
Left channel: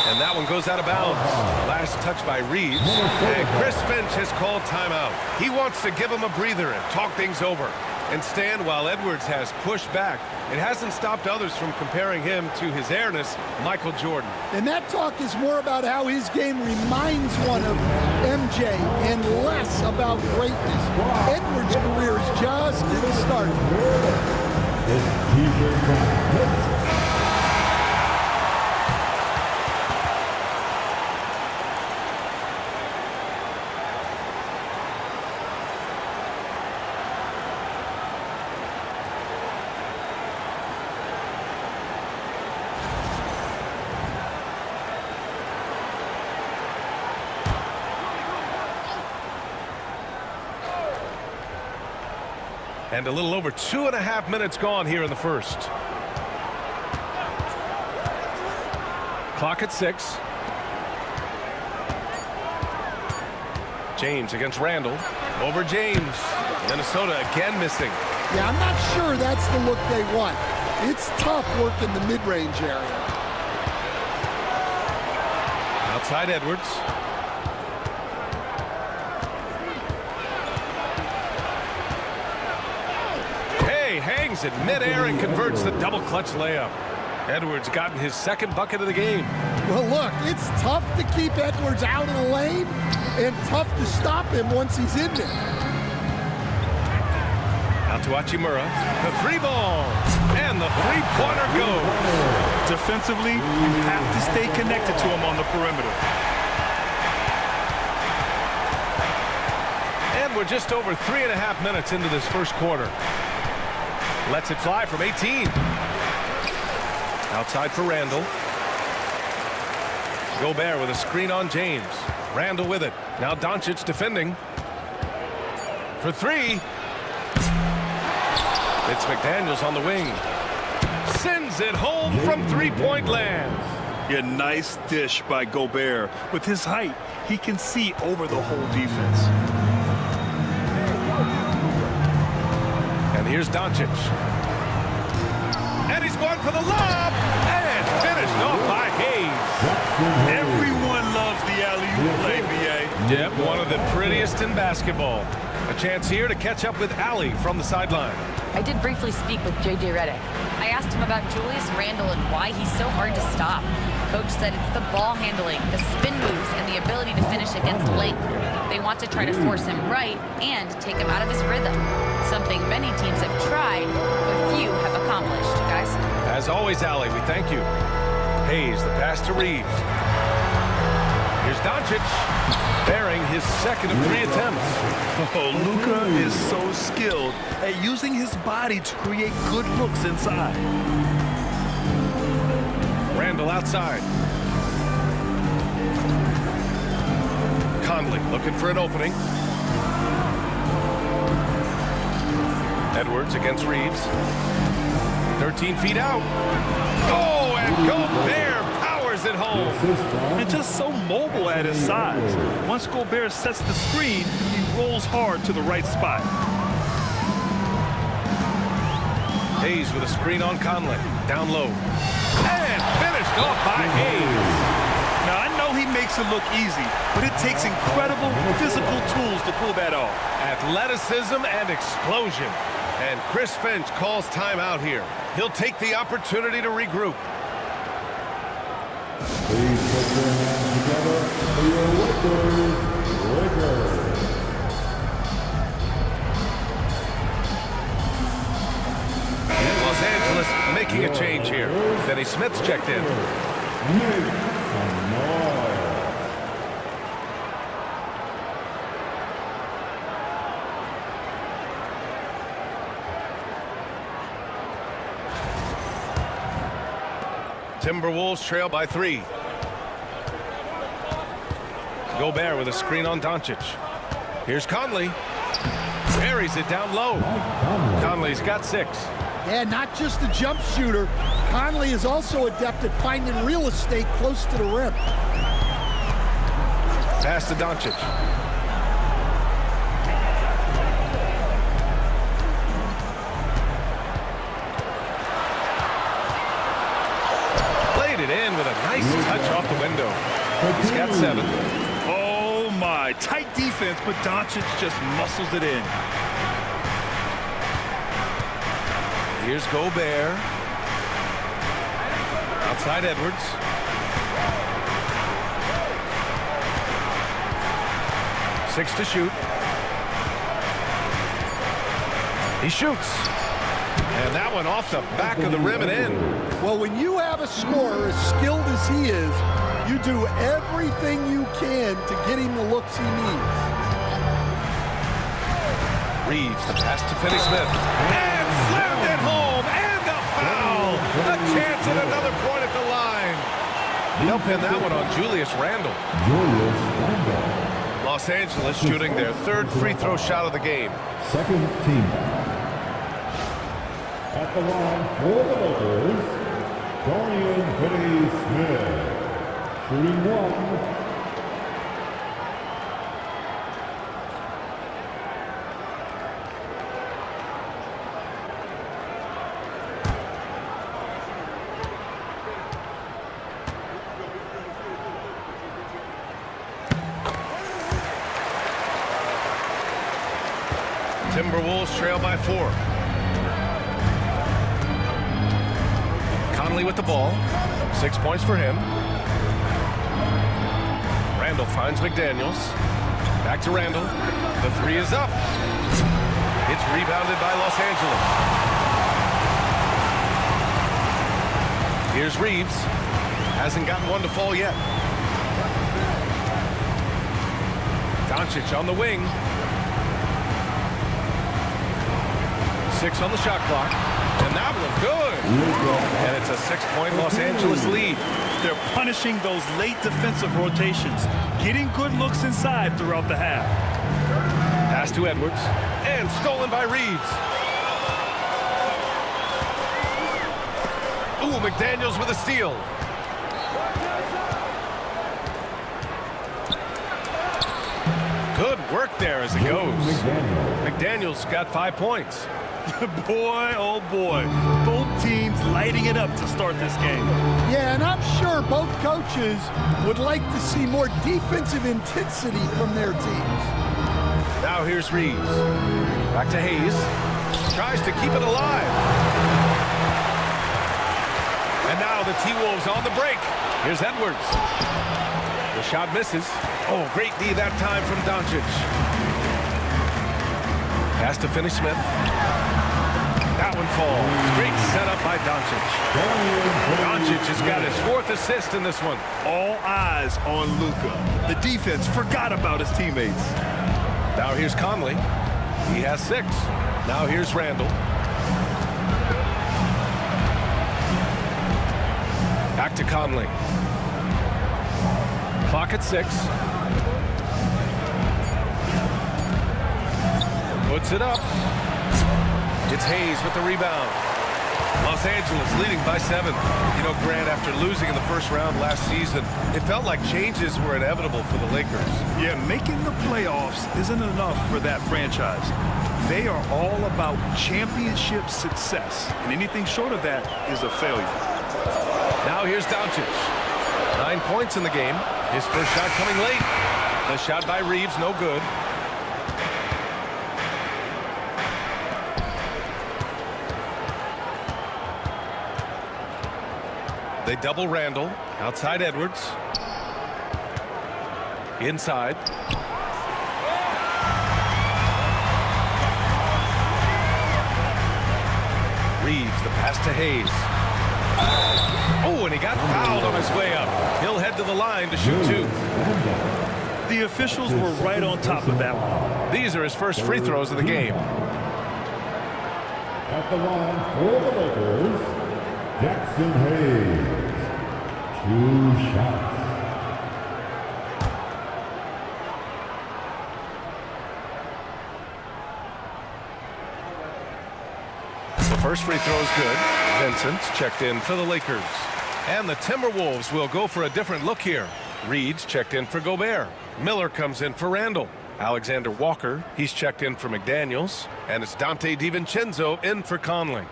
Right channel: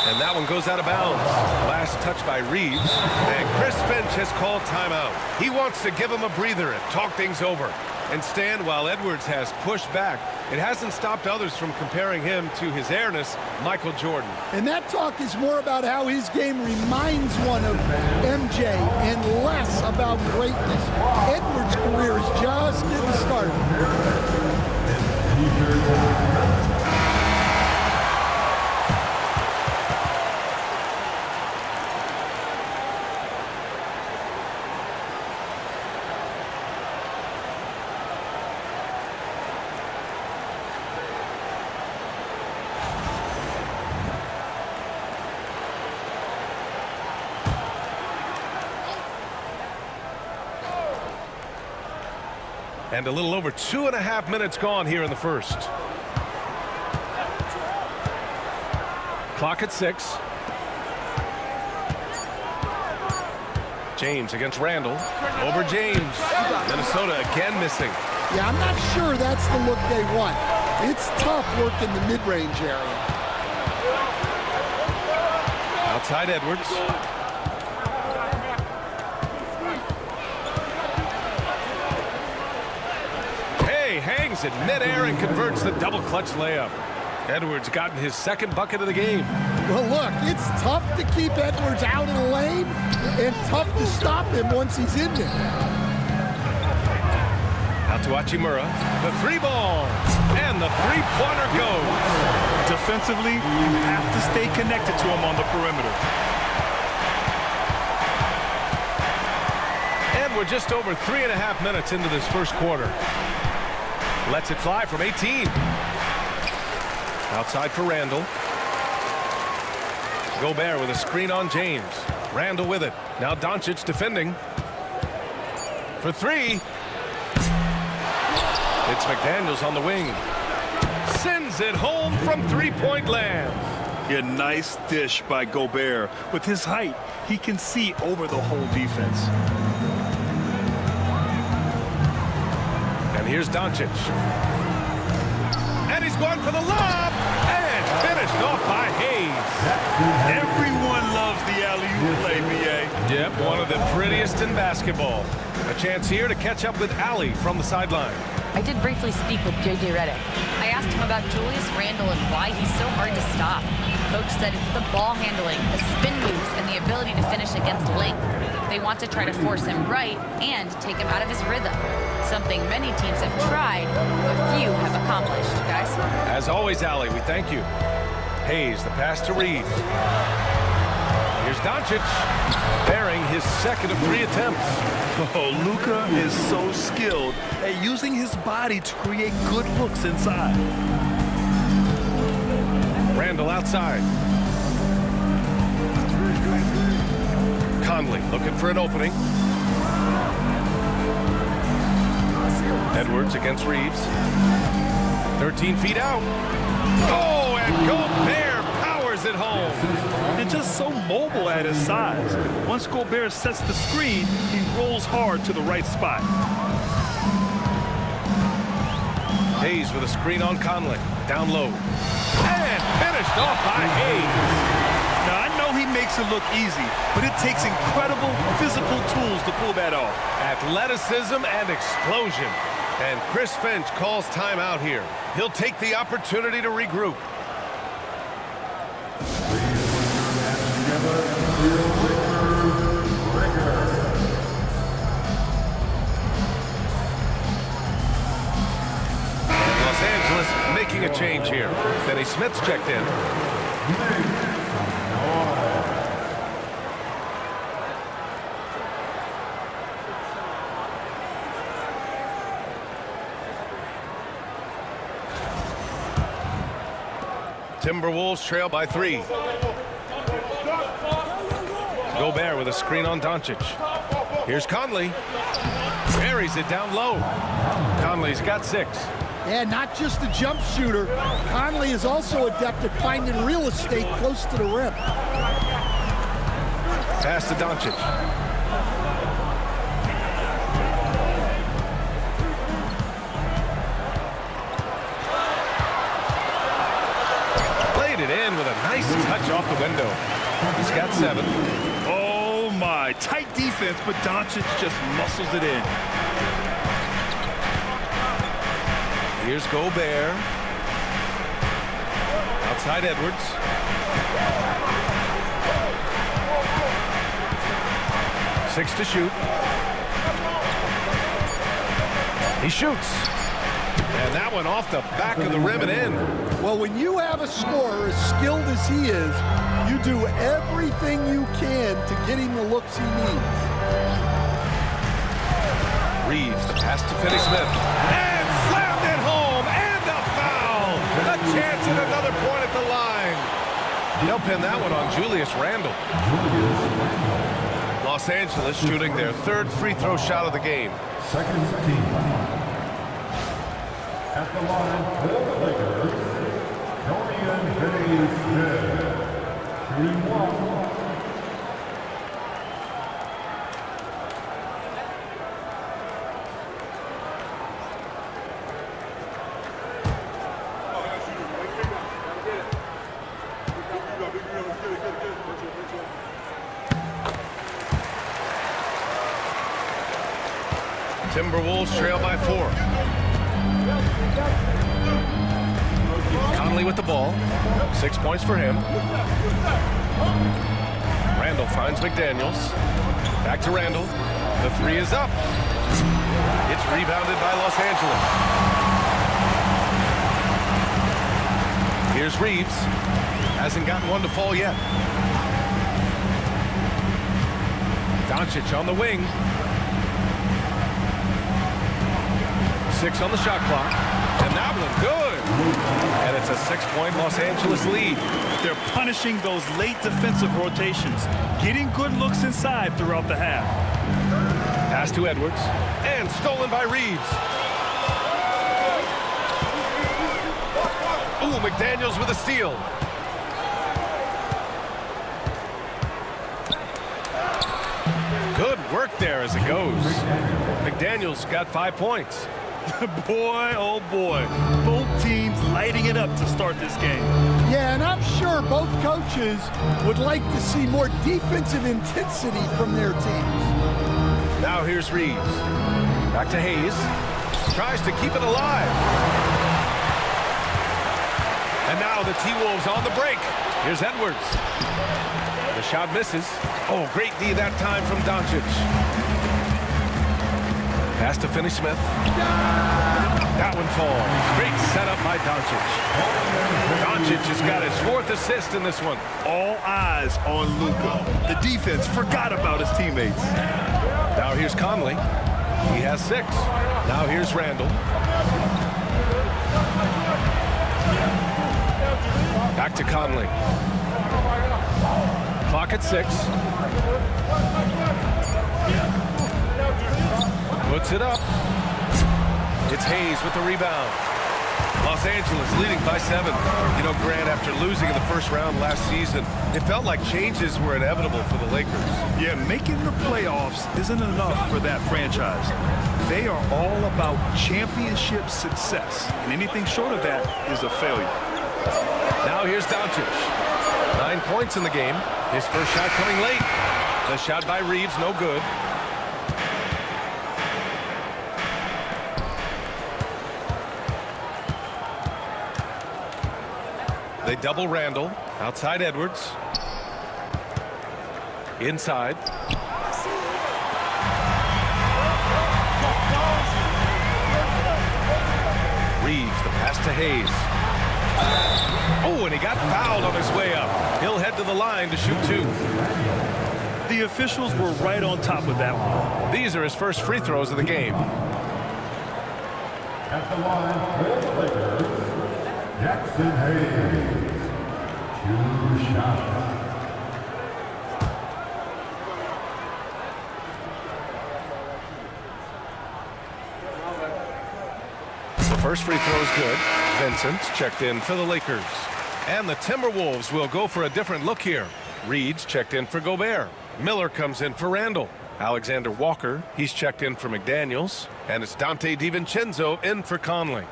And that one goes out of bounds. Last touch by Reeves. And Chris Finch has called timeout. He wants to give him a breather and talk things over. And stand while Edwards has pushed back. It hasn't stopped others from comparing him to his airness, Michael Jordan. And that talk is more about how his game reminds one of MJ and less about greatness. Edwards' career is just getting started. And a little over 2.5 minutes gone here in the first. Clock at 6. James against Randall. Over James. Minnesota again missing. Yeah, I'm not sure that's the look they want. It's tough work in the mid-range area. Outside Edwards. Hangs in midair and converts the double clutch layup. Edwards gotten his second bucket of the game. Well, look, it's tough to keep Edwards out of the lane and tough to stop him once he's in there. Out to Hachimura. The 3-ball. And the 3-pointer goes. Defensively, you have to stay connected to him on the perimeter. And we're just over 3.5 minutes into this first quarter. Lets it fly from 18. Outside for Randall. Gobert with a screen on James. Randall with it. Now Doncic defending. For 3. It's McDaniels on the wing. Sends it home from 3-point land. Yeah, nice dish by Gobert. With his height, he can see over the whole defense. And here's Doncic. And he's going for the lob. And finished off by Hayes. Everyone loves the alley-oop play, B.A. Yep, one of the prettiest in basketball. A chance here to catch up with Allie from the sideline. I did briefly speak with J.J. Redick. I asked him about Julius Randle and why he's so hard to stop. Coach said it's the ball handling, the spin moves, and the ability to finish against length. They want to try to force him right and take him out of his rhythm. Something many teams have tried, but few have accomplished. Guys? As always, Allie, we thank you. Hayes, the pass to Reeves. Here's Doncic, bearing his second of 3 attempts. Oh, Luka is so skilled at using his body to create good looks inside. Randall outside. Conley looking for an opening. Edwards against Reeves. 13 feet out. Oh, and Gobert powers it home. And just so mobile at his size. Once Gobert sets the screen, he rolls hard to the right spot. Hayes with a screen on Conley. Down low. And finished off by Hayes. Now, I know he makes it look easy, but it takes incredible physical tools to pull that off. Athleticism and explosion. And Chris Finch calls timeout here. He'll take the opportunity to regroup. Please put your hands together for your Lakers. And Los Angeles making a change here. Finney Smith's checked in. Timberwolves trail by 3. Gobert with a screen on Doncic. Here's Conley. Buries it down low. Conley's got 6. Yeah, not just a jump shooter. Conley is also adept at finding real estate close to the rim. Pass to Doncic. Played it in with a nice touch off the window. He's got 7. Oh, my. Tight defense, but Doncic just muscles it in. Here's Gobert. Outside Edwards. Six to shoot. He shoots. And that one off the back of the rim and in. Well, when you have a scorer as skilled as he is, you do everything you can to get him the looks he needs. Reeves, the pass to Finney Smith. And slammed it home. And a foul. A chance at another point at the line. They'll pin that one on Julius Randle. Los Angeles shooting their 3rd free throw shot of the game. Second team. At the line for the Lakers, Dorian Finney-Smith. Shooting 1. Timberwolves trail by 4. Conley with the ball. 6 points for him. Randle finds McDaniels. Back to Randle. The 3 is up. It's rebounded by Los Angeles. Here's Reeves. Hasn't gotten one to fall yet. Doncic on the wing. 6 on the shot clock. And that one good. And it's a 6-point Los Angeles lead. They're punishing those late defensive rotations, getting good looks inside throughout the half. Pass to Edwards. And stolen by Reeves. Ooh, McDaniels with a steal. Good work there as it goes. McDaniels got 5 points. Boy, oh boy. Both teams lighting it up to start this game. Yeah, and I'm sure both coaches would like to see more defensive intensity from their teams. Now here's Reeves. Back to Hayes. Tries to keep it alive. And now the T-Wolves on the break. Here's Edwards. The shot misses. Oh, great D that time from Doncic. Pass to Finney Smith. That one falls. Great setup by Doncic. Doncic has got his 4th assist in this one. All eyes on Luka. The defense forgot about his teammates. Now here's Conley. He has 6. Now here's Randle. Back to Conley. Clock at 6. Puts it up. It's Hayes with the rebound. Los Angeles leading by 7. You know, Grant, after losing in the first round last season, it felt like changes were inevitable for the Lakers. Yeah, making the playoffs isn't enough for that franchise. They are all about championship success, and anything short of that is a failure. Now here's Doncic. 9 points in the game. His first shot coming late. The shot by Reeves, no good. They double Randall. Outside Edwards. Inside. Reeves, the pass to Hayes. Oh, and he got fouled on his way up. He'll head to the line to shoot 2. The officials were right on top of that one. These are his first free throws of the game. At the line for the Lakers, Jackson Hayes. 2 shots. The first free throw is good. Vincent's checked in for the Lakers. And the Timberwolves will go for a different look here. Reed's checked in for Gobert. Miller comes in for Randall. Alexander Walker, he's checked in for McDaniels. And it's Dante DiVincenzo in for Conley.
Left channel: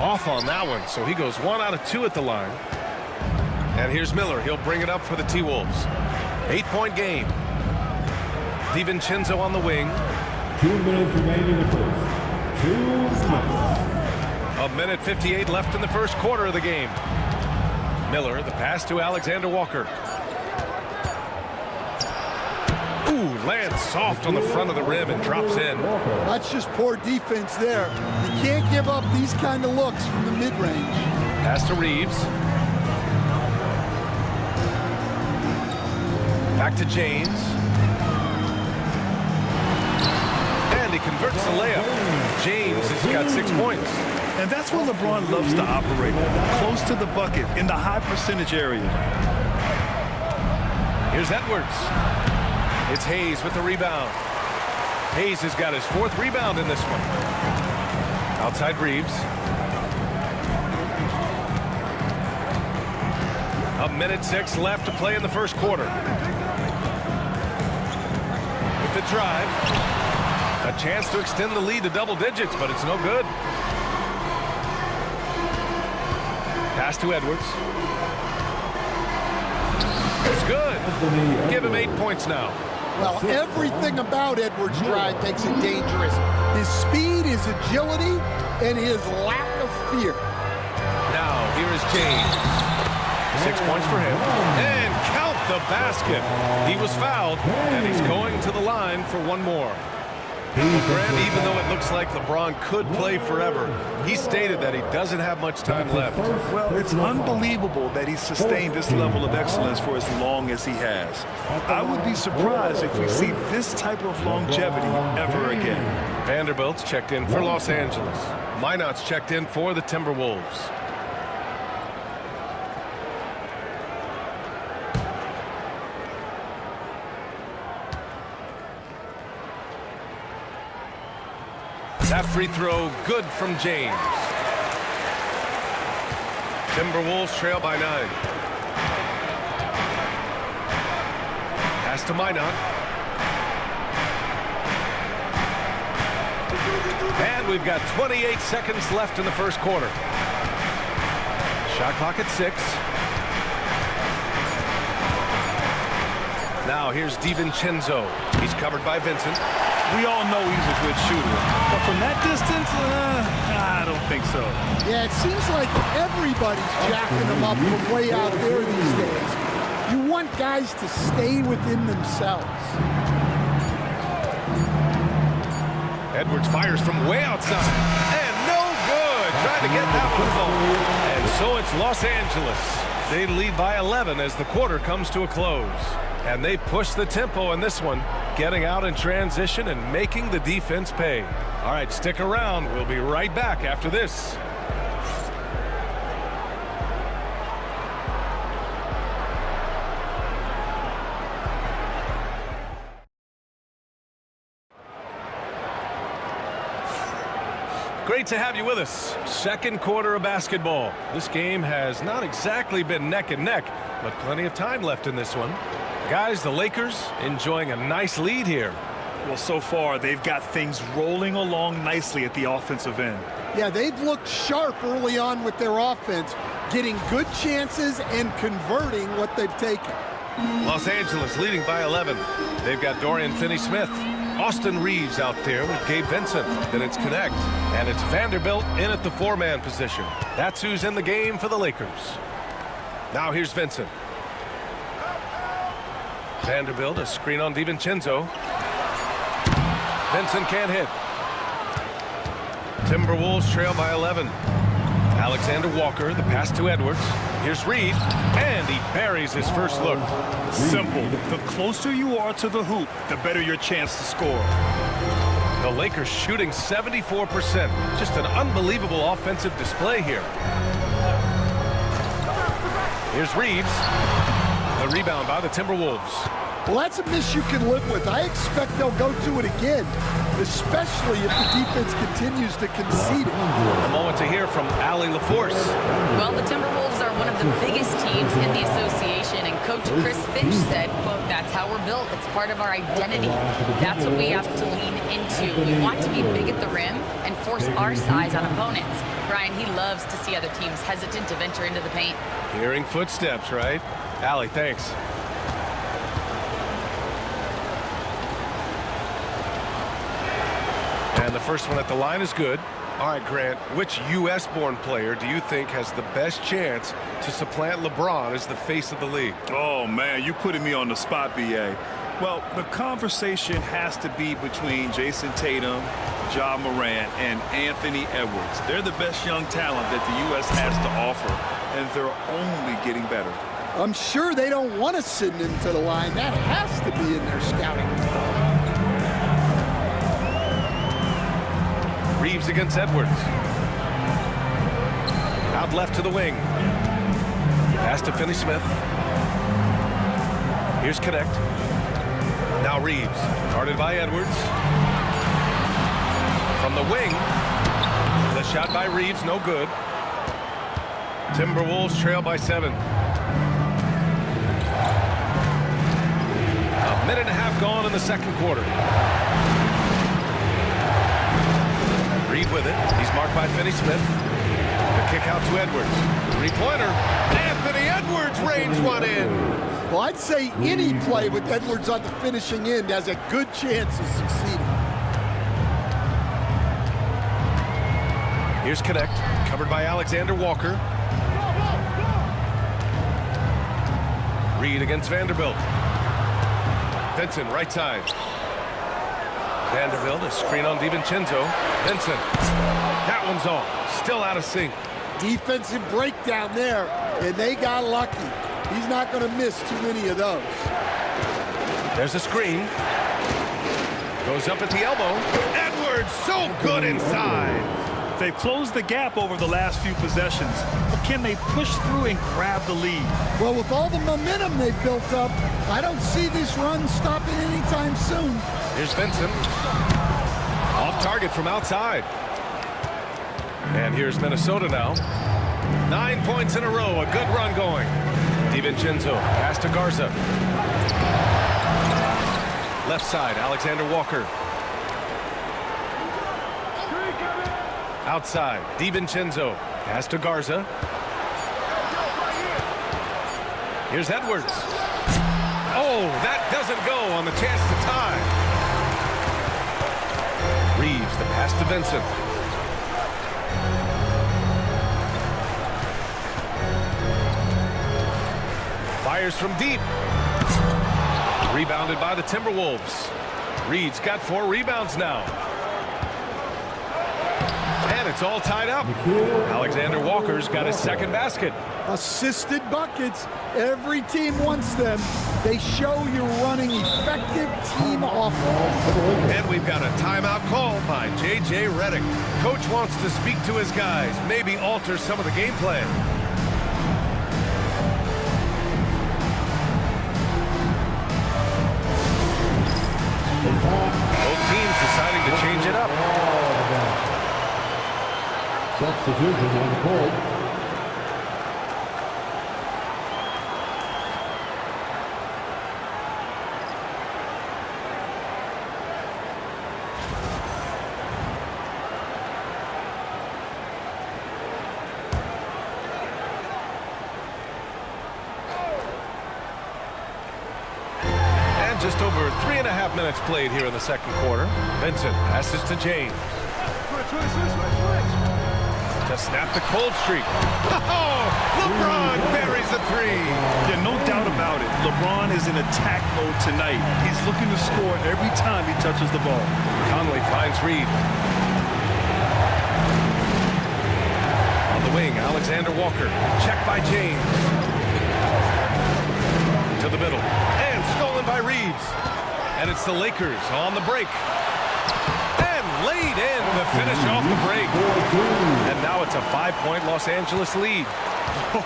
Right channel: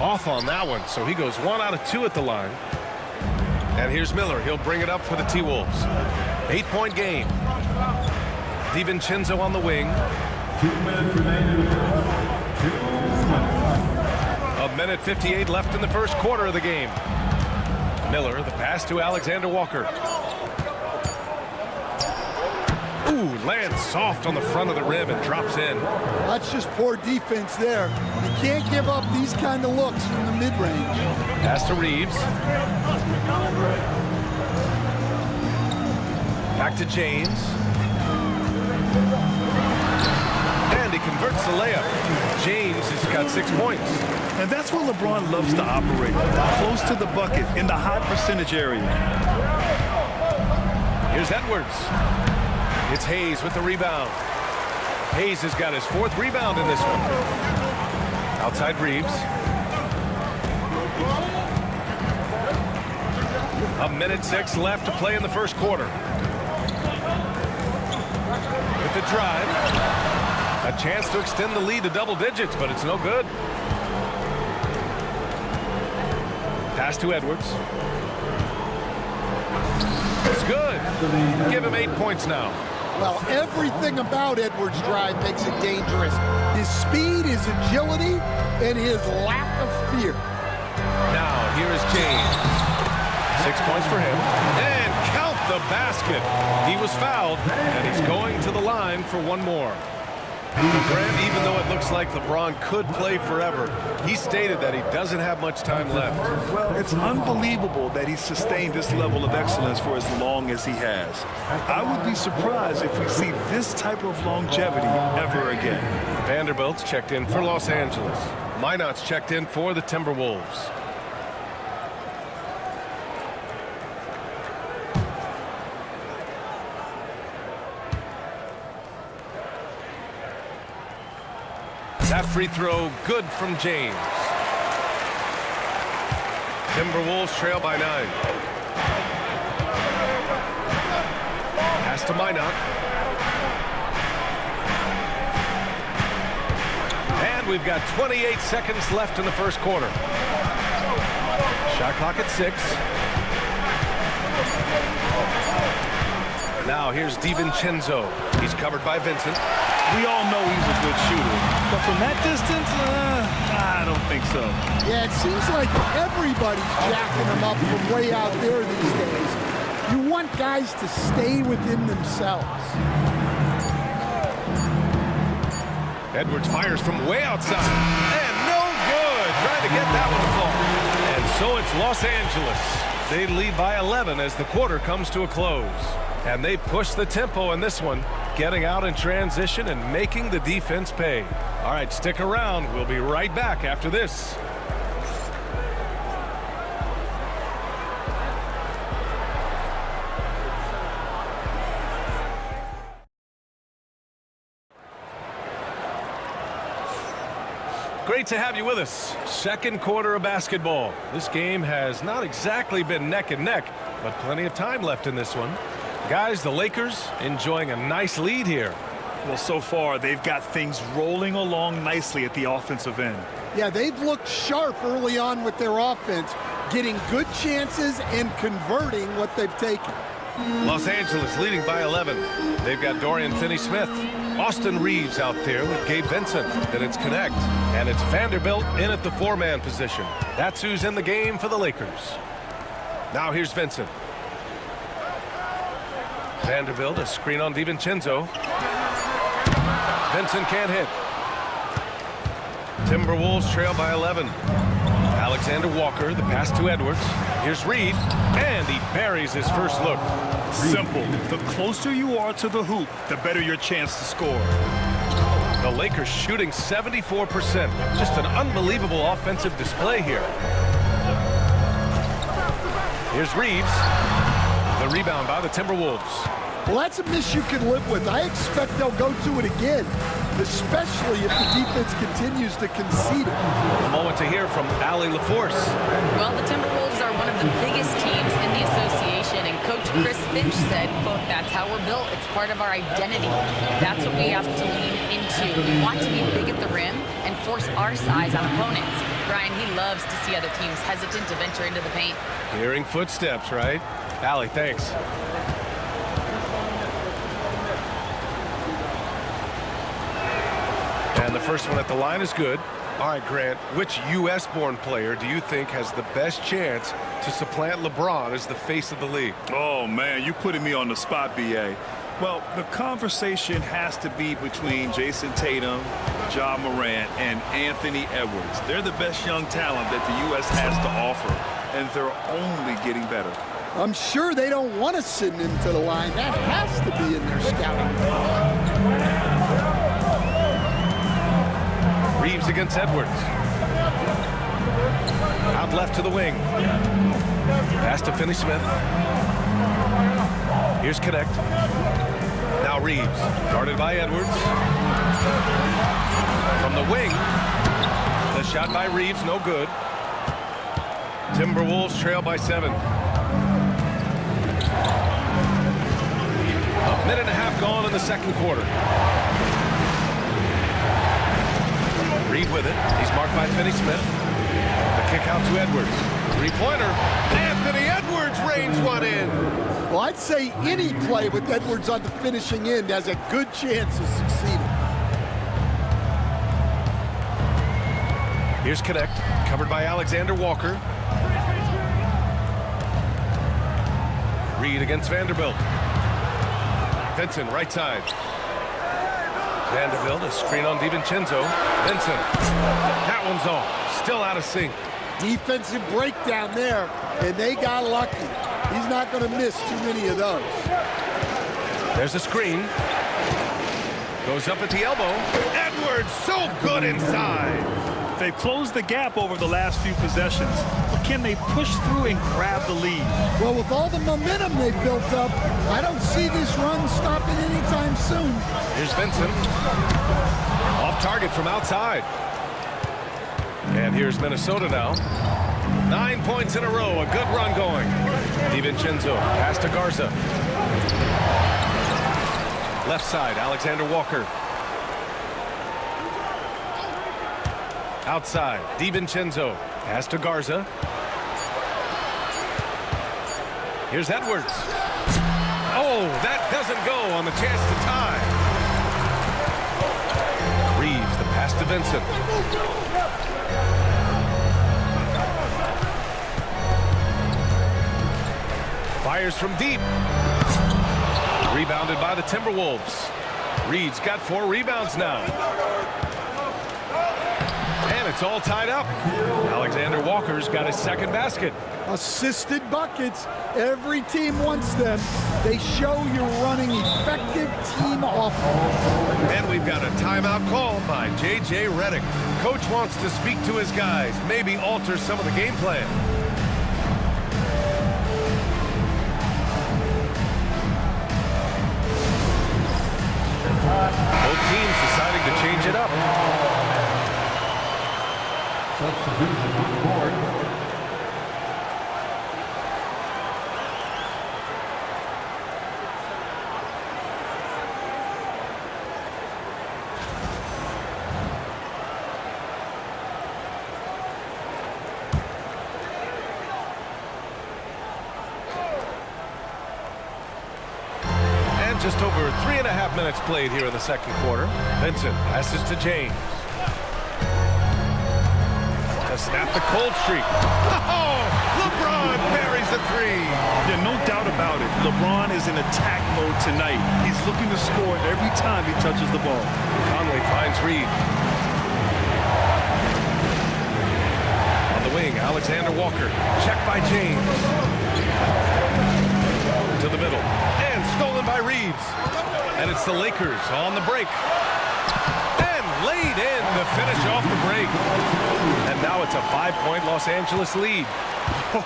Off on that one, so he goes 1 out of 2 at the line. And here's Miller. He'll bring it up for the T-Wolves. 8-point game. DiVincenzo on the wing. 2 minutes remain in the first. 2 minutes. 1:58 left in the first quarter of the game. Miller, the pass to Alexander Walker. Ooh, lands soft on the front of the rim and drops in. That's just poor defense there. You can't give up these kind of looks from the mid-range. Pass to Reeves. Back to James. And he converts the layup. James has got 6 points. And that's where LeBron loves to operate. Close to the bucket in the high percentage area. Here's Edwards. It's Hayes with the rebound. Hayes has got his 4th rebound in this one. Outside Reeves. 1:06 left to play in the first quarter. With the drive. A chance to extend the lead to double digits, but it's no good. Pass to Edwards. It's good. Give him 8 points now. Well, everything about Edwards' drive makes it dangerous. His speed, his agility, and his lack of fear. Now, here is James. 6 points for him. And count the basket. He was fouled, and he's going to the line for 1 more. Grant, even though it looks like LeBron could play forever, he stated that he doesn't have much time left. Well, it's unbelievable that he's sustained this level of excellence for as long as he has. I would be surprised if we see this type of longevity ever again. Vanderbilt's checked in for Los Angeles. Minot's checked in for the Timberwolves. That free throw good from James. Timberwolves trail by 9. Pass to Minot. And we've got 28 seconds left in the first quarter. Shot clock at 6. Now here's DiVincenzo. He's covered by Vincent. We all know he's a good shooter, but from that distance, I don't think so. Yeah, it seems like everybody's jacking him up from way out there these days. You want guys to stay within themselves. Edwards fires from way outside. And no good. Trying to get that one to fall. And so it's Los Angeles. They lead by 11 as the quarter comes to a close. And they push the tempo in this one, getting out in transition and making the defense pay. All right, stick around. We'll be right back after this. Great to have you with us. Second quarter of basketball. This game has not exactly been neck and neck, but plenty of time left in this one. Guys, the Lakers enjoying a nice lead here. Well, so far, they've got things rolling along nicely at the offensive end. Yeah, they've looked sharp early on with their offense, getting good chances and converting what they've taken. Los Angeles leading by 11. They've got Dorian Finney-Smith. Austin Reeves out there with Gabe Vincent. Then it's Connect. And it's Vanderbilt in at the 4-man position. That's who's in the game for the Lakers. Now here's Vincent. Vanderbilt, a screen on DiVincenzo. Vincent can't hit. Timberwolves trail by 11. Alexander Walker, the pass to Edwards. Here's Reed, and he buries his first look. Simple. The closer you are to the hoop, the better your chance to score. The Lakers shooting 74%. Just an unbelievable offensive display here. Here's Reeves. The rebound by the Timberwolves. Well, that's a miss you can live with. I expect they'll go to it again, especially if the defense continues to concede it. A moment to hear from Allie LaForce. Well, the Timberwolves are one of the biggest teams in the association, and Coach Chris Finch said, quote, "That's how we're built. It's part of our identity. That's what we have to lean into. We want to be big at the rim and force our size on opponents." Brian, he loves to see other teams hesitant to venture into the paint. Hearing footsteps, right? Allie, thanks. And the first one at the line is good. All right, Grant, which U.S.-born player do you think has the best chance to supplant LeBron as the face of the league? Oh, man, you putting me on the spot, B.A. Well, the conversation has to be between Jason Tatum, Ja Morant, and Anthony Edwards. They're the best young talent that the U.S. has to offer, and they're only getting better. I'm sure they don't want to send him to the line. That has to be in their scouting report. Reeves against Edwards. Out left to the wing. Pass to Finney-Smith. Here's Connect. Now Reeves, guarded by Edwards. From the wing, the shot by Reeves, no good. Timberwolves trail by 7. A minute and a half gone in the second quarter. Reed with it. He's marked by Finney-Smith. The kick out to Edwards. Three-pointer. Anthony Edwards rains one in. Well, I'd say any play with Edwards on the finishing end has a good chance of succeeding. Here's Connect, covered by Alexander Walker. Reed against Vanderbilt. Vincent, right side. Vanderbilt, a screen on DiVincenzo. Vincent, that one's off. Still out of sync. Defensive breakdown there, and they got lucky. He's not going to miss too many of those. There's a screen. Goes up at the elbow. Edwards, so good inside. They've closed the gap over the last few possessions, but can they push through and grab the lead? Well, with all the momentum they've built up, I don't see this run stopping anytime soon. Here's Vincent. Off target from outside. And here's Minnesota now. 9 points in a row, a good run going. DiVincenzo, pass to Garza. Left side, Alexander Walker. Outside, DiVincenzo, pass to Garza. Here's Edwards. Oh, that doesn't go on the chance to tie. Reeves, the pass to Vincent. Fires from deep. Rebounded by the Timberwolves. Reed's got 4 rebounds now. And it's all tied up. Alexander Walker's got his second basket. Assisted buckets. Every team wants them. They show you're running effective team offense. And we've got a timeout called by J.J. Redick. Coach wants to speak to his guys, maybe alter some of the game plan. Both teams deciding to change it up. Substitution on the board. just over 3.5 minutes played here in the second quarter. Vincent passes to James. To snap the cold streak. Oh, LeBron buries a three. Yeah, no doubt about it. LeBron is in attack mode tonight. He's looking to score every time he touches the ball. Conley finds Reed. On the wing, Alexander Walker. Checked by James. To the middle. And stolen by Reeves. And it's the Lakers on the break. And laid in to finish off the break. And now it's a 5-point Los Angeles lead.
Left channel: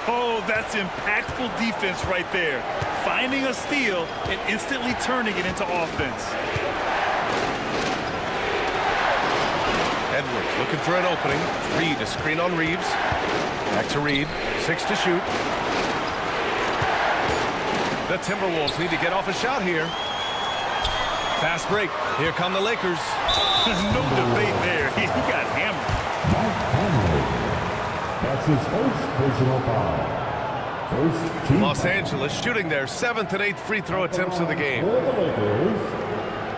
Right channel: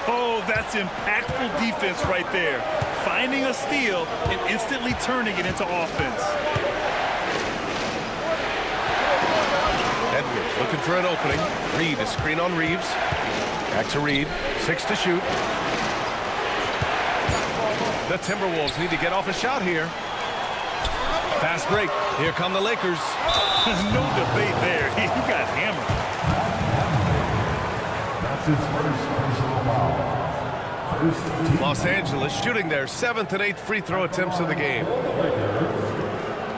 Oh, that's impactful defense right there. Finding a steal and instantly turning it into offense. Edwards looking for an opening. Reed, a screen on Reeves. Back to Reed. 6 to shoot. The Timberwolves need to get off a shot here. Fast break. Here come the Lakers. No debate there. He got hammered. That's his first personal foul. First team Los Angeles shooting their 7th and 8th free throw attempts of the game. For the Lakers,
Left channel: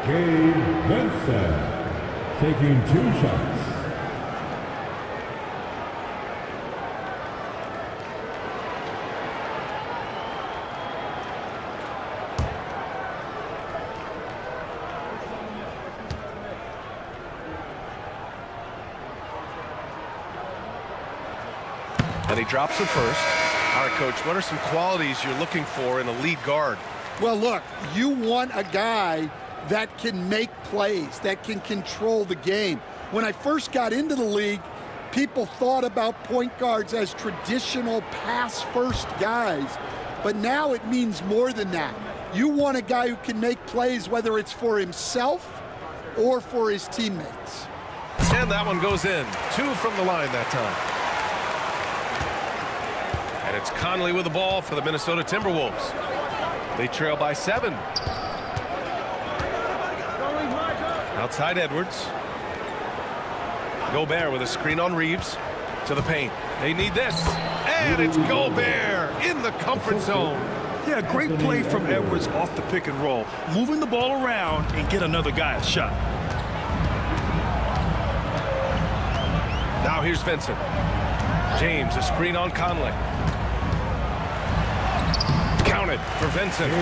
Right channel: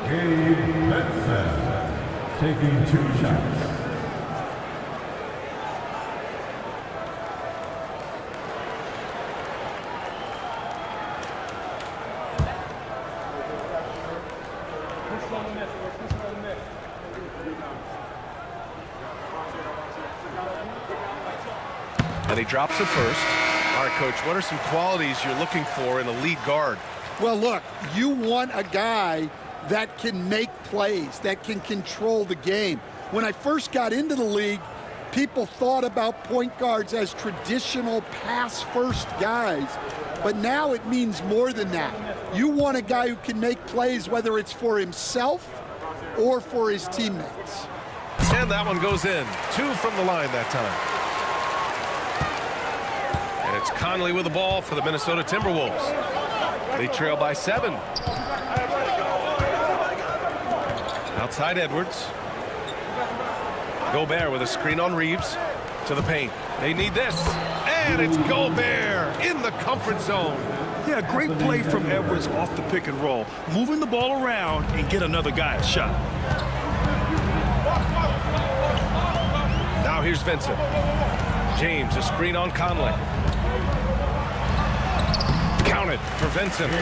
Gabe Vincent taking 2 shots. And he drops it first. All right, Coach, what are some qualities you're looking for in a lead guard? Well, look, you want a guy that can make plays, that can control the game. When I first got into the league, people thought about point guards as traditional pass-first guys. But now it means more than that. You want a guy who can make plays, whether it's for himself or for his teammates. And that one goes in. 2 from the line that time. And it's Conley with the ball for the Minnesota Timberwolves. They trail by 7. Outside Edwards. Gobert with a screen on Reeves. To the paint. They need this. And it's Gobert in the comfort zone. Yeah, great play from Edwards off the pick and roll. Moving the ball around and get another guy a shot. Now here's Vincent. James, a screen on Conley. Counted for Vincent.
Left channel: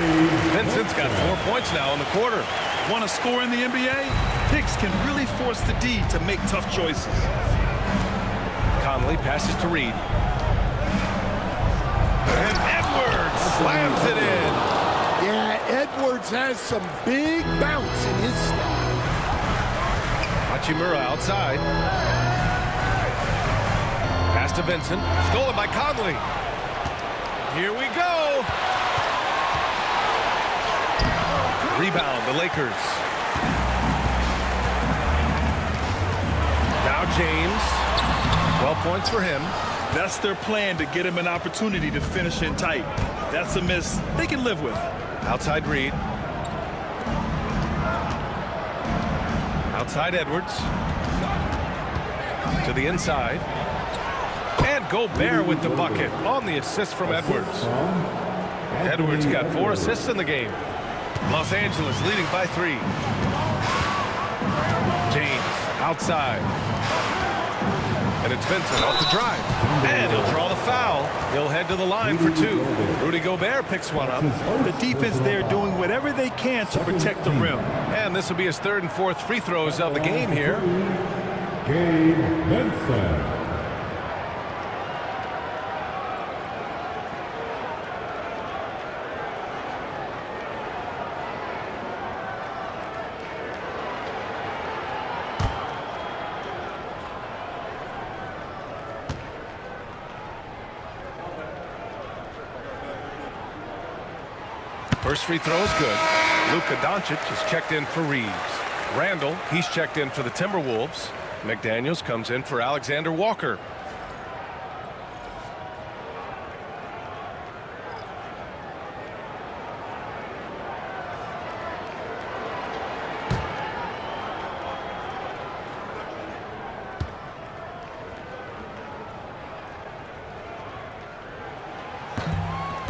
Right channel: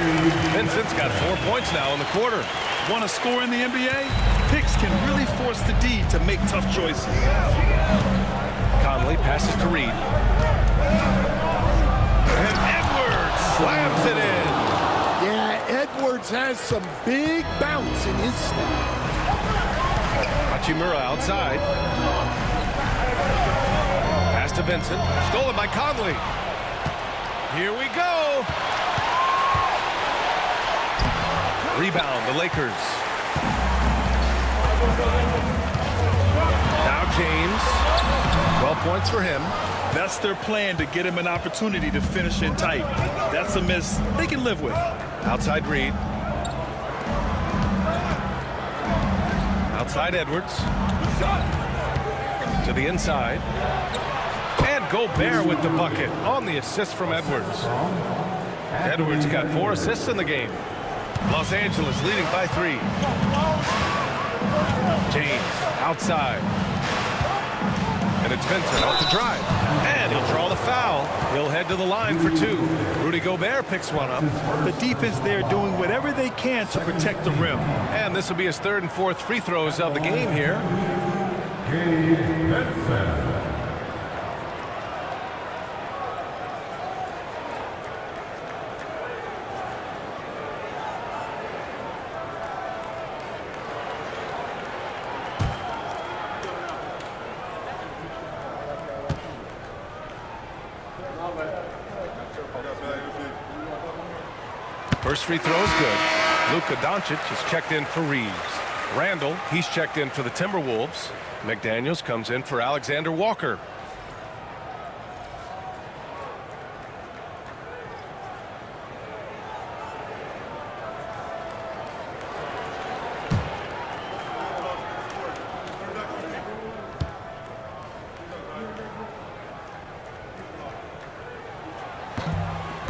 Vincent's got 4 points now in the quarter. Want to score in the NBA? Picks can really force the D to make tough choices. Conley passes to Reed. And Edwards slams it in. Yeah, Edwards has some big bounce in his step. Hachimura outside. Pass to Vincent. Stolen by Conley. Here we go. Rebound, the Lakers. Now James. 12 points for him. That's their plan, to get him an opportunity to finish in tight. That's a miss they can live with. Outside Reed. Outside Edwards. To the inside. And Gobert with the bucket on the assist from Edwards. Edwards got 4 assists in the game. Los Angeles leading by 3. James outside. And it's Vincent off the drive. And he'll draw the foul. He'll head to the line for 2. Rudy Gobert picks one up. The defense there doing whatever they can to protect the rim. And this will be his 3rd and 4th free throws of the game here. Gabe Vincent. First free throw is good. Luka Doncic is checked in for Reeves. Randall, he's checked in for the Timberwolves. McDaniels comes in for Alexander Walker.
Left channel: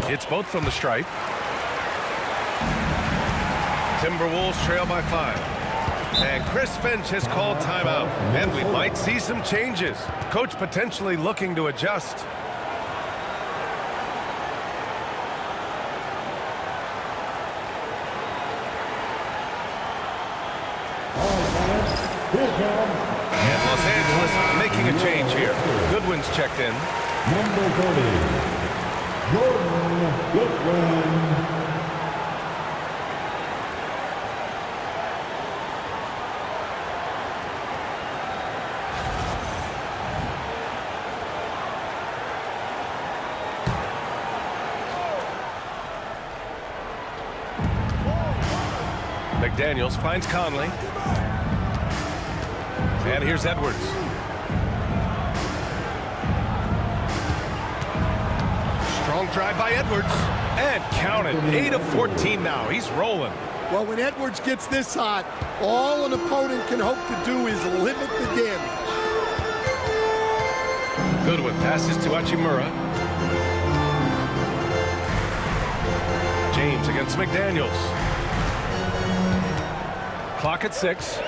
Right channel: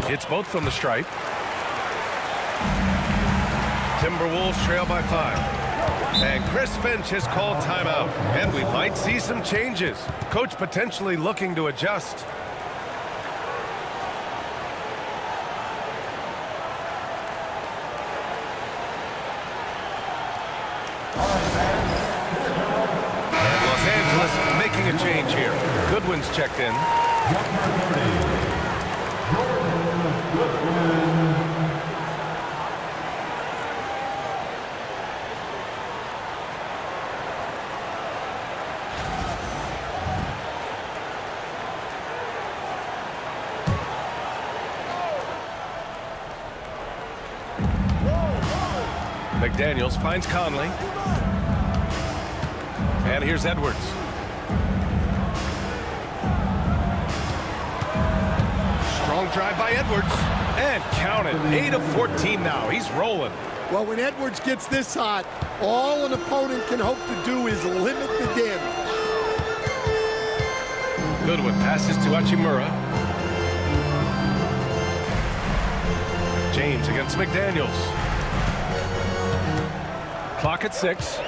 It's both from the stripe. Timberwolves trail by 5. And Chris Finch has called timeout. And we might see some changes. Coach potentially looking to adjust. And Los Angeles making a change here. Goodwin's checked in. Number 30, Jordan Goodwin. McDaniels finds Conley. And here's Edwards. Strong drive by Edwards. And count it. 8 of 14 now. He's rolling. Well, when Edwards gets this hot, all an opponent can hope to do is limit the damage. Goodwin passes to Hachimura. James against McDaniels. Clock at 6.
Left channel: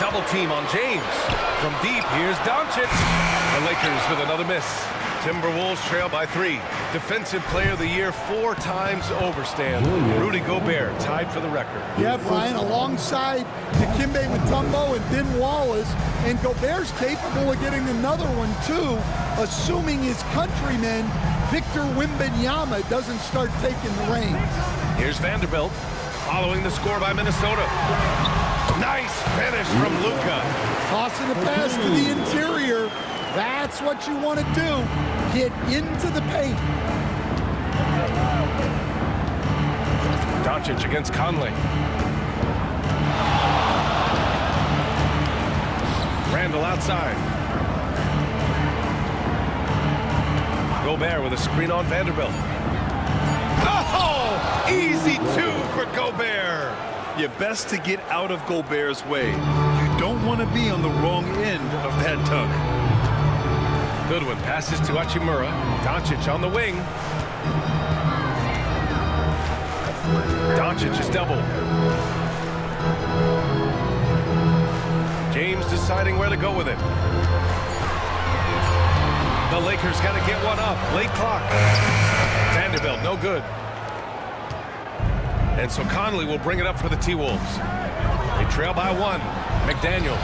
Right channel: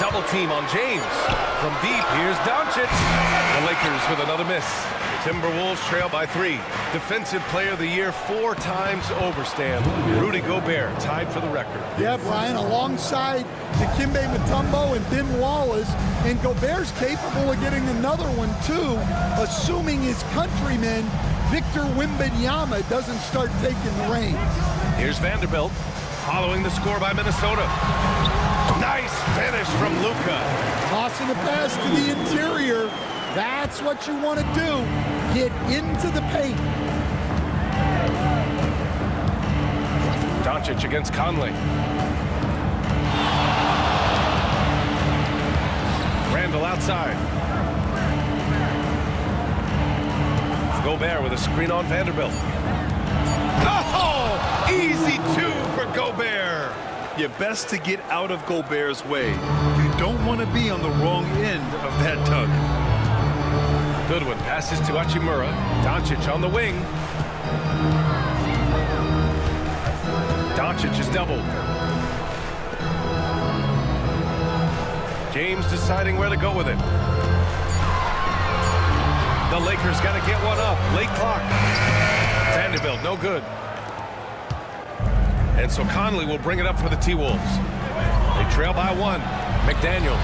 Double team on James. From deep, here's Doncic. The Lakers with another miss. Timberwolves trail by 3. Defensive Player of the Year 4 times over, Stan. Rudy Gobert tied for the record. Yeah, Brian, alongside Dikembe Mutombo and Ben Wallace, and Gobert's capable of getting another one too, assuming his countryman Victor Wembanyama doesn't start taking the reins. Here's Vanderbilt following the score by Minnesota. Nice finish from Luka. Tossing a pass to the interior. That's what you want to do. Get into the paint. Doncic against Conley. Randall outside. Gobert with a screen on Vanderbilt. Oh, easy 2 for Gobert. You're best to get out of Gobert's way. You don't want to be on the wrong end of that tug. Goodwin passes to Hachimura. Doncic on the wing. Doncic is doubled. James deciding where to go with it. The Lakers got to get one up. Late clock. Vanderbilt, no good. And so Conley will bring it up for the T-Wolves. They trail by 1. McDaniels.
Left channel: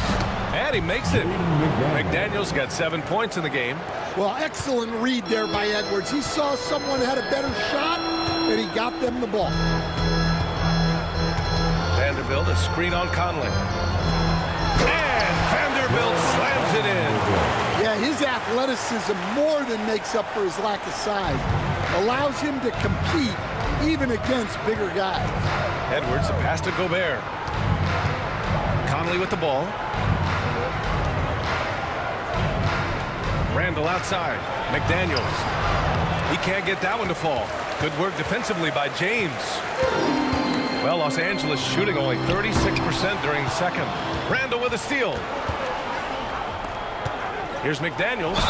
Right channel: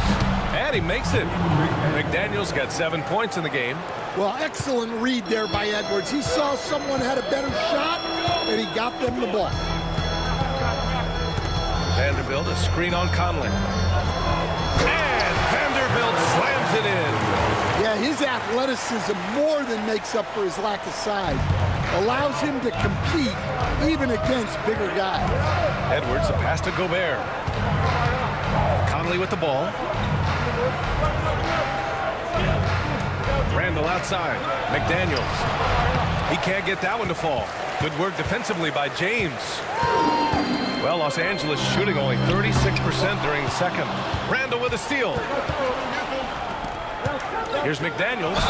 And he makes it. McDaniels got 7 points in the game. Well, excellent read there by Edwards. He saw someone had a better shot, and he got them the ball. Vanderbilt, a screen on Conley. And Vanderbilt slams it in. Yeah, his athleticism more than makes up for his lack of size. Allows him to compete even against bigger guys. Edwards, a pass to Gobert. Conley with the ball. Randall outside. McDaniels. He can't get that one to fall. Good work defensively by James. Well, Los Angeles shooting only 36% during the second. Randall with a steal. Here's McDaniels.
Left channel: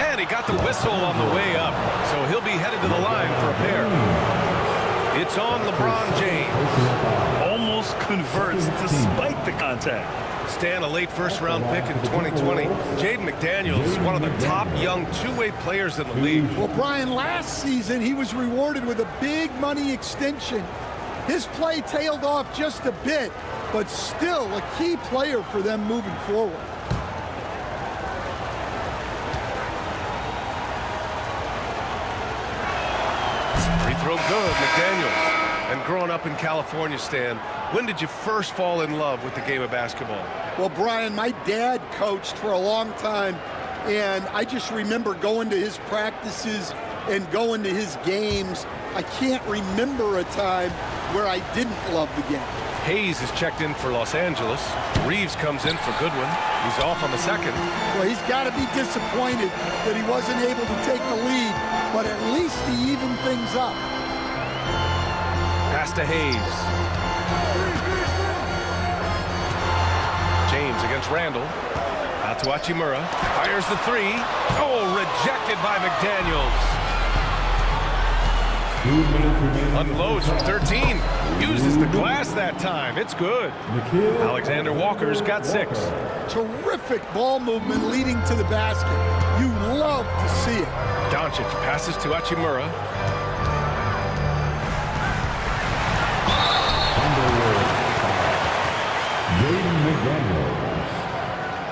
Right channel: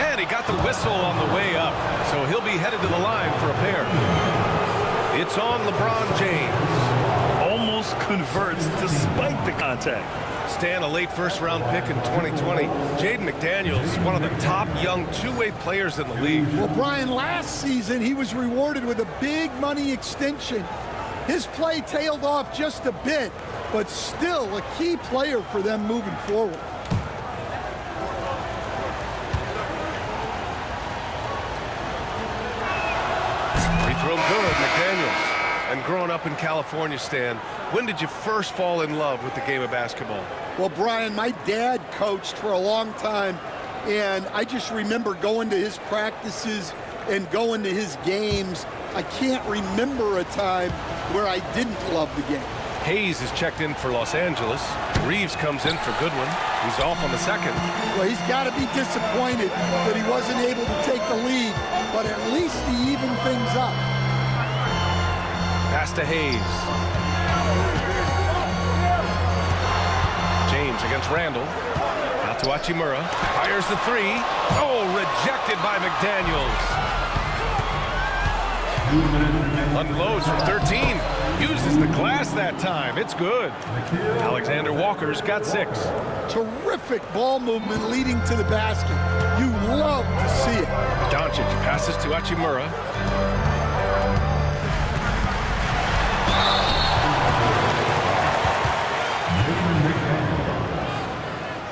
And he got the whistle on the way up. So he'll be headed to the line for a pair. It's on LeBron James. Almost converts despite the contact. Stan, a late first-round pick in 2020. Jaden McDaniels, one of the top young two-way players in the league. Well, Brian, last season he was rewarded with a big money extension. His play tailed off just a bit, but still a key player for them moving forward. Free throw good, McDaniels. And growing up in California, Stan, when did you first fall in love with the game of basketball? Well, Brian, my dad coached for a long time, and I just remember going to his practices and going to his games. I can't remember a time where I didn't love the game. Hayes is checked in for Los Angeles. Reeves comes in for Goodwin. He's off on the second. Well, he's got to be disappointed that he wasn't able to take the lead, but at least he evened things up. Pass to Hayes. James against Randall. Out to Hachimura. Fires the 3. Oh, rejected by McDaniels. 2 minutes remaining. Unloads from 13. Uses the glass that time. It's good. Alexander Walker's got 6. Terrific ball movement leading to the basket. You love to see it. Doncic passes to Hachimura.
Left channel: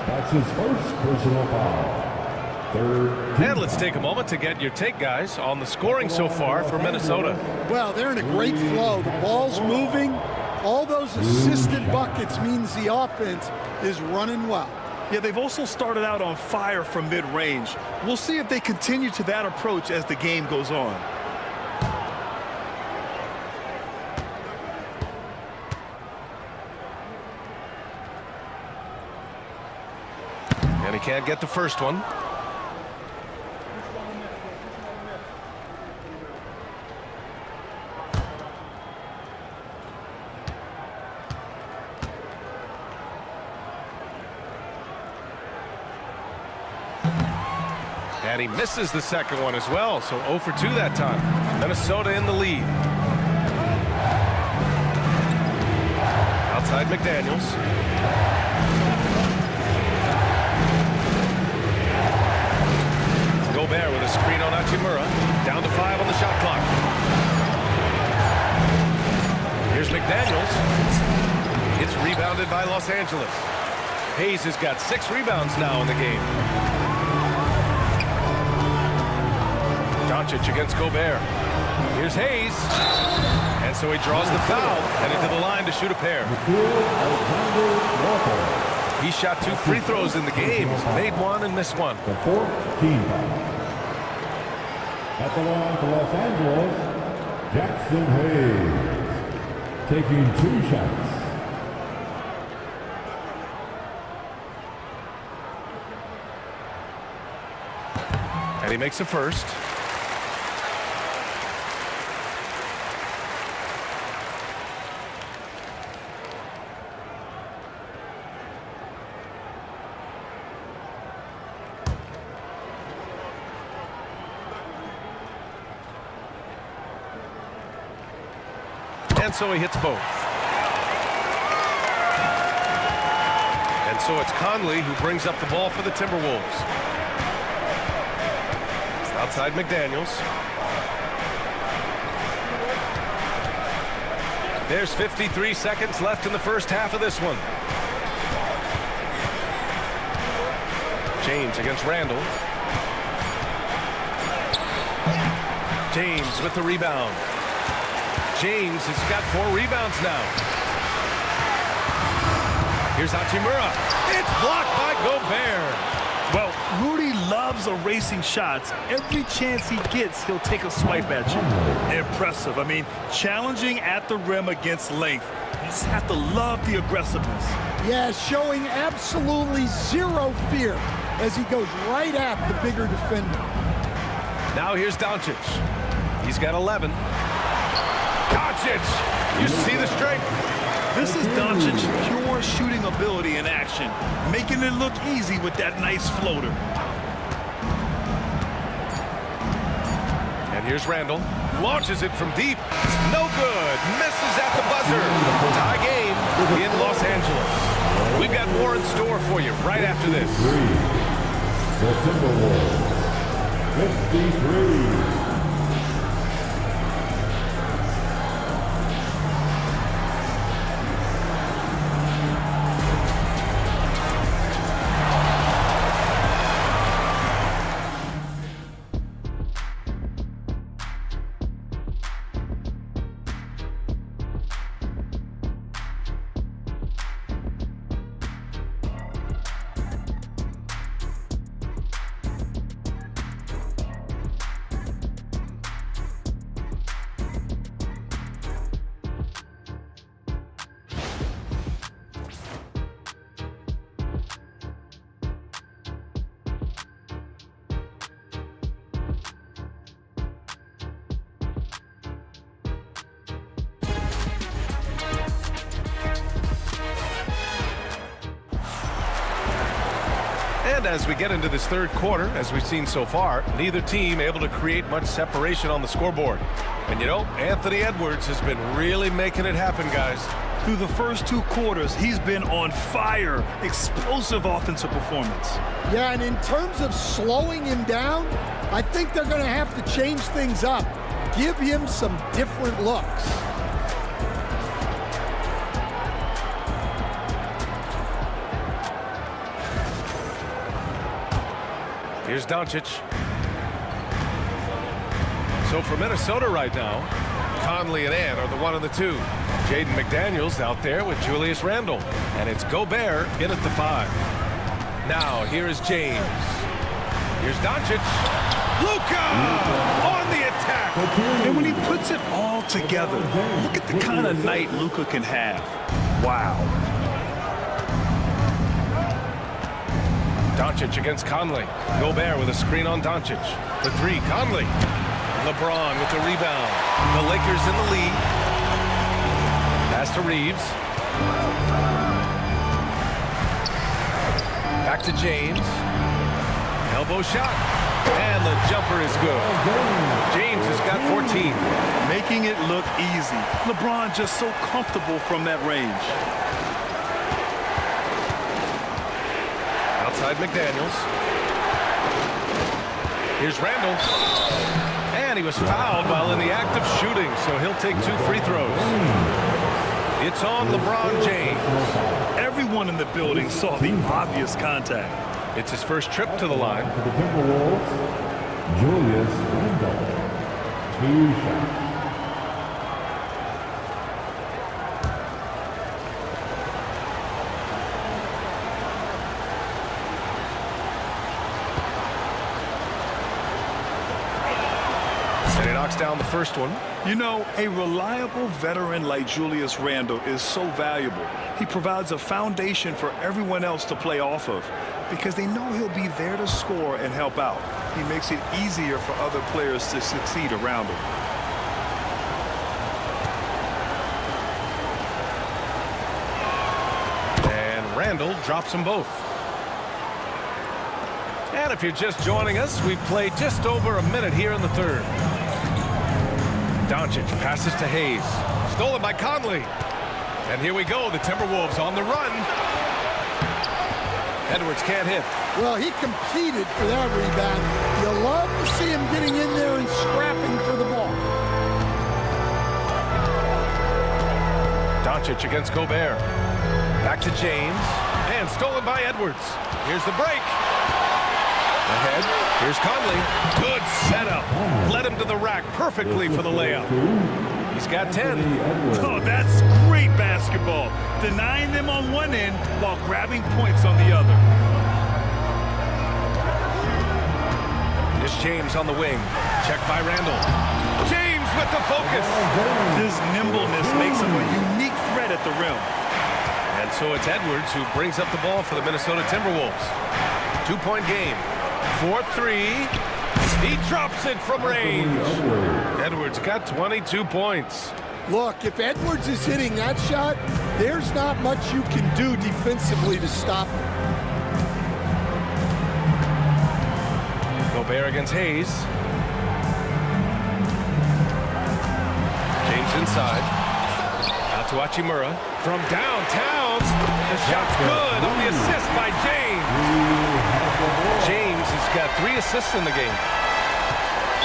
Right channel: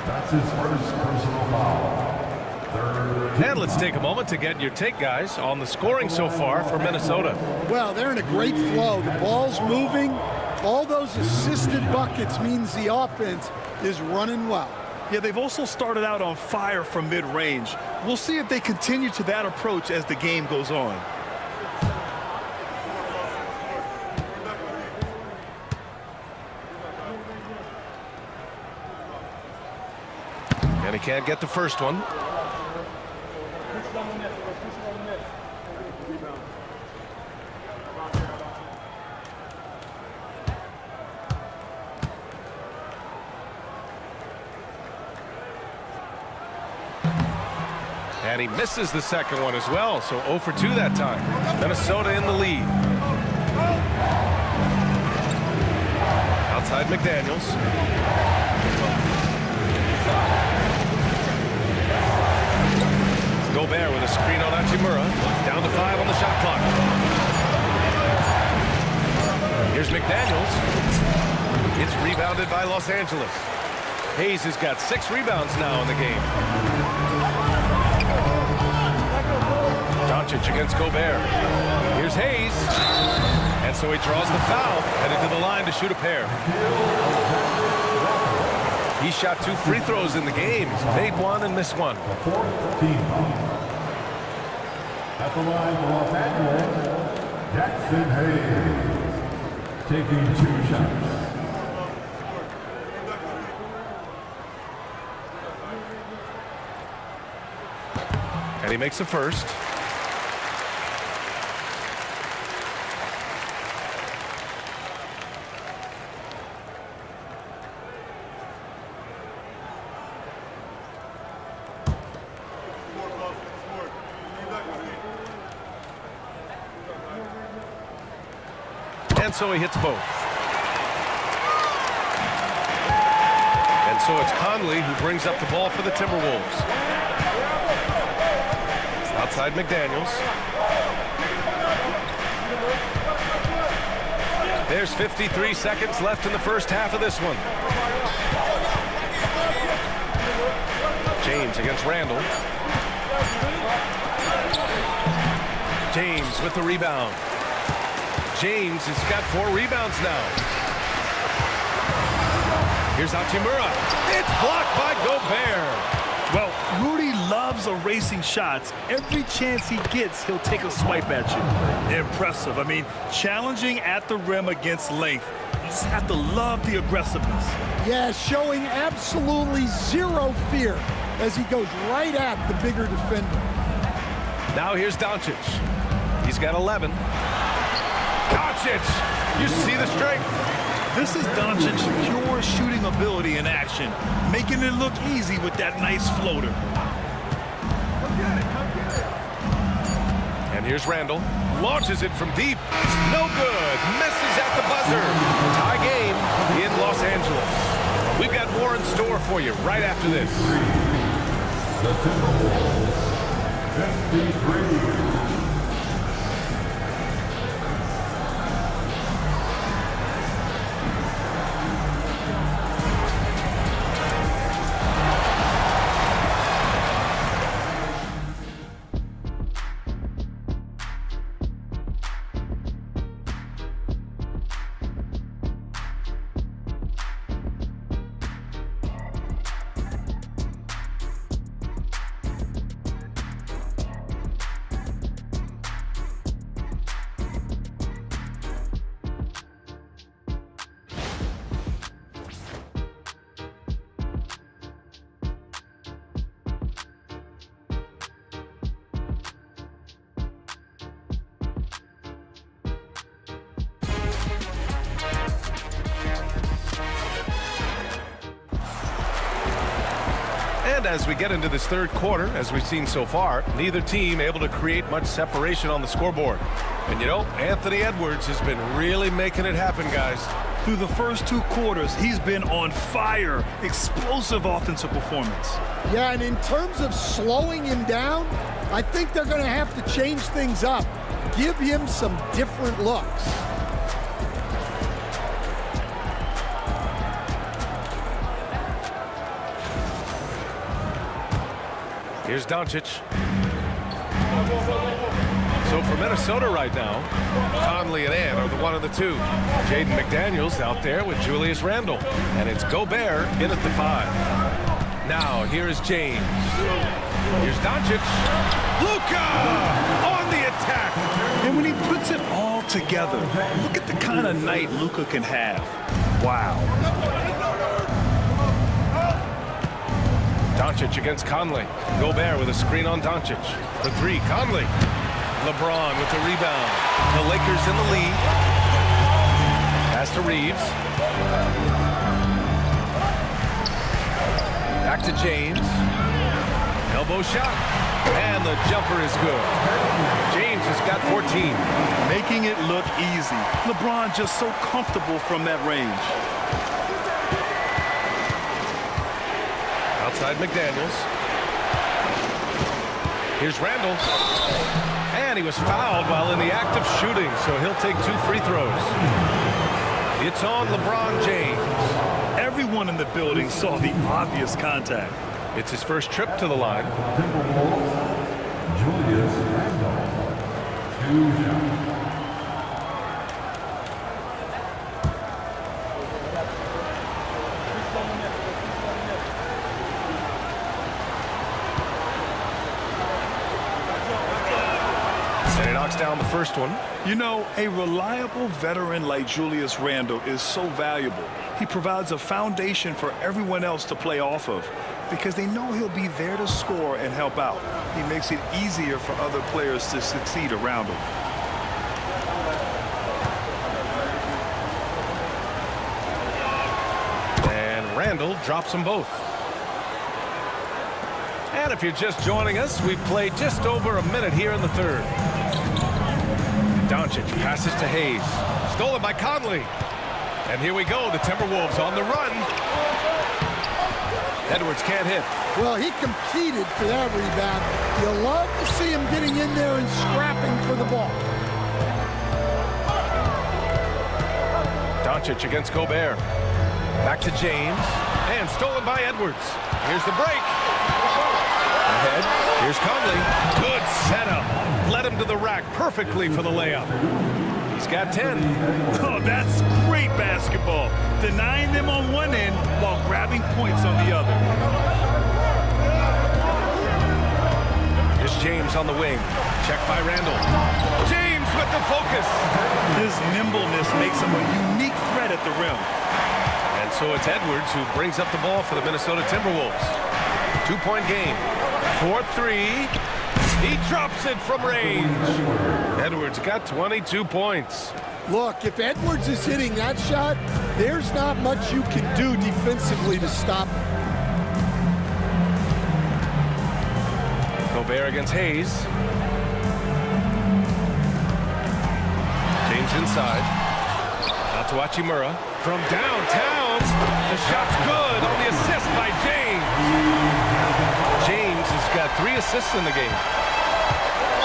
That's his first personal foul. And let's take a moment to get your take, guys, on the scoring so far for Minnesota. Well, they're in a great flow. The ball's moving. All those assisted buckets means the offense is running well. Yeah, they've also started out on fire from mid-range. We'll see if they continue to that approach as the game goes on. And he can't get the first one. And he misses the second one as well, so 0 for 2 that time. Minnesota in the lead. Outside McDaniels. Gobert with a screen on Hachimura. Down to 5 on the shot clock. Here's McDaniels. It's rebounded by Los Angeles. Hayes has got 6 rebounds now in the game. Doncic against Gobert. Here's Hayes. And so he draws the foul, headed to the line to shoot a pair. He shot 2 free throws in the game. He's made 1 and missed 1. The 4th team foul. At the line for Los Angeles, Jackson Hayes. Taking 2 shots. And he makes a first. And so he hits both. And so it's Conley who brings up the ball for the Timberwolves. Outside McDaniels. There's 53 seconds left in the first half of this one. James against Randall. James with the rebound. James has got 4 rebounds now. Here's Hachimura. It's blocked by Gobert. Well, Rudy loves erasing shots. Every chance he gets, he'll take a swipe at you. Impressive. I mean, challenging at the rim against length. You just have to love the aggressiveness. Yeah, showing absolutely zero fear as he goes right at the bigger defender. Now here's Doncic. He's got 11. Doncic! You see the strength. This is Doncic's pure shooting ability in action, making it look easy with that nice floater. And here's Randall. Launches it from deep. No good. Misses at the buzzer. Tie game in Los Angeles. We've got more in store for you right after this. The Timberwolves, 53. And as we get into this third quarter, as we've seen so far, neither team able to create much separation on the scoreboard. And you know, Anthony Edwards has been really making it happen, guys. Through the first 2 quarters, he's been on fire. Explosive offensive performance. Yeah, and in terms of slowing him down, I think they're going to have to change things up. Give him some different looks. Here's Doncic. So for Minnesota right now, Conley and Ant are the 1 and the 2. Jaden McDaniels out there with Julius Randle. And it's Gobert in at the 5. Now here is James. Here's Doncic. Luka on the attack. And when he puts it all together, look at the kind of night Luka can have. Wow. Doncic against Conley. Gobert with a screen on Doncic. For 3, Conley. LeBron with the rebound. The Lakers in the lead. Pass to Reeves. Back to James. Elbow shot. And the jumper is good. James has got 14. Making it look easy. LeBron just so comfortable from that range. Outside McDaniels. Here's Randle. And he was fouled while in the act of shooting, so he'll take 2 free throws. It's on LeBron James. Everyone in the building saw the obvious contact. It's his first trip to the line. For the Timberwolves, Julius Randle. 2 shots. And he knocks down the first one. You know, a reliable veteran like Julius Randle is so valuable. He provides a foundation for everyone else to play off of because they know he'll be there to score and help out. He makes it easier for other players to succeed around him. And Randle drops them both. And if you're just joining us, we've played just over a minute here in the third. Doncic passes to Hayes. Stolen by Conley. And here we go, the Timberwolves on the run. Edwards can't hit. Well, he competed for that rebound. You love to see him getting in there and scrapping for the ball. Doncic against Gobert. Back to James. And stolen by Edwards. Here's the break. Ahead, here's Conley. Good setup. Led him to the rack perfectly for the layup. He's got 10. Oh, that's great basketball. Denying them on one end while grabbing points on the other. Here's James on the wing. Check by Randle. James with the focus. His nimbleness makes him a unique threat at the rim. And so it's Edwards who brings up the ball for the Minnesota Timberwolves. 2-point game. 4-3. He drops it from range. Edwards got 22 points. Look, if Edwards is hitting that shot, there's not much you can do defensively to stop him. Gobert against Hayes. James inside. Out to Hachimura. From downtown. The shot's good on the assist by James. James has got 3 assists in the game.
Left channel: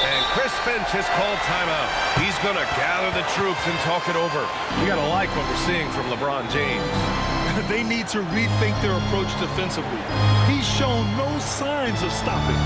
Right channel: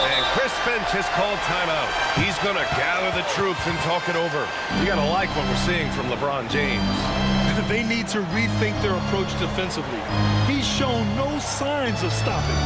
And Chris Finch has called timeout. He's going to gather the troops and talk it over. You got to like what we're seeing from LeBron James. They need to rethink their approach defensively. He's shown no signs of stopping.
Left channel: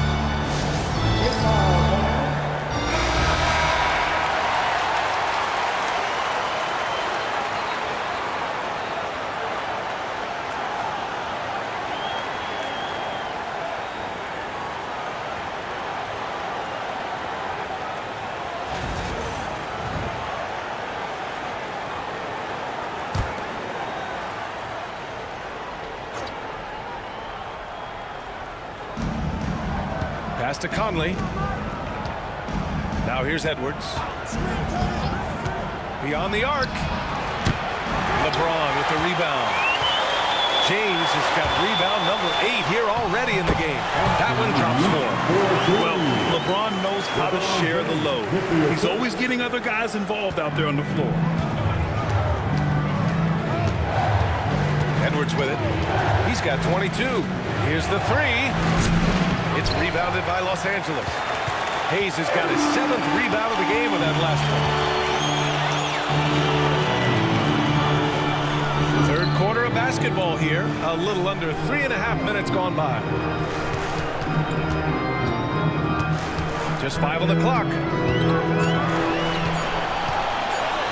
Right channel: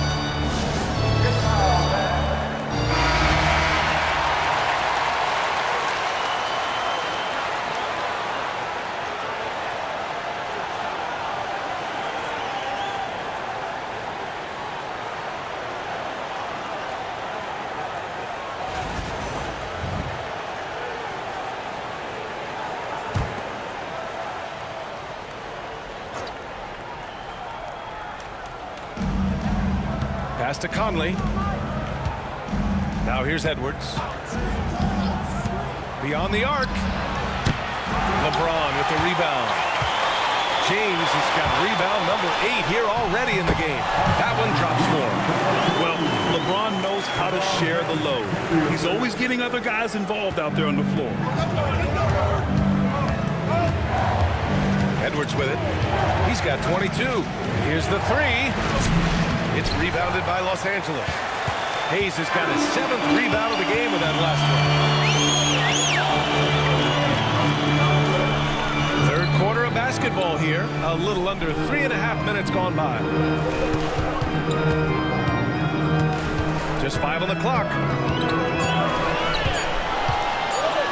Pass to Conley. Now here's Edwards. Beyond the arc. LeBron with the rebound. James has got rebound number 8 here already in the game. That one drops for him. Well, LeBron knows how to share the load. He's always getting other guys involved out there on the floor. Edwards with it. He's got 22. Here's the 3. It's rebounded by Los Angeles. Hayes has got his 7th rebound of the game with that last one. Third quarter of basketball here. A little under 3.5 minutes gone by. Just 5 on the clock.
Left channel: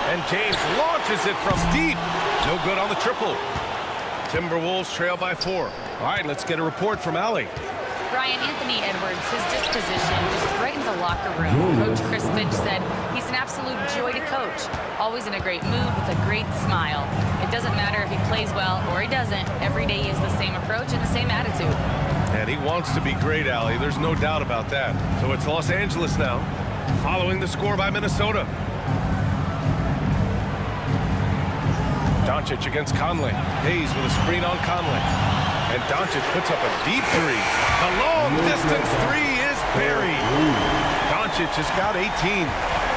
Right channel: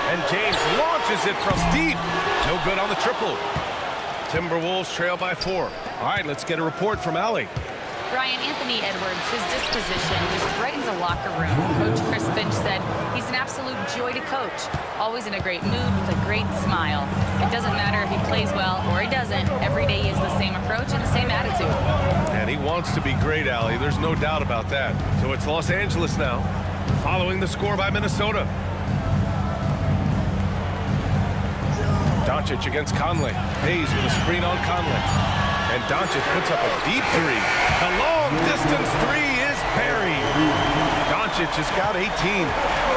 And James launches it from deep. No good on the triple. Timberwolves trail by 4. All right, let's get a report from Allie. Brian, Anthony Edwards, his disposition just brightens a locker room. Coach Chris Finch said he's an absolute joy to coach. Always in a great mood with a great smile. It doesn't matter if he plays well or he doesn't. Every day he has the same approach and the same attitude. And he wants to be great, Allie. There's no doubt about that. So it's Los Angeles now, following the score by Minnesota. Doncic against Conley. Hayes with a screen on Conley. And Doncic puts up a deep 3. The long-distance 3 is buried. Doncic has got 18.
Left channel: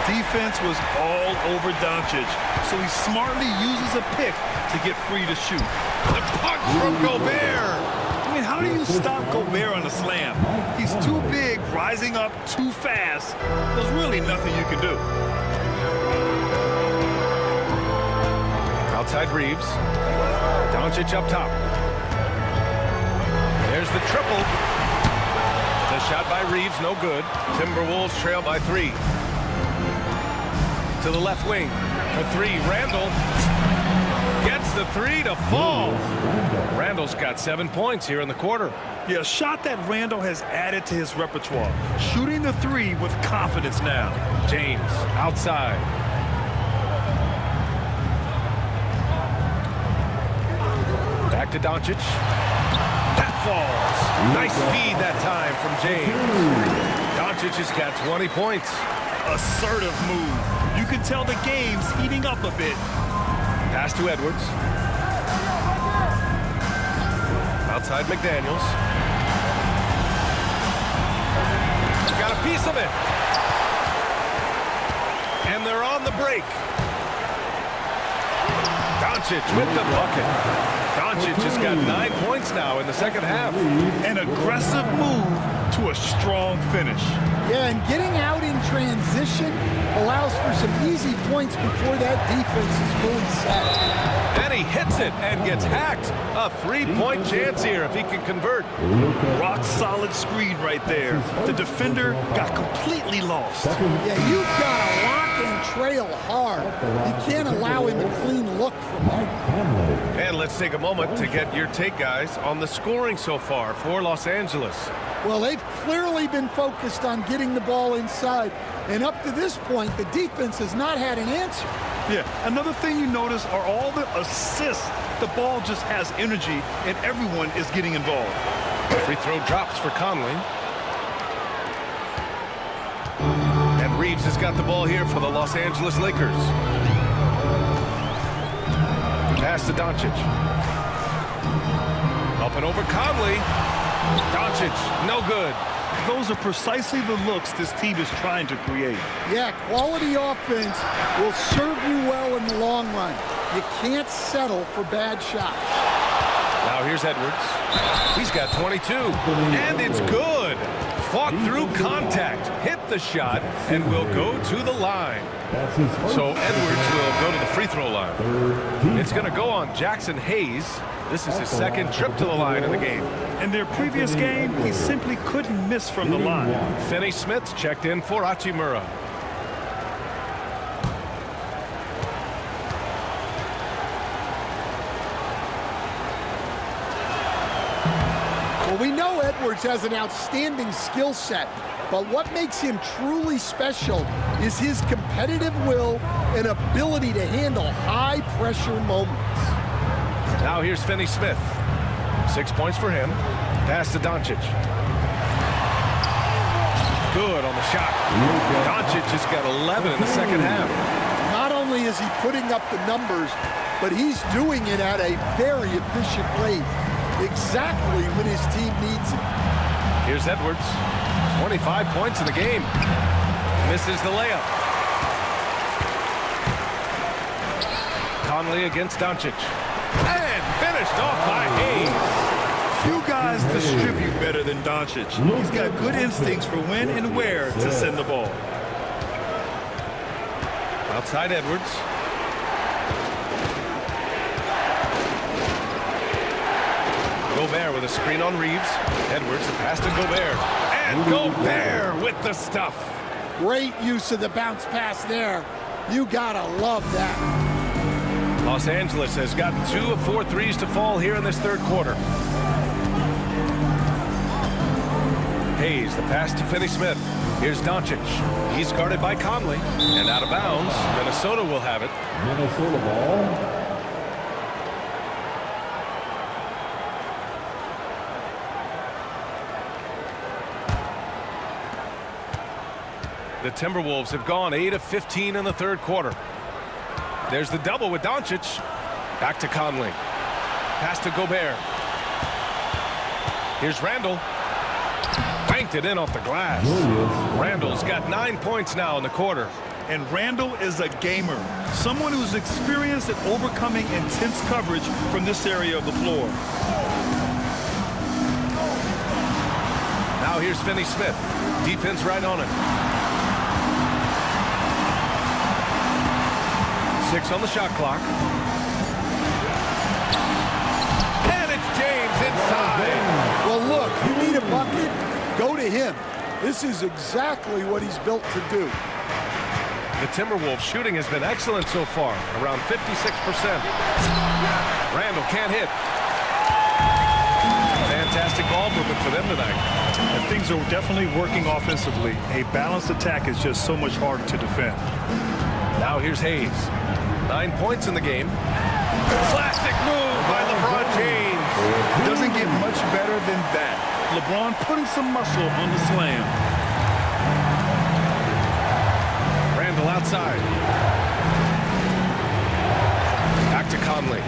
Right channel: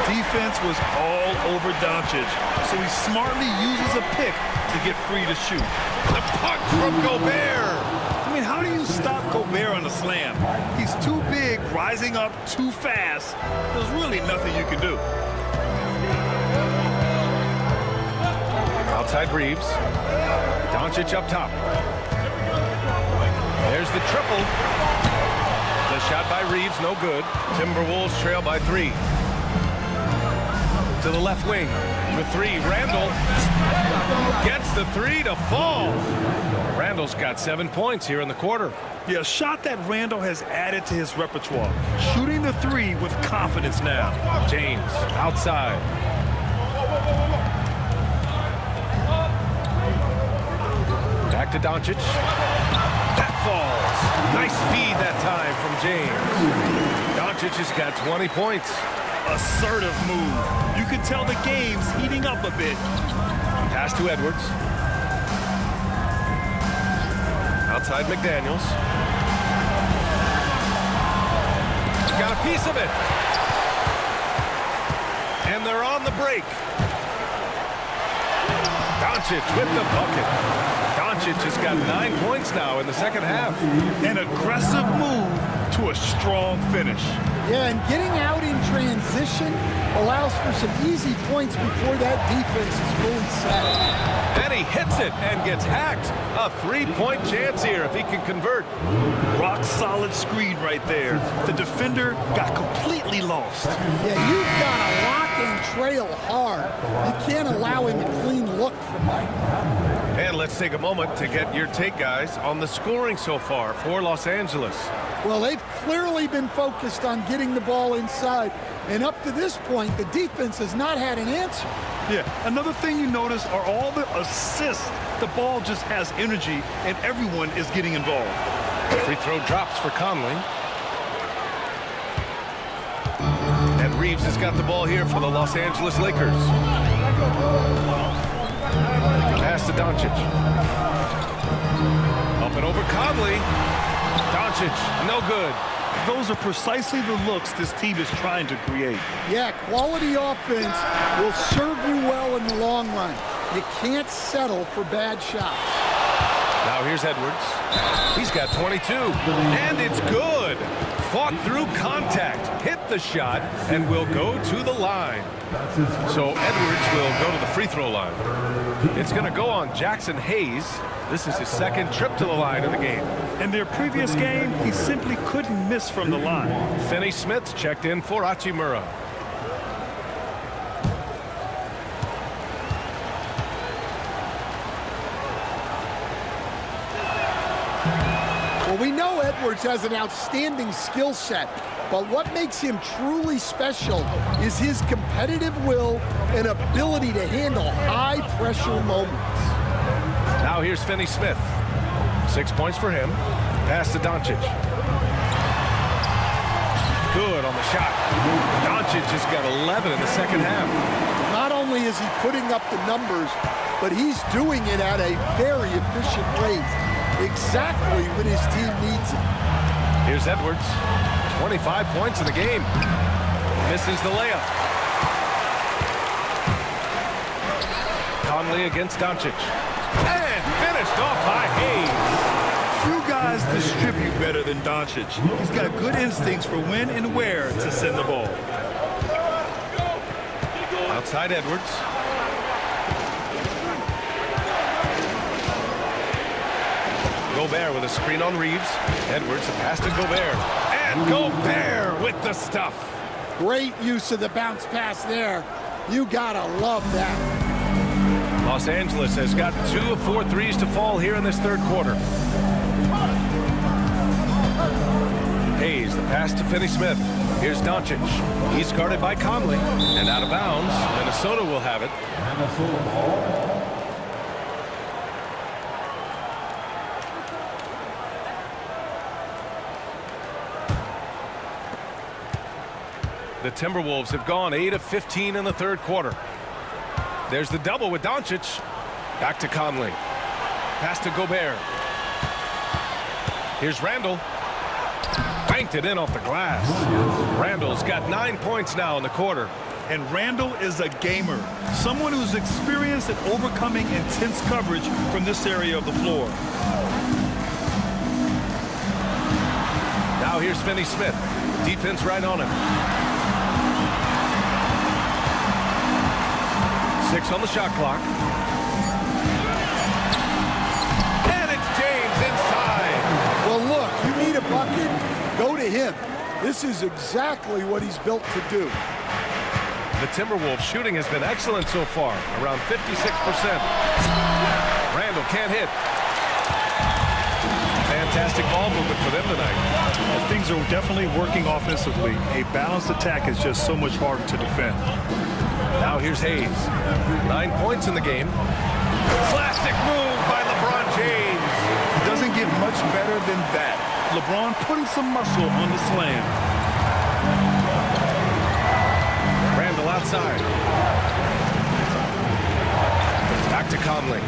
Defense was all over Doncic, so he smartly uses a pick to get free to shoot. The punch from Gobert. I mean, how do you stop Gobert on a slam? He's too big, rising up too fast. There's really nothing you can do. Outside Reeves. Doncic up top. There's the triple. The shot by Reeves, no good. Timberwolves trail by 3. To the left wing for 3. Randall gets the 3 to fall. Randall's got 7 points here in the quarter. Yeah, a shot that Randall has added to his repertoire. Shooting the 3 with confidence now. James outside. Back to Doncic. That falls. Nice feed that time from James. Doncic has got 20 points. Assertive move. You can tell the game's heating up a bit. Pass to Edwards. Outside McDaniels. Got a piece of it. And they're on the break. Doncic with the bucket. Doncic has got 9 points now in the second half. An aggressive move to a strong finish. Yeah, and getting out in transition allows for some easy points before that defense is fully set. And he hits it and gets hacked. A 3-point chance here if he can convert. Rock solid screen right there. The defender got completely lost. Yeah, you've got to lock and trail hard. You can't allow him a clean look from that. And let's take a moment to get your take, guys, on the scoring so far for Los Angeles. Well, they've clearly been focused on getting the ball inside. And up to this point, the defense has not had an answer. Yeah, another thing you notice are all the assists. The ball just has energy, and everyone is getting involved. Free throw drops for Conley. And Reeves has got the ball here for the Los Angeles Lakers. Pass to Doncic. Up and over Conley. Doncic, no good. Those are precisely the looks this team is trying to create. Yeah, quality offense will serve you well in the long run. You can't settle for bad shots. Now here's Edwards. He's got 22, and it's good. Fought through contact, hit the shot, and will go to the line. So Edwards will go to the free throw line. It's going to go on Jackson Hayes. This is his second trip to the line in the game. In their previous game, he simply couldn't miss from the line. Finney Smith checked in for Hachimura. Well, we know Edwards has an outstanding skill set, but what makes him truly special is his competitive will and ability to handle high-pressure moments. Now here's Finney Smith. 6 points for him. Pass to Doncic. Good on the shot. Doncic has got 11 in the second half. Not only is he putting up the numbers, but he's doing it at a very efficient rate, exactly when his team needs it. Here's Edwards. 25 points in the game. Misses the layup. Conley against Doncic. And finished off by Hayes. Few guys distribute better than Doncic. He's got good instincts for when and where to send the ball. Outside Edwards. Gobert with a screen on Reeves. Edwards, the pass to Gobert. And Gobert with the stuff. Great use of the bounce pass there. You gotta love that. Los Angeles has gotten 2 of 4 threes to fall here in this third quarter. Hayes, the pass to Finney-Smith. Here's Doncic. He's guarded by Conley. And out of bounds, Minnesota will have it. Minnesota ball. The Timberwolves have gone 8 of 15 in the third quarter. There's the double with Doncic. Back to Conley. Pass to Gobert. Here's Randall. Banked it in off the glass. Randall's got 9 points now in the quarter. And Randall is a gamer, someone who's experienced at overcoming intense coverage from this area of the floor. Now here's Finney-Smith. Defense right on him. 6 on the shot clock. And it's James inside. Well, look, you need a bucket, go to him. This is exactly what he's built to do. The Timberwolves shooting has been excellent so far, around 56%. Randall can't hit. Fantastic ball movement for them tonight. Things are definitely working offensively. A balanced attack is just so much harder to defend. Now here's Hayes. 9 points in the game. Classic move by LeBron James. It doesn't get much better than that. LeBron putting some muscle on the slam. Randall outside. Back to Conley.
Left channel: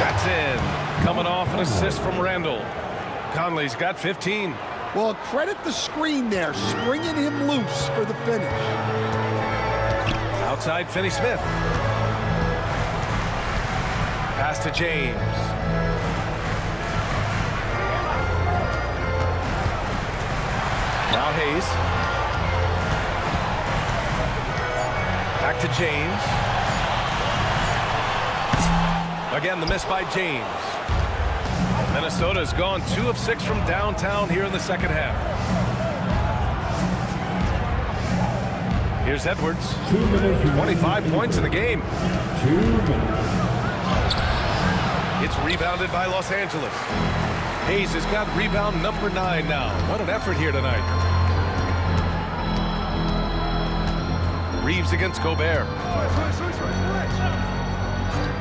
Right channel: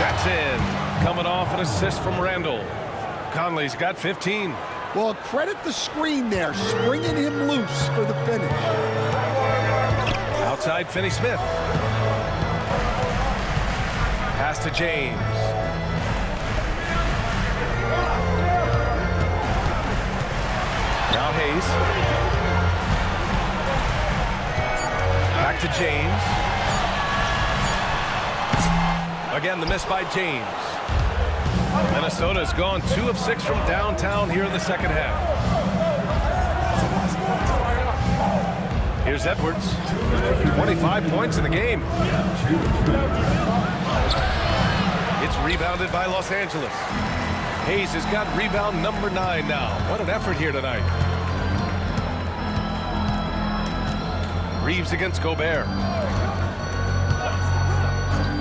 That's in. Coming off an assist from Randall. Conley's got 15. Well, credit the screen there, springing him loose for the finish. Outside Finney-Smith. Pass to James. Now Hayes. Back to James. Again, the miss by James. Minnesota's gone 2 of 6 from downtown here in the second half. Here's Edwards. 25 points in the game. It's rebounded by Los Angeles. Hayes has got rebound number 9 now. What an effort here tonight. Reeves against Gobert.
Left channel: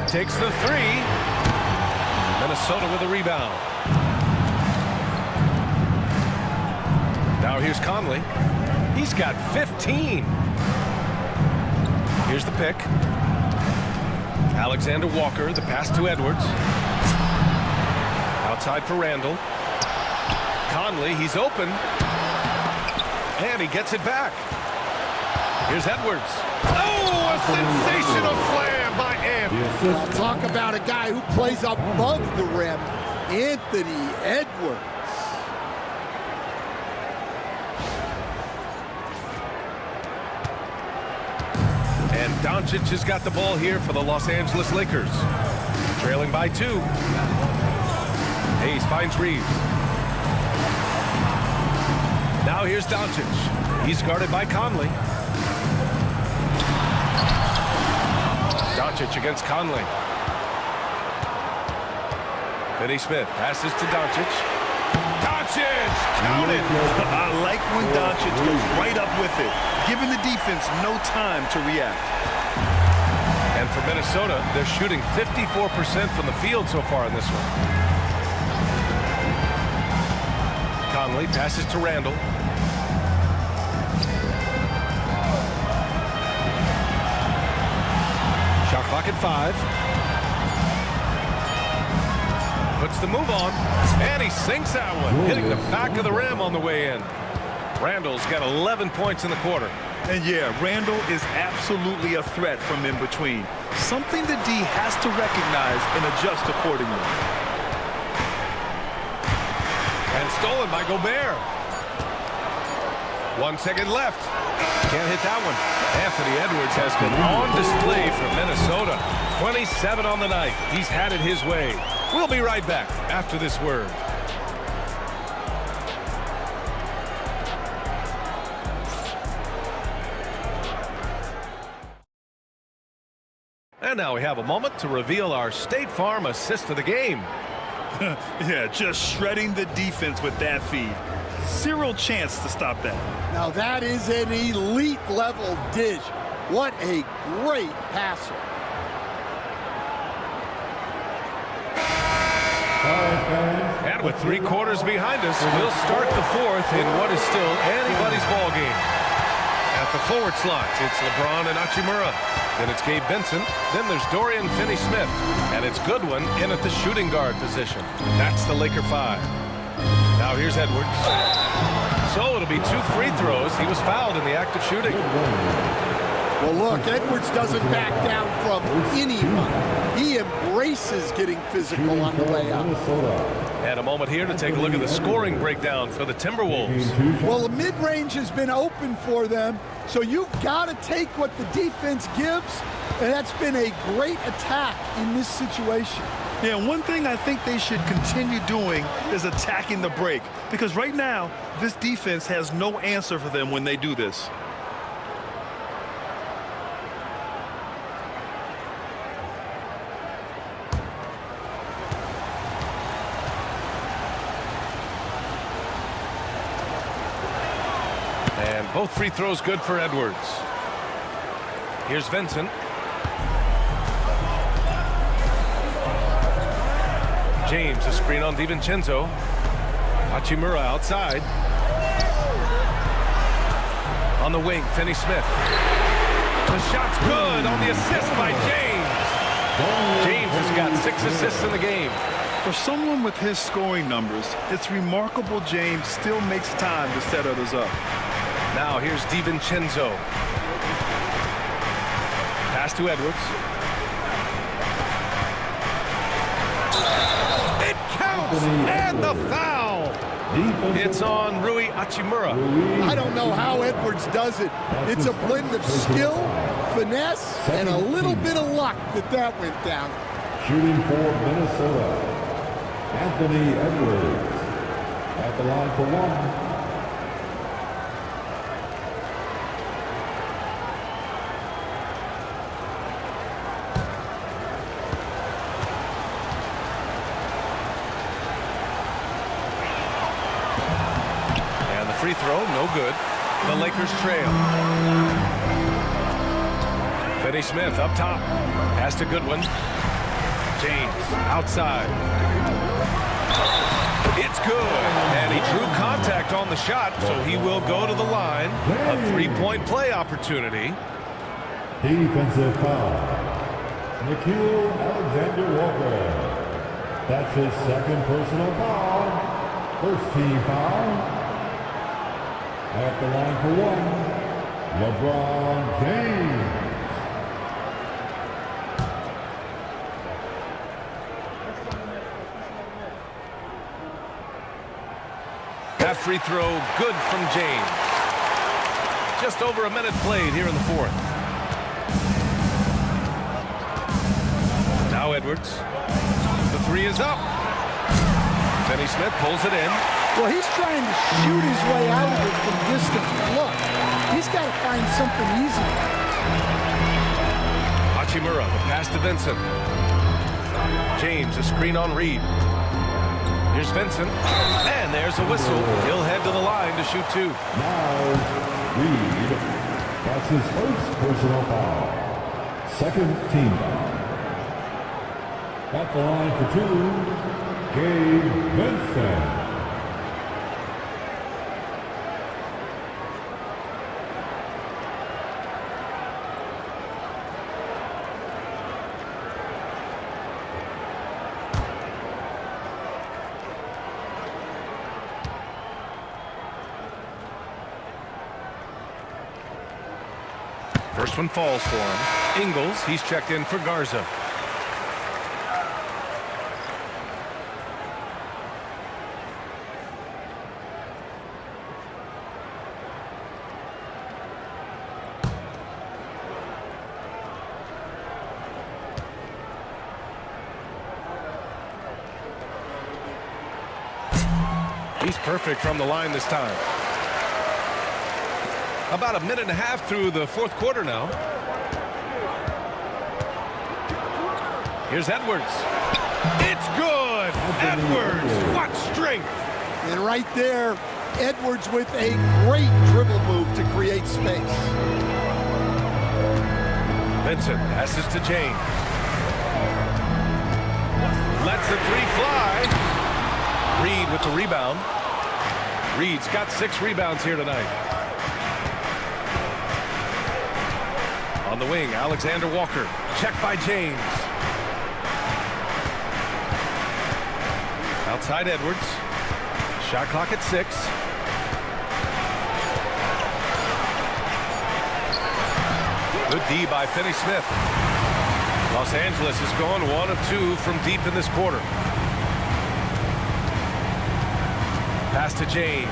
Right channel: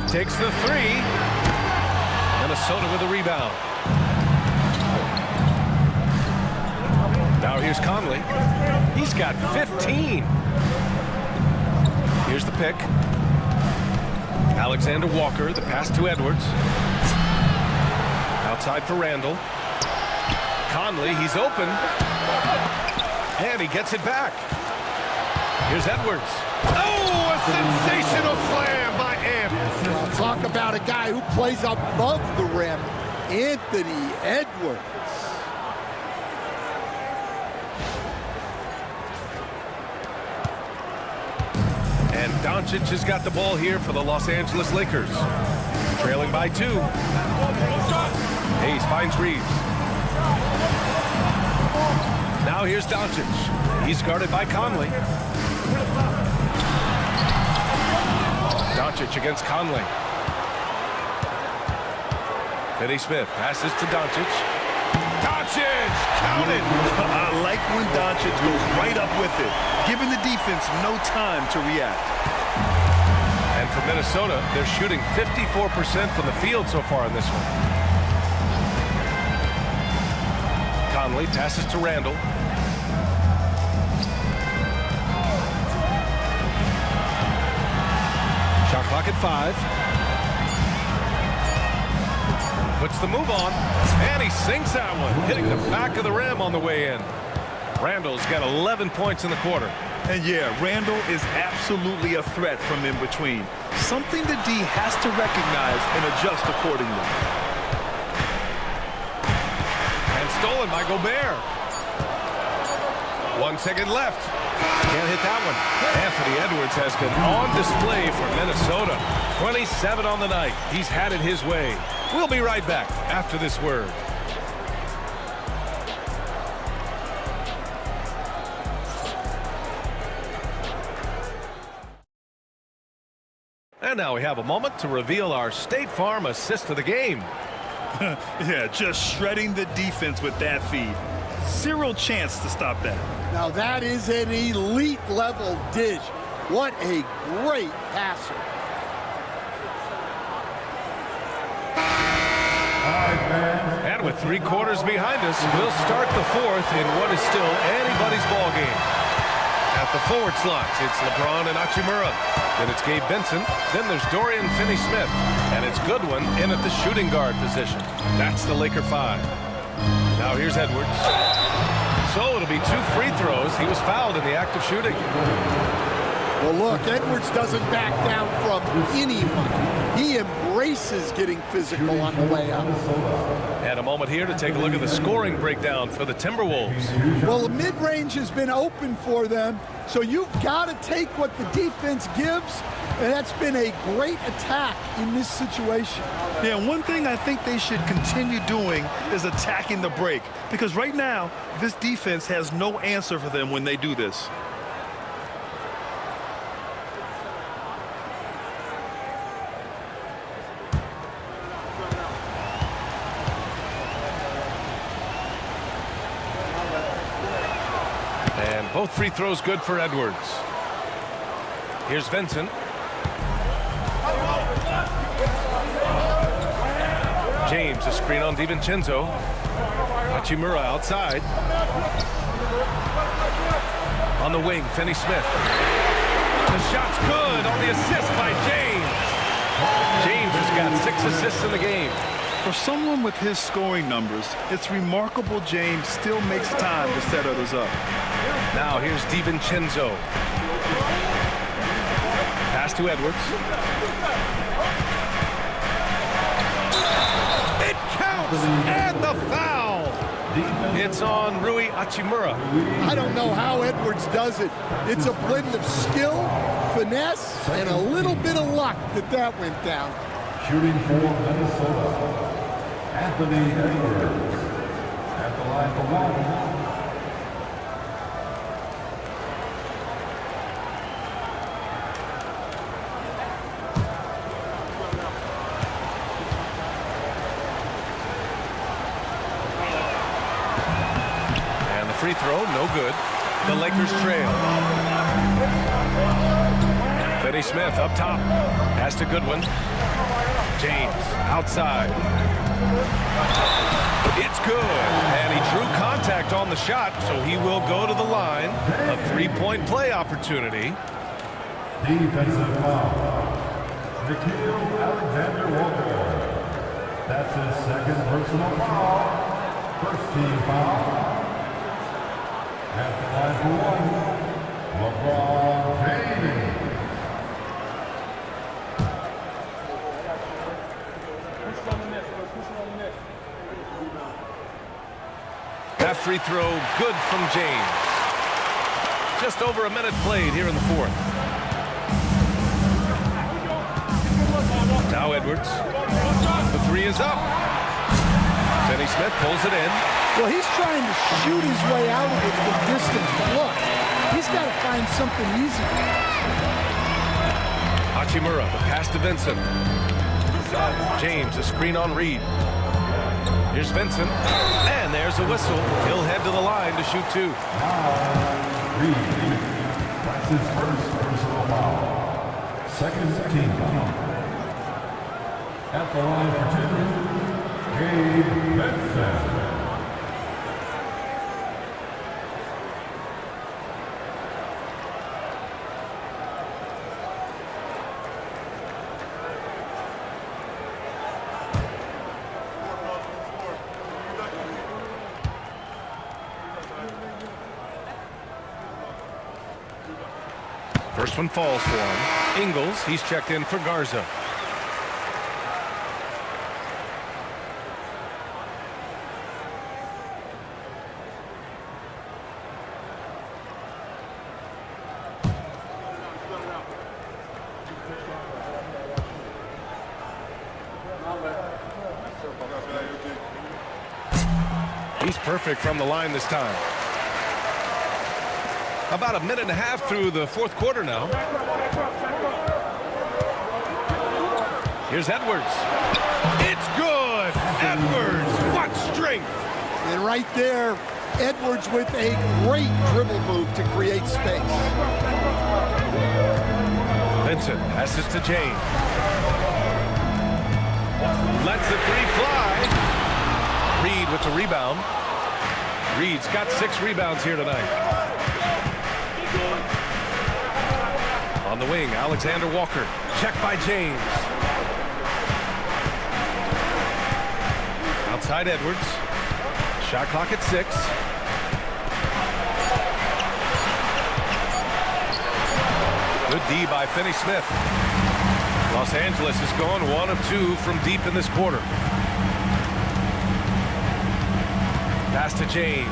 Takes the 3. Minnesota with a rebound. Now here's Conley. He's got 15. Here's the pick. Alexander Walker, the pass to Edwards. Outside for Randall. Conley, he's open. And he gets it back. Here's Edwards. Oh, a sensational slam by Amp. Well, talk about a guy who plays above the rim, Anthony Edwards. And Doncic has got the ball here for the Los Angeles Lakers. Trailing by 2. Hayes finds Reeves. Now here's Doncic. He's guarded by Conley. Doncic against Conley. Finney-Smith passes to Doncic. Doncic, count it! I like when Doncic goes right up with it, giving the defense no time to react. And for Minnesota, they're shooting 54% from the field so far in this one. Conley passes to Randall. Shot clock at 5. Puts the move on, and he sinks that one, hitting the back of the rim on the way in. Randall's got 11 points in the quarter. And yeah, Randall is absolutely a threat from in between. Something the D has to recognize and adjust accordingly. And stolen by Gobert. 1 second left. Can't hit that one. Anthony Edwards has been on display for Minnesota. 27 on the night. He's had it his way. We'll be right back after this word. And now we have a moment to reveal our State Farm assist of the game. Yeah, just shredding the defense with that feed. Zero chance to stop that. Now that is an elite level dish. What a great passer. And with 3 quarters behind us, we'll start the 4th in what is still anybody's ball game. At the forward slots, it's LeBron and Hachimura. Then it's Gabe Vincent. Then there's Dorian Finney-Smith. And it's Goodwin in at the shooting guard position. That's the Laker 5. Now here's Edwards. So it'll be 2 free throws. He was fouled in the act of shooting. Well, look, Edwards doesn't back down from anyone. He embraces getting physical on the way up. And a moment here to take a look at the scoring breakdown for the Timberwolves. Well, the mid-range has been open for them, so you've got to take what the defense gives, and that's been a great attack in this situation. Yeah, one thing I think they should continue doing is attacking the break, because right now, this defense has no answer for them when they do this. And both free throws good for Edwards. Here's Vincent. James, a screen on DiVincenzo. Hachimura outside. On the wing, Finney-Smith. The shot's good on the assist by James. James has got 6 assists in the game. For someone with his scoring numbers, it's remarkable James still makes time to set others up. Now here's DiVincenzo. Pass to Edwards. It counts, and the foul. It's on Rui Hachimura. I don't know how Edwards does it. It's a blend of skill, finesse, and a little bit of luck that went down. Shooting for Minnesota, Anthony Edwards at the line for 1. And the free throw, no good. The Lakers trail. Finney-Smith up top. Pass to Goodwin. James outside. It's good. And he drew contact on the shot, so he will go to the line. A 3-point play opportunity. Defensive foul. Nickeil Alexander-Walker. That's his 2nd personal foul. First team foul. At the line for 1, LeBron James. That free throw good from James. Just over a minute played here in the 4th. Now Edwards. The 3 is up. Finney-Smith pulls it in. Well, he's trying to shoot his way out of it from distance, but look, he's got to find something easier. Hachimura, the pass to Vincent. James, a screen on Reed. Here's Vincent, and there's a whistle. He'll head to the line to shoot 2. Now, Reed. That's his 1st personal foul. 2nd team foul. At the line for 2, Gabe Vincent. First one falls for him. Ingles, he's checked in for Garza. He's perfect from the line this time. About a minute and a half through the fourth quarter now. Here's Edwards. It's good. Edwards, what strength. And right there, Edwards with a great dribble move to create space. Vincent passes to James. Lets the three fly. Reed with the rebound. Reed's got 6 rebounds here tonight. On the wing, Alexander Walker. Checked by James. Outside Edwards. Shot clock at 6. Good D by Finney-Smith. Los Angeles has gone 1 of 2 from deep in this quarter. Pass to James.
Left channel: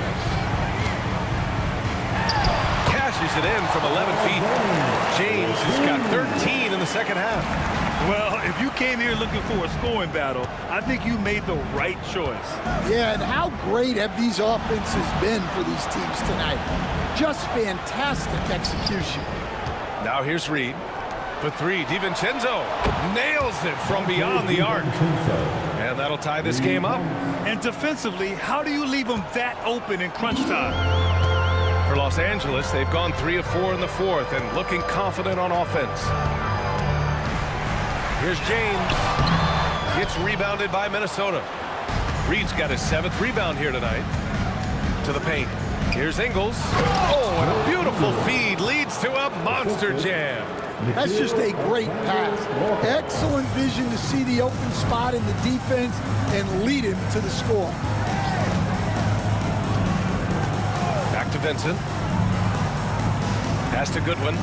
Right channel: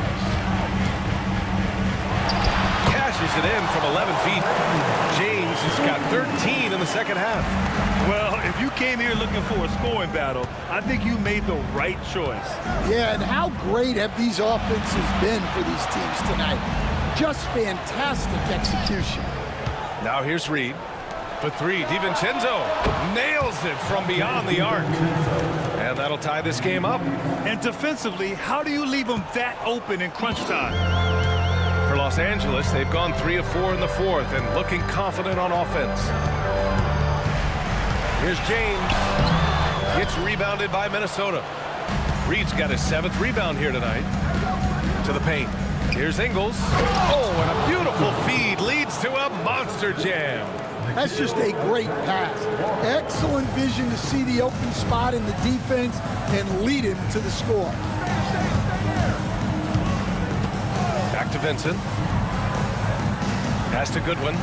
Cashes it in from 11 feet. James has got 13 in the second half. Well, if you came here looking for a scoring battle, I think you made the right choice. Yeah, and how great have these offenses been for these teams tonight? Just fantastic execution. Now here's Reed. For 3, DiVincenzo nails it from beyond the arc. And that'll tie this game up. And defensively, how do you leave them that open in crunch time? For Los Angeles, they've gone 3 of 4 in the fourth and looking confident on offense. Here's James. Gets rebounded by Minnesota. Reed's got his 7th rebound here tonight. To the paint. Here's Ingles. Oh, and a beautiful feed leads to a monster jam. That's just a great pass. Excellent vision to see the open spot in the defense and lead him to the score. Back to Vincent. Pass to Goodwin.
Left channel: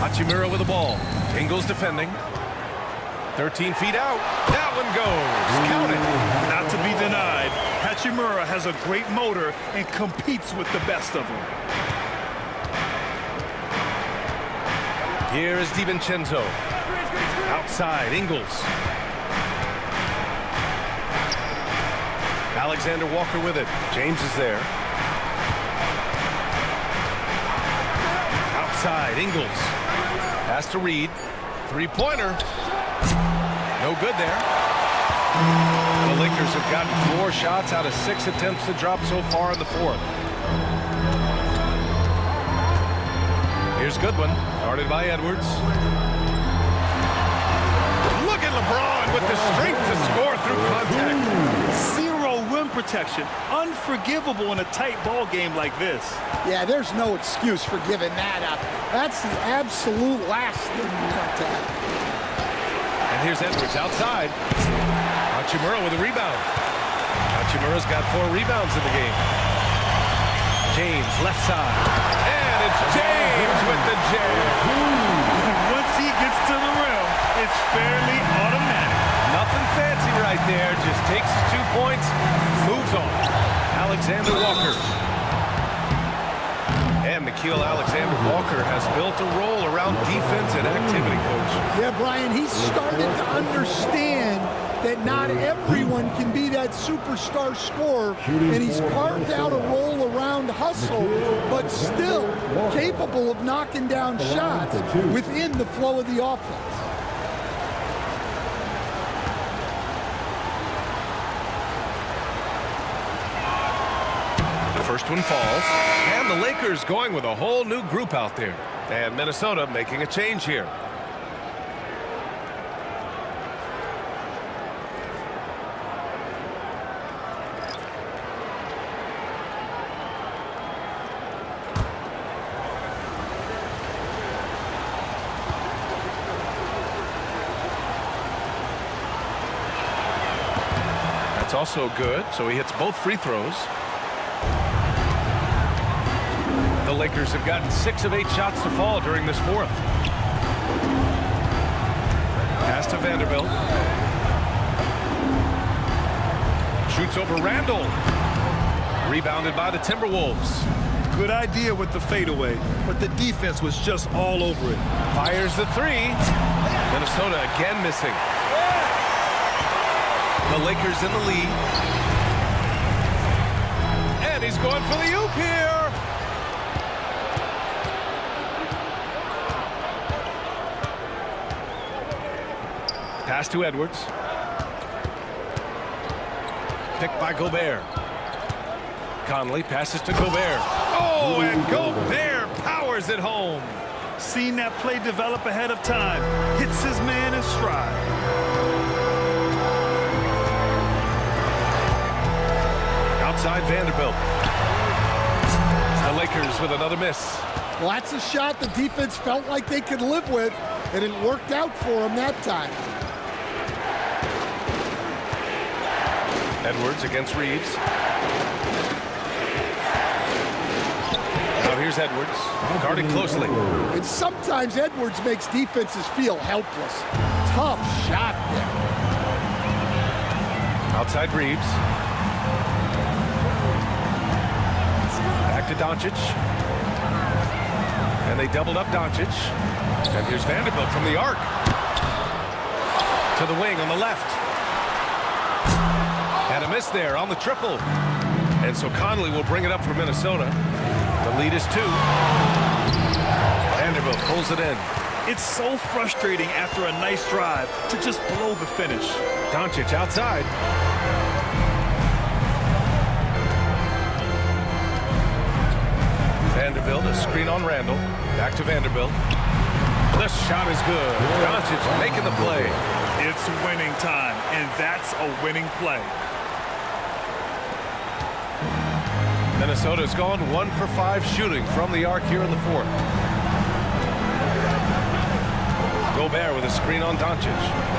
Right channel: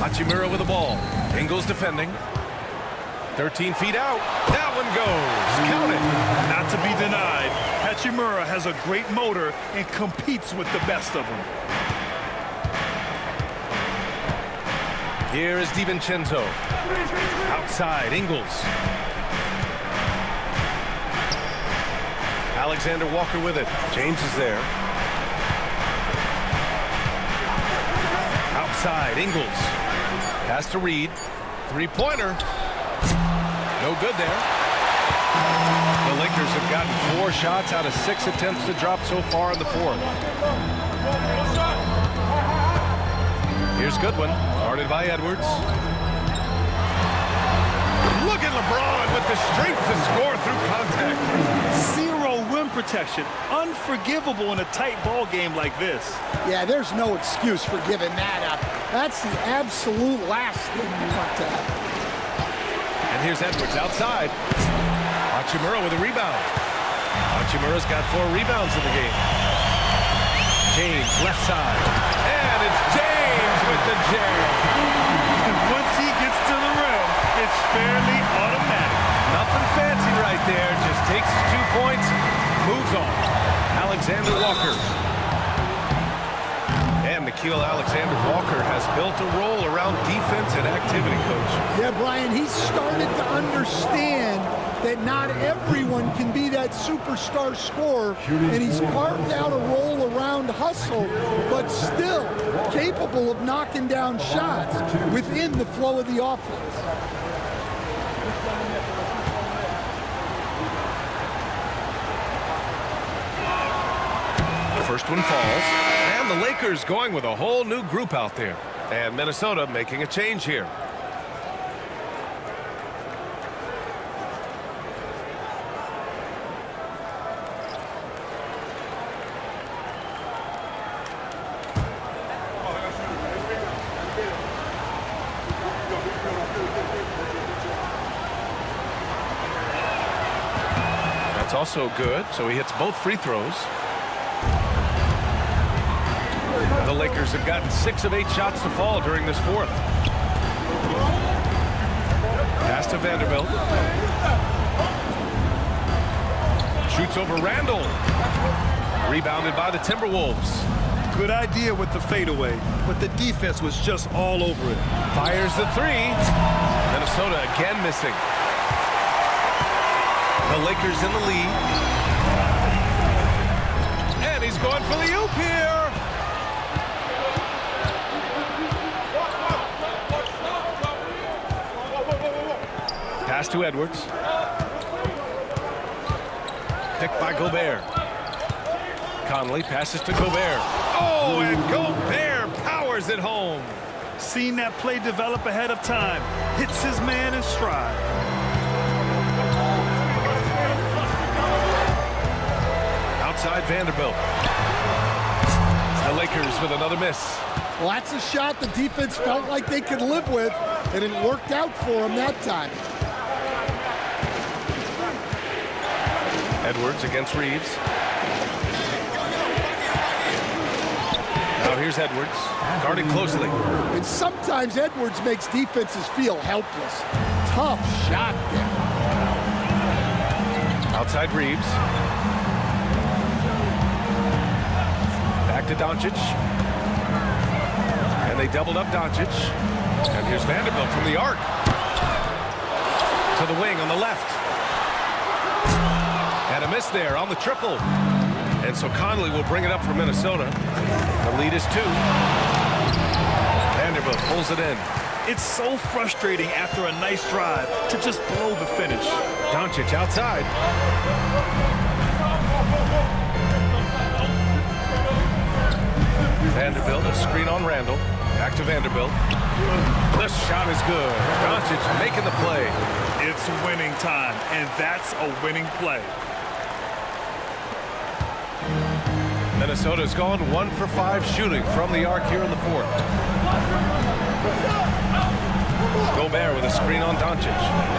Hachimura with the ball. Ingles defending. 13 feet out. That one goes. Count it. Not to be denied, Hachimura has a great motor and competes with the best of them. Here is DiVincenzo. Outside, Ingles. Alexander Walker with it. James is there. Outside, Ingles. Pass to Reed. Three-pointer. No good there. The Lakers have gotten 4 shots out of 6 attempts to drop so far in the fourth. Here's Goodwin, guarded by Edwards. Look at LeBron with the strength to score through contact. 0 rim protection. Unforgivable in a tight ball game like this. Yeah, there's no excuse for giving that up. That's the absolute last thing you want to happen. And here's Edwards outside. Hachimura with a rebound. Hachimura's got 4 rebounds in the game. James, left side. And it's James with the jam. And once he gets to the rim, it's fairly automatic. Nothing fancy right there. Just takes his 2 points, moves on. Alexander Walker. And Nickeil Alexander-Walker has built a role around defense and activity, Coach. Yeah, Brian, he's started to understand that not everyone can be that superstar scorer, and he's carved out a role around hustle, but still capable of knocking down shots within the flow of the offense. The first one falls, and the Lakers going with a whole new group out there. And Minnesota making a change here. That's also good, so he hits both free throws. The Lakers have gotten 6 of 8 shots to fall during this fourth. Pass to Vanderbilt. Shoots over Randall. Rebounded by the Timberwolves. Good idea with the fadeaway, but the defense was just all over it. Fires the three. Minnesota again missing. The Lakers in the lead. And he's going for the oop here. Pass to Edwards. Picked by Gobert. Conley passes to Gobert. Oh, and Gobert powers it home. Seen that play develop ahead of time. Hits his man in stride. Outside Vanderbilt. The Lakers with another miss. Well, that's a shot the defense felt like they could live with, and it worked out for them that time. Edwards against Reeves. Now here's Edwards, guarding closely. And sometimes Edwards makes defenses feel helpless. Tough shot there. Outside Reeves. Back to Doncic. And they doubled up Doncic. And here's Vanderbilt from the arc. To the wing on the left. And a miss there on the triple. And so Conley will bring it up for Minnesota. The lead is 2. Vanderbilt pulls it in. It's so frustrating after a nice drive to just blow the finish. Doncic outside. Vanderbilt, a screen on Randall. Back to Vanderbilt. The shot is good. Doncic making the play. It's winning time, and that's a winning play. Minnesota's gone 1 for 5 shooting from the arc here in the fourth. Gobert with a screen on Doncic.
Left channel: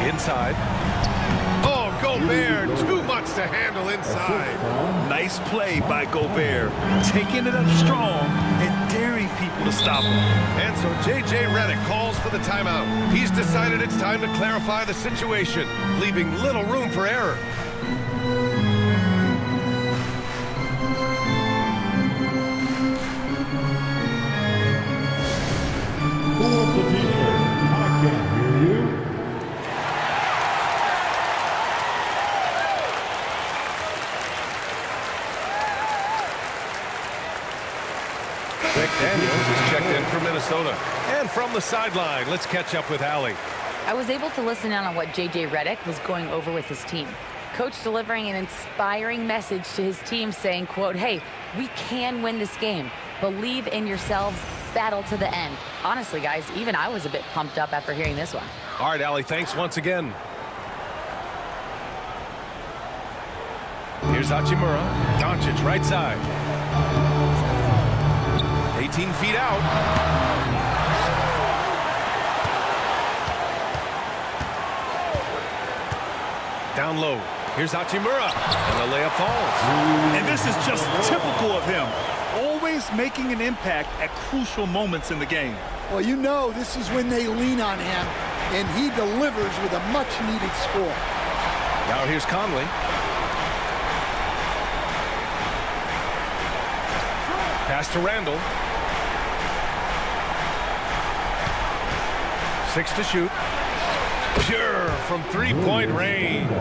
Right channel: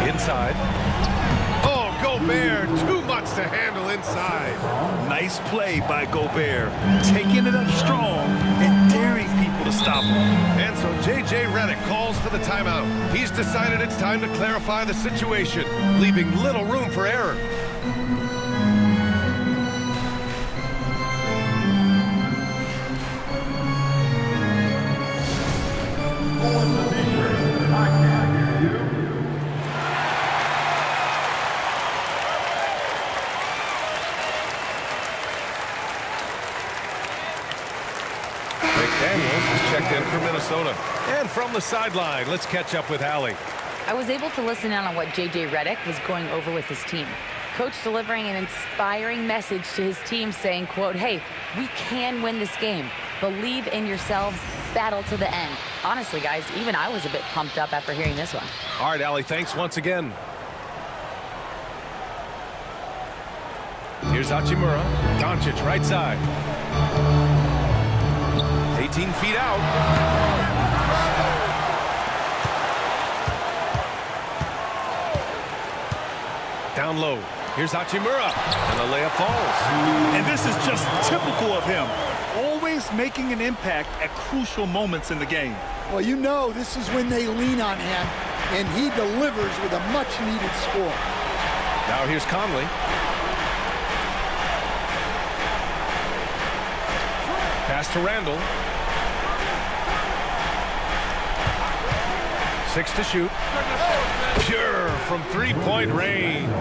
Inside. Oh, Gobert, too much to handle inside. Nice play by Gobert, taking it up strong and daring people to stop him. And so J.J. Redick calls for the timeout. He's decided it's time to clarify the situation, leaving little room for error. Who wants the t-shirt? I can't hear you. McDaniels is checked in for Minnesota. And from the sideline, let's catch up with Allie. I was able to listen in on what J.J. Redick was going over with his team. Coach delivering an inspiring message to his team saying, quote, hey, we can win this game. Believe in yourselves. Battle to the end. Honestly, guys, even I was a bit pumped up after hearing this one. All right, Allie, thanks once again. Here's Hachimura. Doncic, right side. 18 feet out. Down low. Here's Hachimura. And the layup falls. And this is just typical of him. Always making an impact at crucial moments in the game. Well, you know this is when they lean on him, and he delivers with a much-needed score. Now here's Conley. Pass to Randall. 6 to shoot. Pure from three-point range.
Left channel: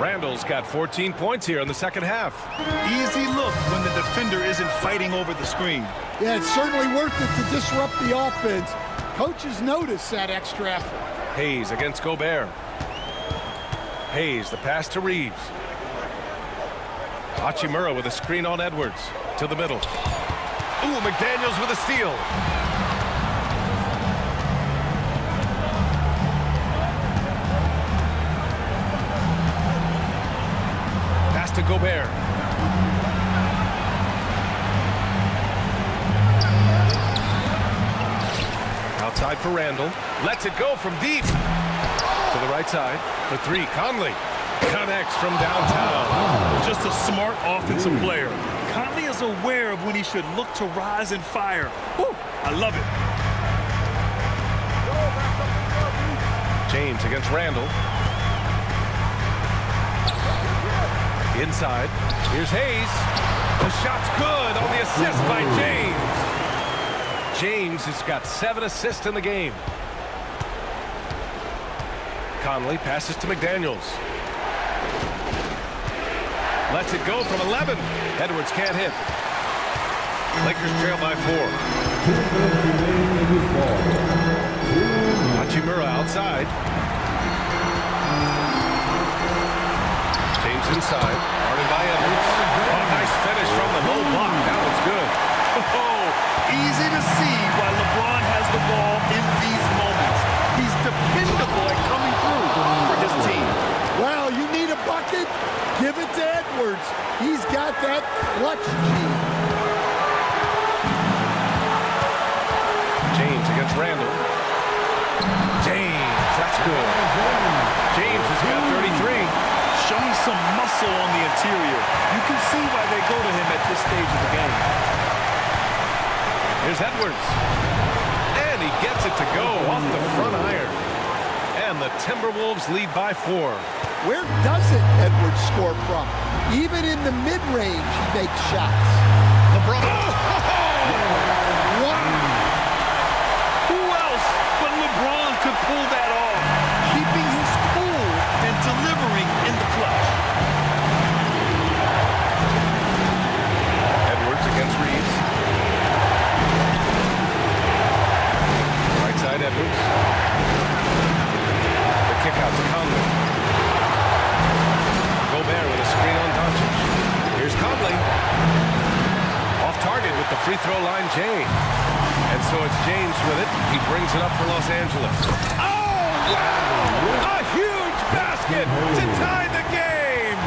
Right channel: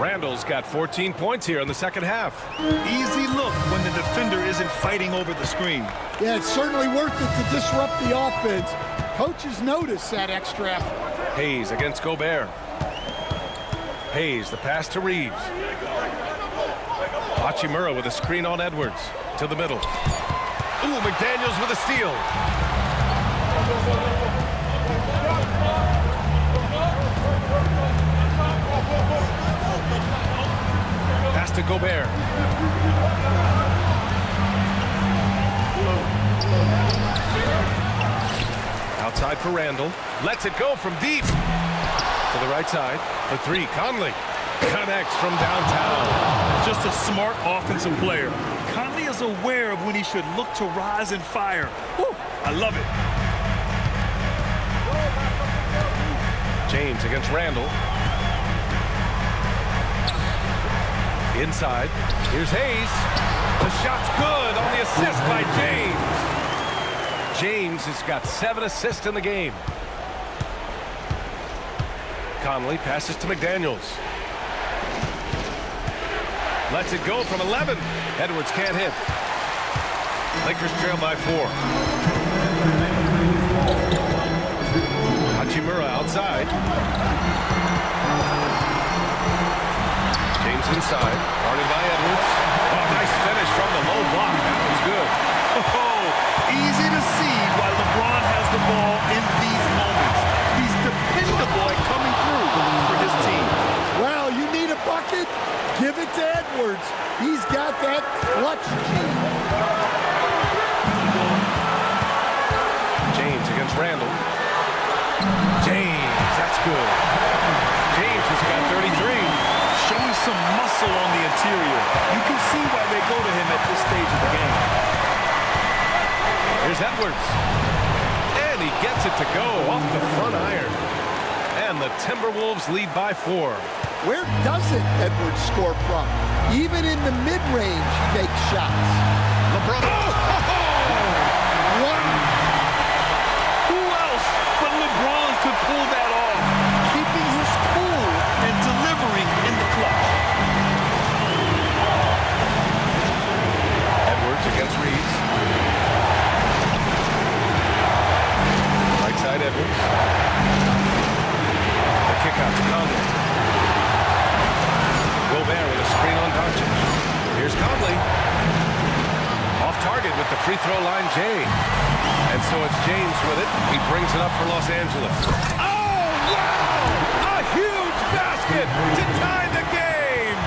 Randall's got 14 points here in the second half. Easy look when the defender isn't fighting over the screen. Yeah, it's certainly worth it to disrupt the offense. Coaches notice that extra effort. Hayes against Gobert. Hayes, the pass to Reeves. Hachimura with a screen on Edwards. To the middle. Ooh, McDaniels with a steal. Pass to Gobert. Outside for Randall. Lets it go from deep. To the right side for 3. Conley connects from downtown. Just a smart offensive player. Conley is aware of when he should look to rise and fire. Woo, I love it. James against Randall. Inside. Here's Hayes. The shot's good on the assist by James. James has got 7 assists in the game. Conley passes to McDaniels. Lets it go from 11. Edwards can't hit. Lakers trail by 4. Hachimura outside. James inside, guarded by Edwards. Oh, nice finish from the low block. That one's good. Oh, easy to see why LeBron has the ball in these moments. He's dependable at coming through for his team. Well, you need a bucket? Give it to Edwards. He's got that clutch gene. James against Randall. James, that's good. James has got 33. Showing some muscle on the interior. You can see why they go to him at this stage of the game. Here's Edwards. And he gets it to go off the front iron. And the Timberwolves lead by 4. Where doesn't Edwards score from? Even in the mid-range, he makes shots. LeBron. Oh! Wow! Who else but LeBron could pull that off? Keeping his cool and delivering in the clutch. Edwards against Reeves. Right side Edwards. The kick out to Conley. Gobert with a screen on Doncic. Here's Conley. Off target with the free throw line, Jay. And so it's James with it. He brings it up for Los Angeles. Oh, wow! A huge basket to tie the game!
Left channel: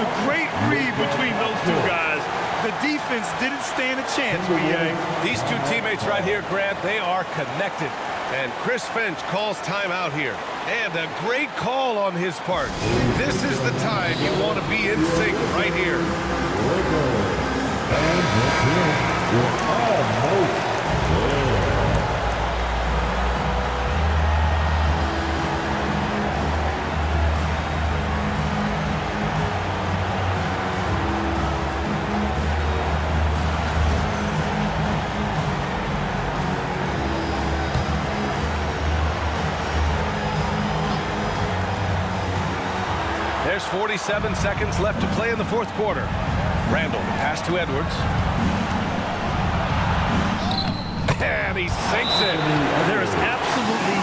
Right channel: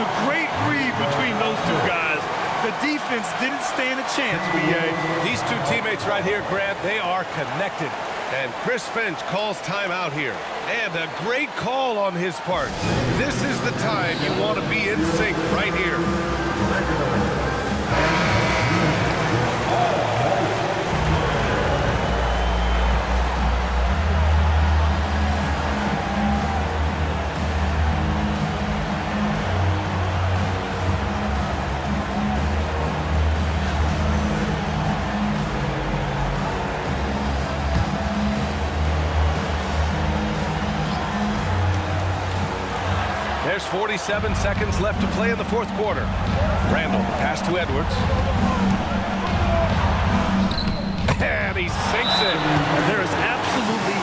The great read between those two guys. The defense didn't stand a chance, B.A. These two teammates right here, Grant, they are connected. And Chris Finch calls timeout here. And a great call on his part. This is the time you want to be in sync right here. There's 47 seconds left to play in the fourth quarter. Randall, the pass to Edwards. And he sinks it. There is absolutely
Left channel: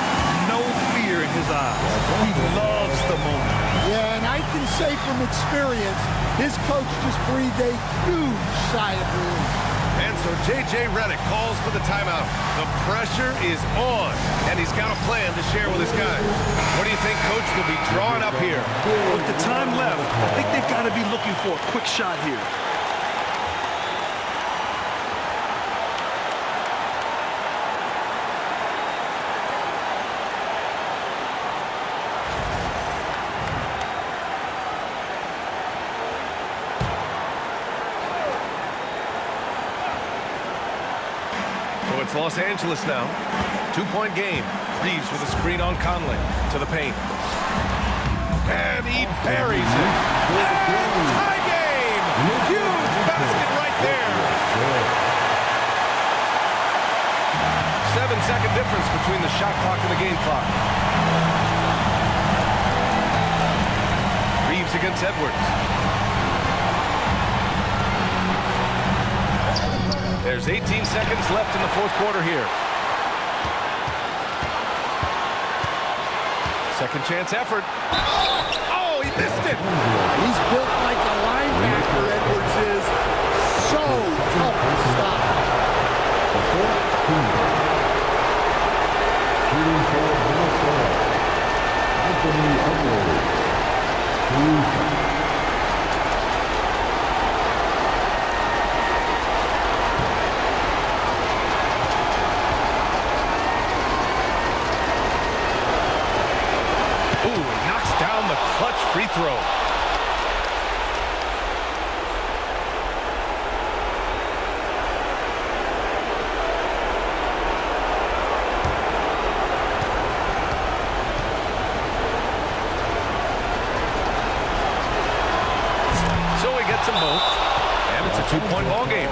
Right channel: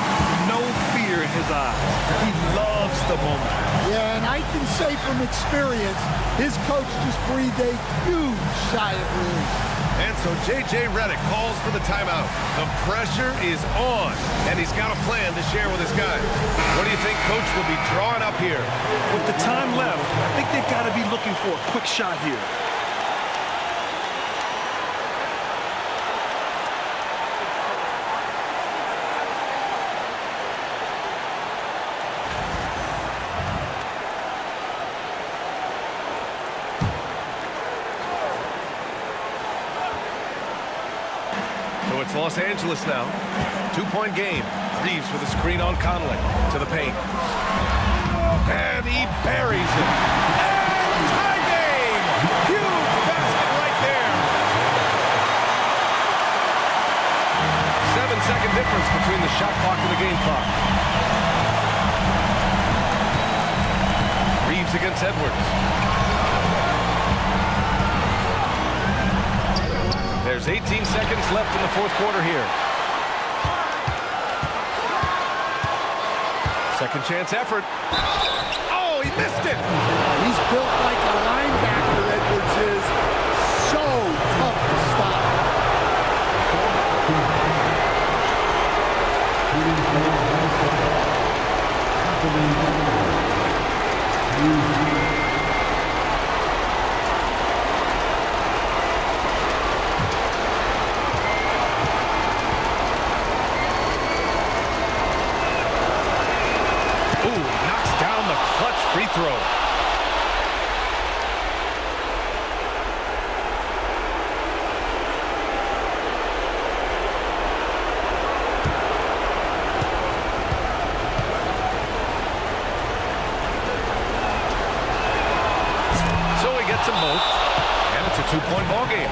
no fear in his eyes. He loves the moment. Yeah, and I can say from experience, his coach just breathed a huge sigh of relief. And so J.J. Redick calls for the timeout. The pressure is on, and he's got a plan to share with his guys. What do you think Coach will be drawing up here? With the time left, I think they've got to be looking for a quick shot here. So it's Los Angeles now. 2-point game. Reeves with a screen on Conley to the paint. And he buries it. And tie game! Huge basket right there. 7-second difference between the shot clock and the game clock. Reeves against Edwards. There's 18 seconds left in the fourth quarter here. Second chance effort. Oh, he missed it. He's built like a linebacker, Edwards is. So tough to stop. Shooting for Minnesota, Anthony Edwards. Ooh, he knocks down the clutch free throw. he gets them both. And it's a 2-point ball game.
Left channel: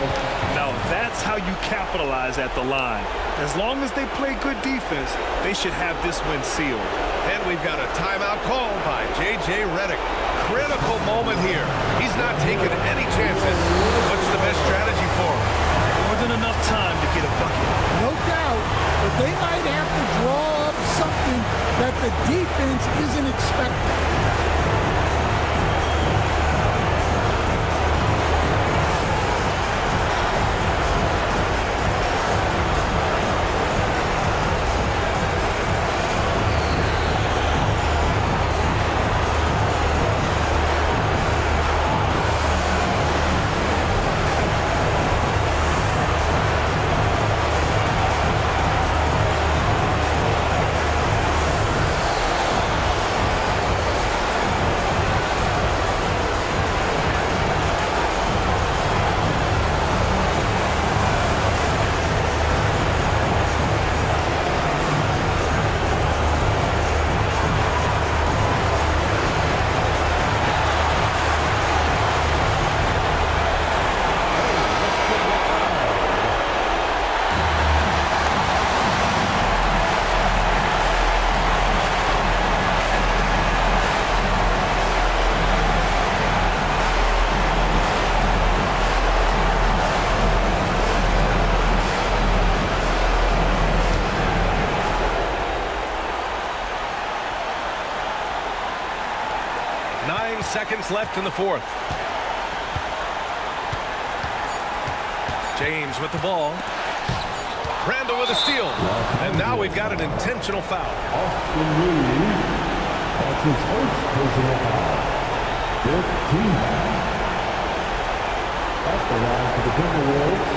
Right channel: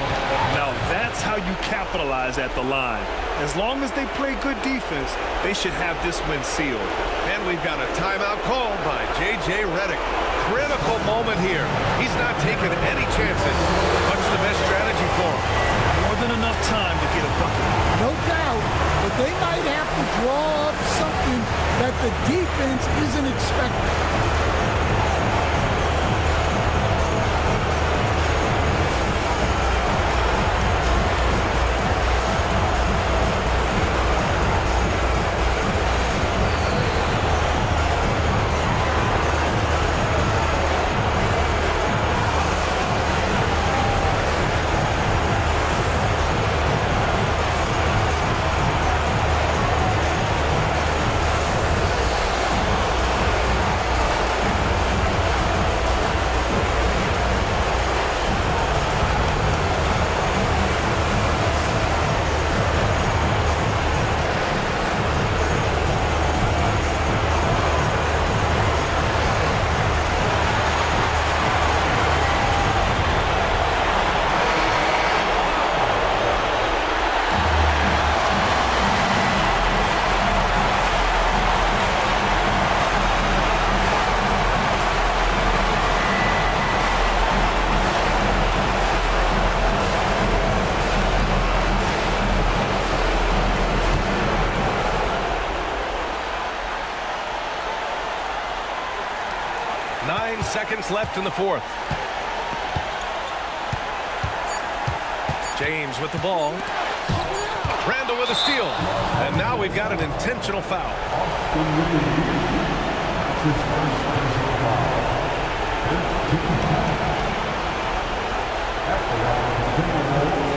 Now that's how you capitalize at the line. As long as they play good defense, they should have this win sealed. And we've got a timeout called by J.J. Redick. Critical moment here. He's not taking any chances. What's the best strategy for him? More than enough time to get a bucket. No doubt, but they might have to draw up something that the defense isn't expecting. Seconds left in the fourth. James with the ball. Randall with a steal. And now we've got an intentional foul. Austin Reeves. That's his first personal foul. 15 foul. At the line for the Timberwolves,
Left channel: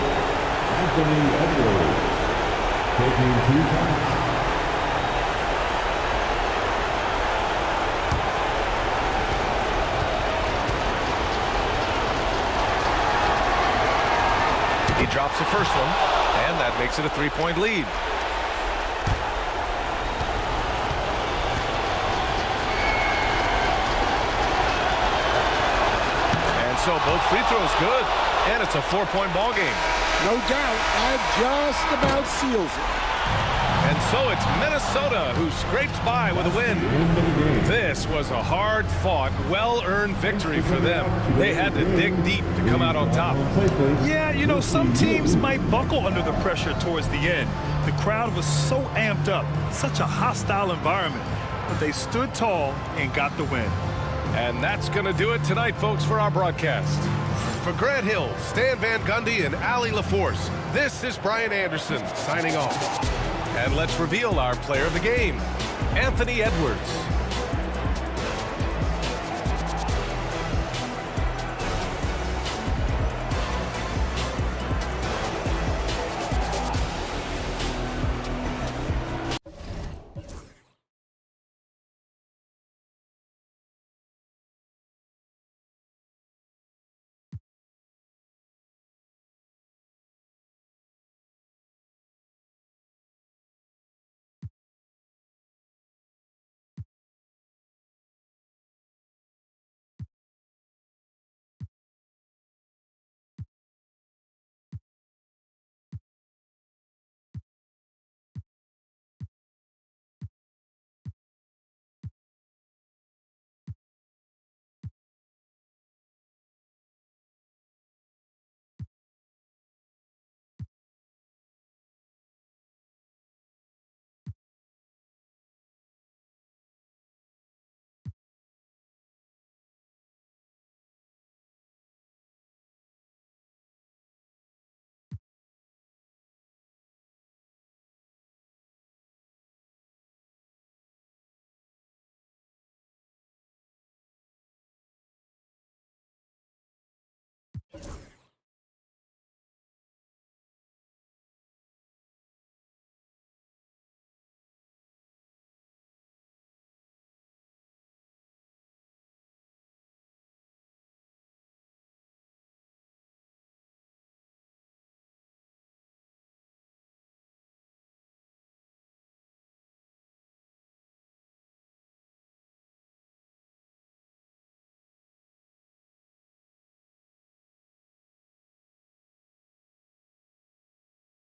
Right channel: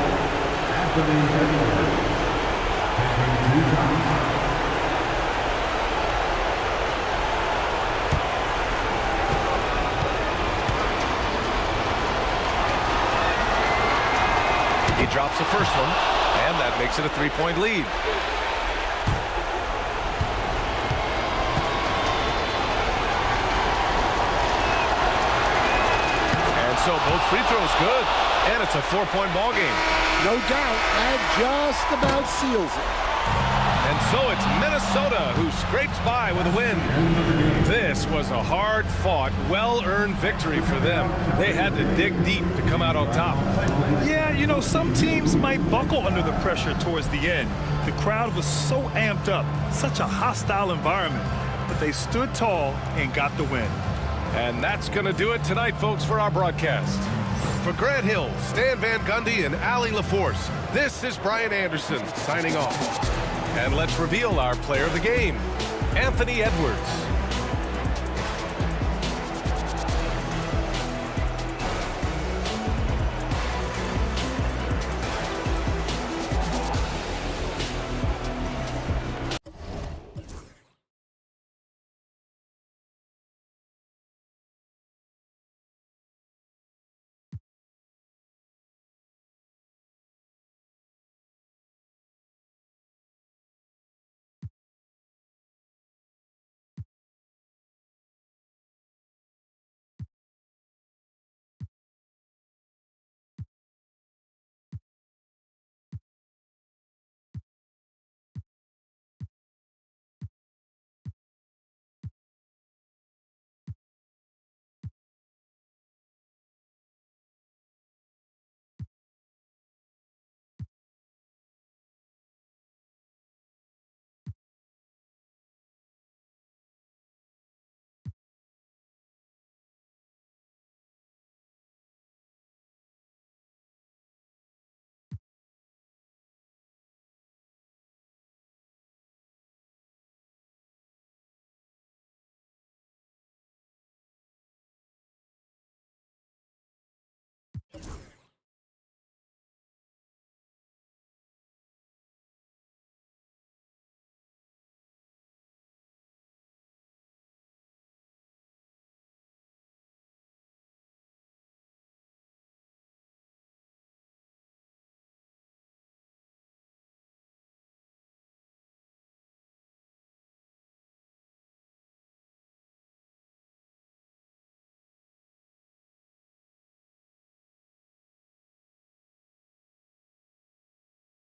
Anthony Edwards. Taking 2 shots. He drops the first one, and that makes it a 3-point lead. And so both free throws good, and it's a 4-point ball game. No doubt, that just about seals it. And so it's Minnesota who scrapes by with a win. This was a hard-fought, well-earned victory for them. They had to dig deep to come out on top. Yeah, you know, some teams might buckle under the pressure towards the end. The crowd was so amped up, such a hostile environment, but they stood tall and got the win. And that's going to do it tonight, folks, for our broadcast. For Grant Hill, Stan Van Gundy, and Allie LaForce, this is Brian Anderson signing off. And let's reveal our player of the game, Anthony Edwards.